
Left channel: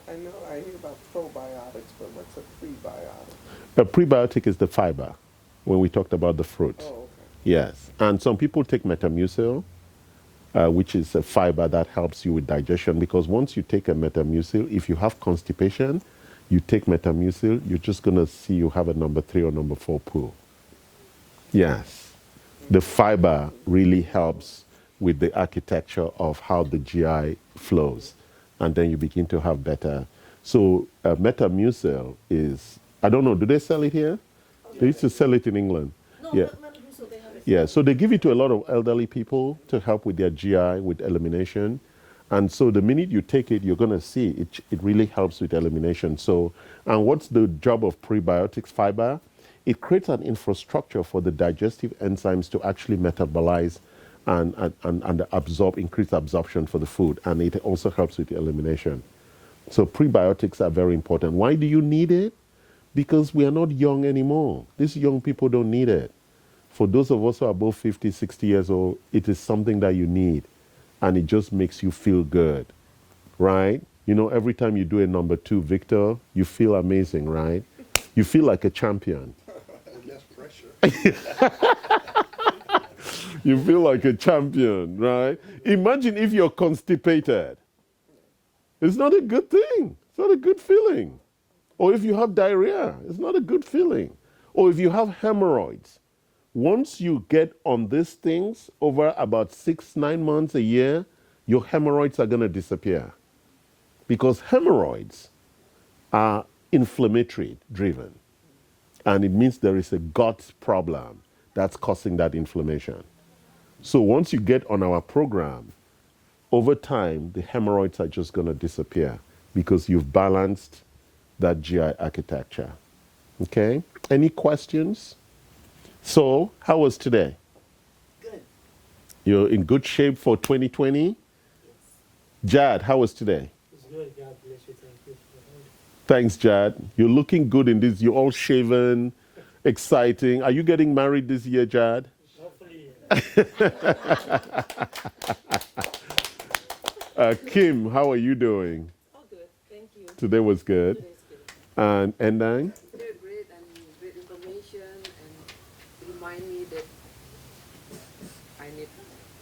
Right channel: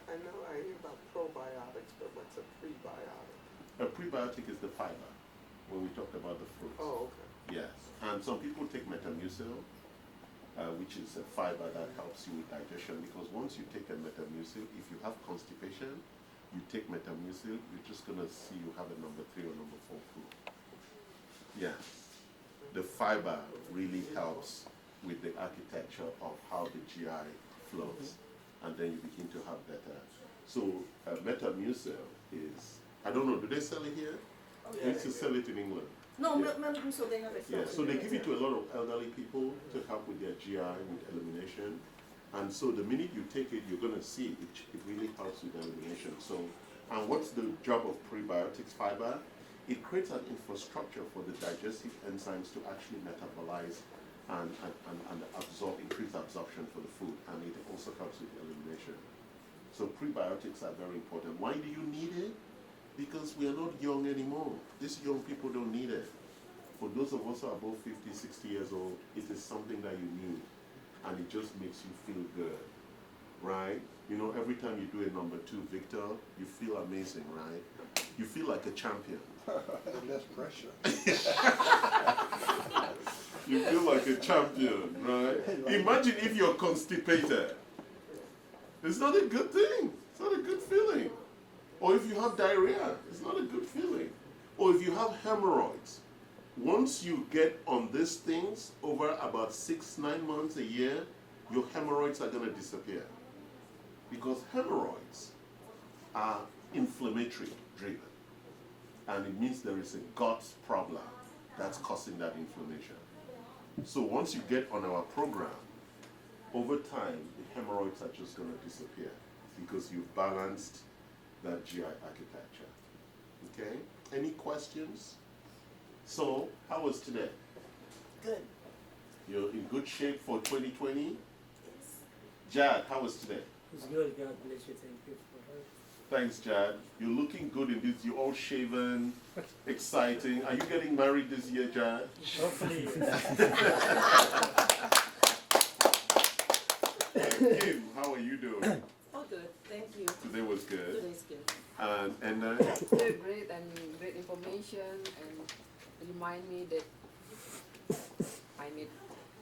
I know I hear about probiotics, but what's a prebiotic? A prebiotic is the fiber when we talked about the fruits. Oh, okay. Yes. And some people take Metamucil, which is a fiber that helps you with digestion, because once you take a Metamucil, if you have constipation, you take Metamucil, you're just going to see you have a number 3 or number 4 poo. Yes. The fiber really helps with the architecture of how the GI flows. And then you begin to have better. So Metamucil is, I don't know, do they sell it here? They used to sell it in England. No, Yeah. not so they have it. Yeah, so they give it to a lot of elderly people to help with their GI, with elimination. And so the minute you take it, you're going to see it really helps with elimination. So, and what's the job of prebiotics fiber? It creates an infrastructure for the digestive enzymes to actually metabolize and absorb, increase absorption for the food. And it also helps with elimination. So prebiotics are very important. Why do you need it? Because we are not young anymore. These young people don't need it. For those of us who are above 50, 60 years old, it is something that you need. And it just makes you feel good, right? You know, every time you do a number 2, Victor, you feel amazing, right? You feel like a champion. Less pressure. You feel like a champion, right? Imagine if you're constipated. It's not a good thing. It's not a good feeling. Or if you have diarrhea, it's not a good feeling. Or if you have hemorrhoids. Once you get on these things over about 6-9 months a year, your hemorrhoids are going to disappear. Because hemorrhoids are inflammatory driven. And it means there is a gut problem that's causing that inflammation. So once you get on our program, over time, the hemorrhoids are just going to disappear because you've balanced that GI architecture. Okay? Any questions? So, how was today? Good. You're in good shape for 2020? Jad, how was today? It's good. God bless you. Thank you for that. Thanks, Jad. You're looking good in this. You're all shaven, exciting. Are you getting married this year, Jad? Hopefully. Kim, how are you doing? Oh, good. Thank you. Today was good. Today's good. And then, They're great and great information and remind me that I need,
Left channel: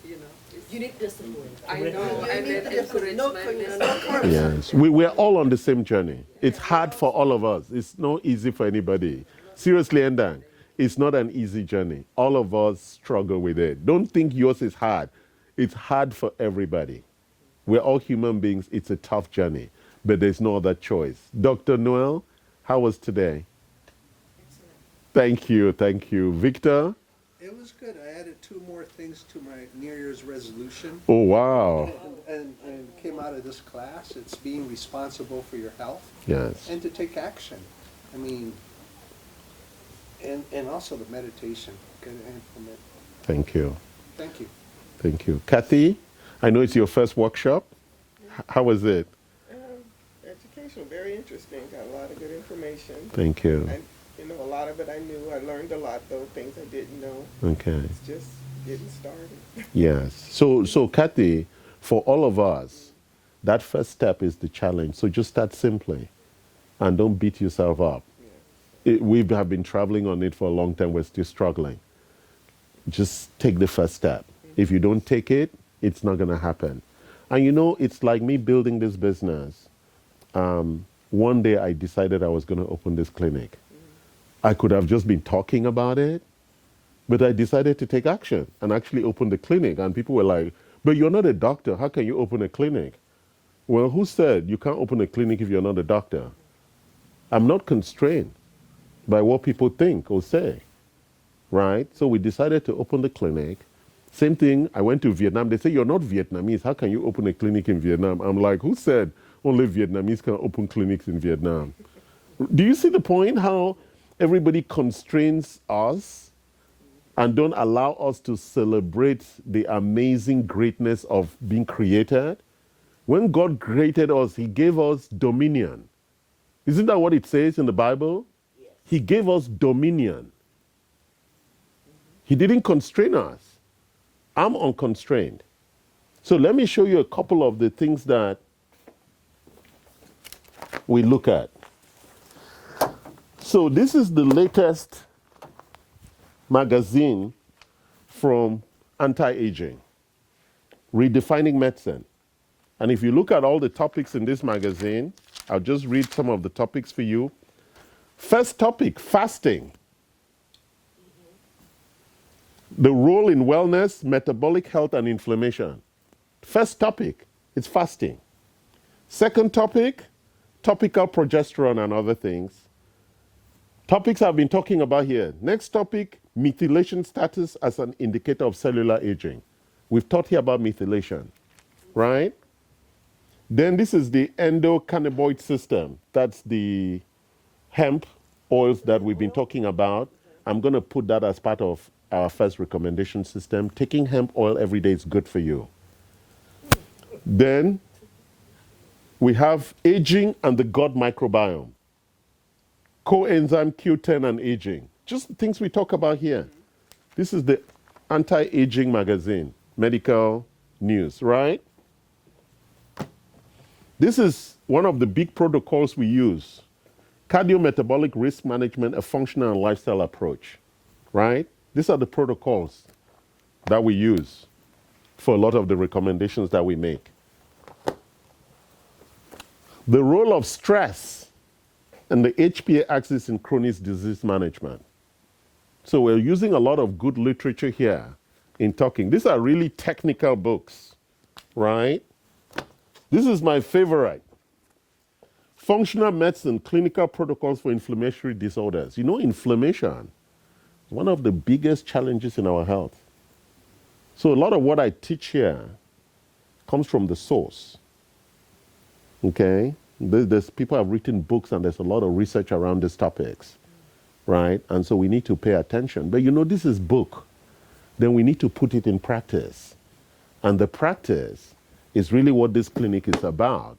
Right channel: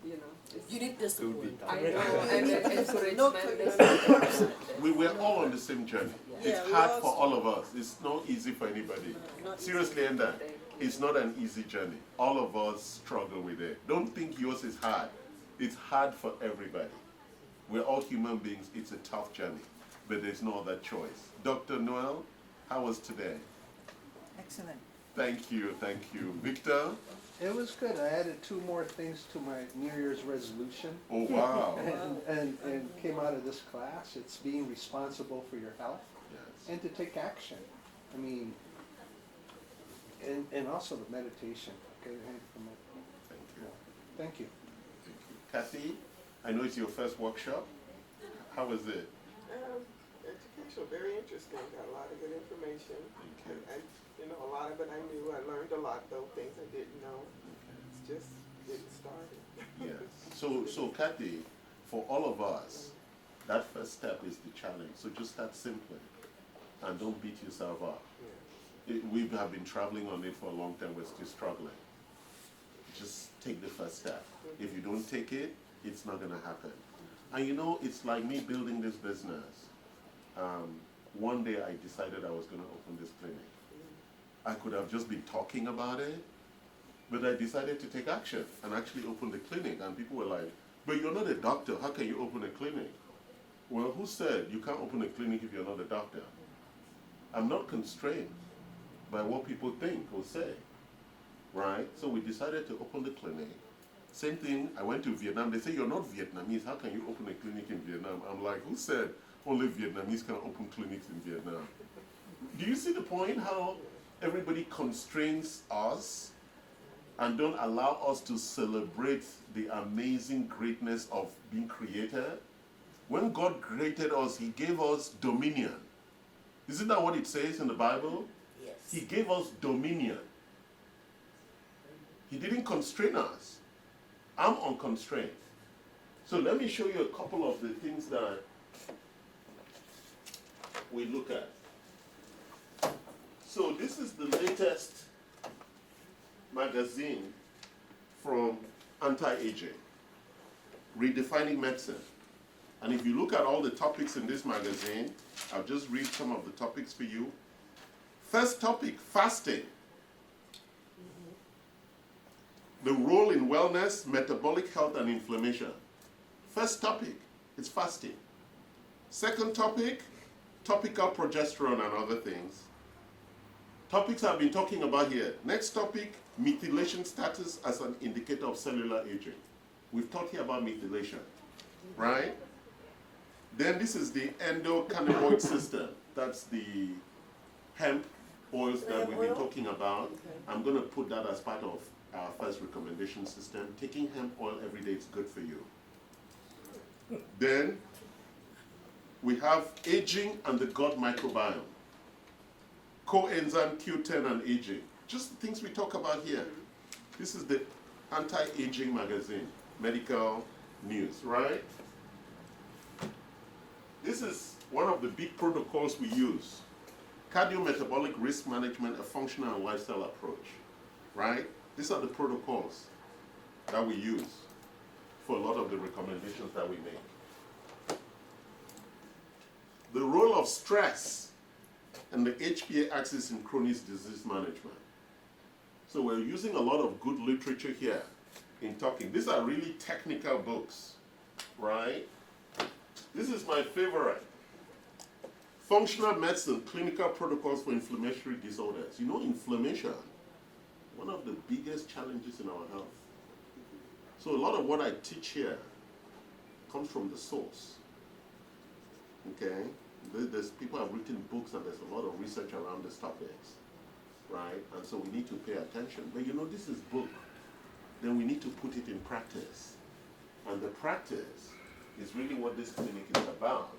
you know, it's- You need discipline. I know, You and need then discipline. No encouragement. curse. yes, we're all on the same journey. It's Yeah, hard we're for all all of us. It's not easy for anybody. Seriously, Enda, it's not an easy journey. All of us struggle with it. Don't think yours is hard. It's hard for everybody. We're all human beings. It's a tough journey, but there's no other choice. Dr. Noel, how was today? Excellent. Thank you, thank you. Victor? It was good. I added 2 more things to my New Year's resolution. Oh, wow. And came out of this class. It's being responsible for your health Yes. and to take action. I mean, and also the meditation. Get it implement. Thank you. Thank you. Thank you. Kathy, I know it's your first workshop. How was it? Education, very interesting. Got a lot of good information. Thank you. And, you know, a lot of it I knew. I learned a lot, though, things I didn't know. Okay. It's just getting started. Yes. So Kathy, for all of us, that first step is the challenge. So just start simply and don't beat yourself up. We have been traveling on it for a long time. We're still struggling. Just take the first step. If you don't take it, it's not going to happen. And you know, it's like me building this business. One day I decided I was going to open this clinic. I could have just been talking about it, but I decided to take action and actually open the clinic. And people were like, but you're not a doctor. How can you open a clinic? Well, who said you can't open a clinic if you're not a doctor? I'm not constrained by what people think or say, right? So we decided to open the clinic. Same thing, I went to Vietnam. They say, you're not Vietnamese. How can you open a clinic in Vietnam? I'm like, who said only Vietnamese can open clinics in Vietnam? Do you see the point? How everybody constrains us and don't allow us to celebrate the amazing greatness of being created? When God created us, he gave us dominion. Isn't that what it says in the Bible? Yes. He gave us dominion. He didn't constrain us. I'm unconstrained. So let me show you a couple of the things that we look at. So this is the latest magazine from Anti-Aging, Redefining Medicine. And if you look at all the topics in this magazine, I'll just read some of the topics for you. First topic, fasting. The role in wellness, metabolic health, and inflammation. First topic, it's fasting. Second topic, topical progesterone and other things. Topics I've been talking about here. Next topic, methylation status as an indicator of cellular aging. We've taught here about methylation, right? Then this is the endocannabinoid system. That's the hemp oils that we've been talking about. I'm going to put that as part of our first recommendation system. Taking hemp oil every day is good for you. Then we have aging and the gut microbiome. Coenzyme Q10 and aging. Just the things we talk about here. This is the Anti-Aging magazine, medical news, right? This is one of the big protocols we use. Cardiometabolic risk management, a functional and lifestyle approach, right? These are the protocols that we use for a lot of the recommendations that we make. The role of stress and the HPA axis in chronic disease management. So we're using a lot of good literature here in talking. These are really technical books, right? This is my favorite. Functional medicine, clinical protocols for inflammatory disorders. You know, inflammation is one of the biggest challenges in our health. So a lot of what I teach here comes from the source. Okay? There's people have written books and there's a lot of research around these topics, right? And so we need to pay attention. But you know, this is book. Then we need to put it in practice. And the practice is really what this clinic is about,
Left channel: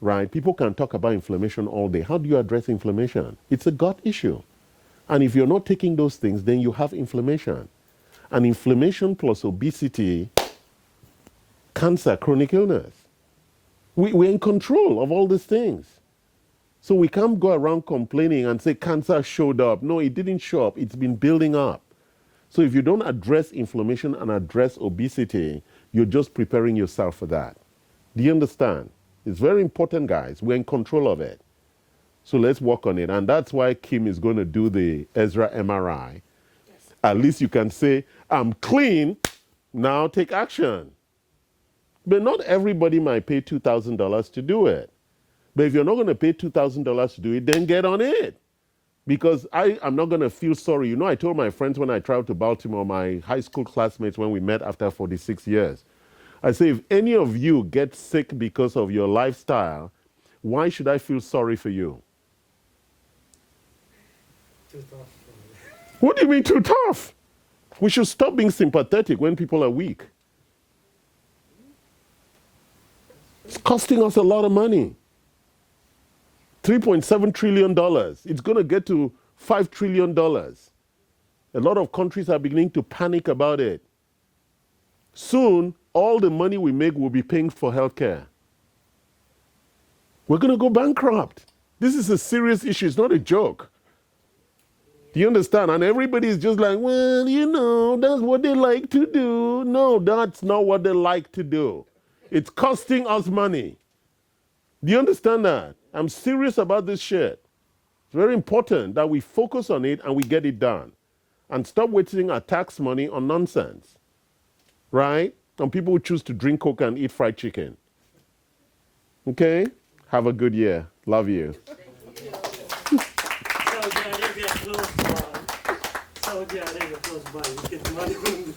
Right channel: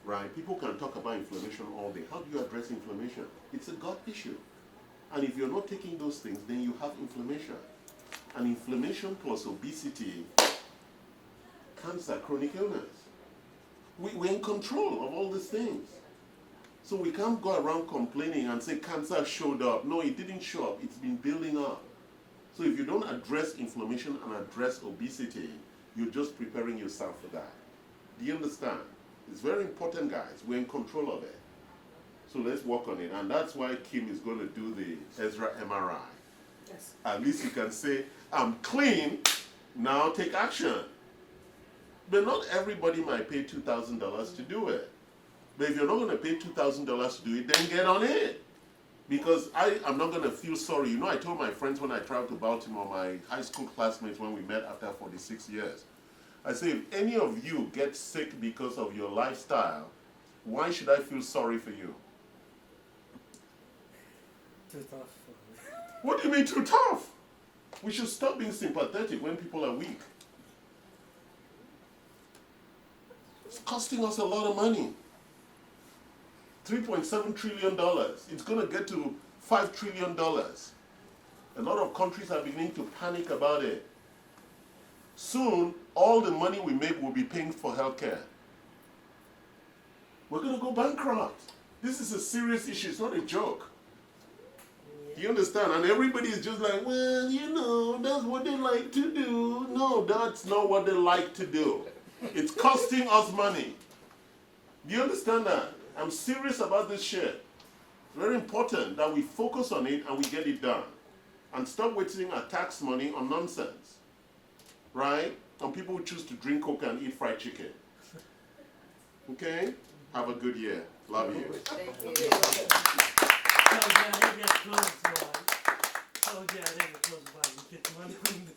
right? People can talk about inflammation all day. How do you address inflammation? It's a gut issue. And if you're not taking those things, then you have inflammation. And inflammation plus obesity, cancer, chronic illness. We're in control of all these things. So we can't go around complaining and say cancer showed up. No, it didn't show up. It's been building up. So if you don't address inflammation and address obesity, you're just preparing yourself for that. Do you understand? It's very important, guys. We're in control of it. So let's work on it. And that's why Kim is going to do the Ezra MRI. Yes. At least you can say, I'm clean, now take action. But not everybody might pay $2,000 to do it. But if you're not going to pay $2,000 to do it, then get on it. Because I'm not going to feel sorry. You know, I told my friends when I traveled to Baltimore, my high school classmates, when we met after 46 years, I say, if any of you get sick because of your lifestyle, why should I feel sorry for you? Too tough. What do you mean too tough? We should stop being sympathetic when people are weak. It's costing us a lot of money. $3.7 trillion. It's going to get to $5 trillion. A lot of countries are beginning to panic about it. Soon, all the money we make will be paying for healthcare. We're going to go bankrupt. This is a serious issue. It's not a joke. Do you understand? And everybody is just like, well, you know, that's what they like to do. No, that's not what they like to do. It's costing us money. Do you understand that? I'm serious about this shit. very important that we focus on it and we get it done. And stop wasting our tax money on nonsense. Right? On people who choose to drink Coke and eat fried chicken. Okay? Have a good year. Love you. Saudi Arabia close by. Saudi Arabia close by. You get money from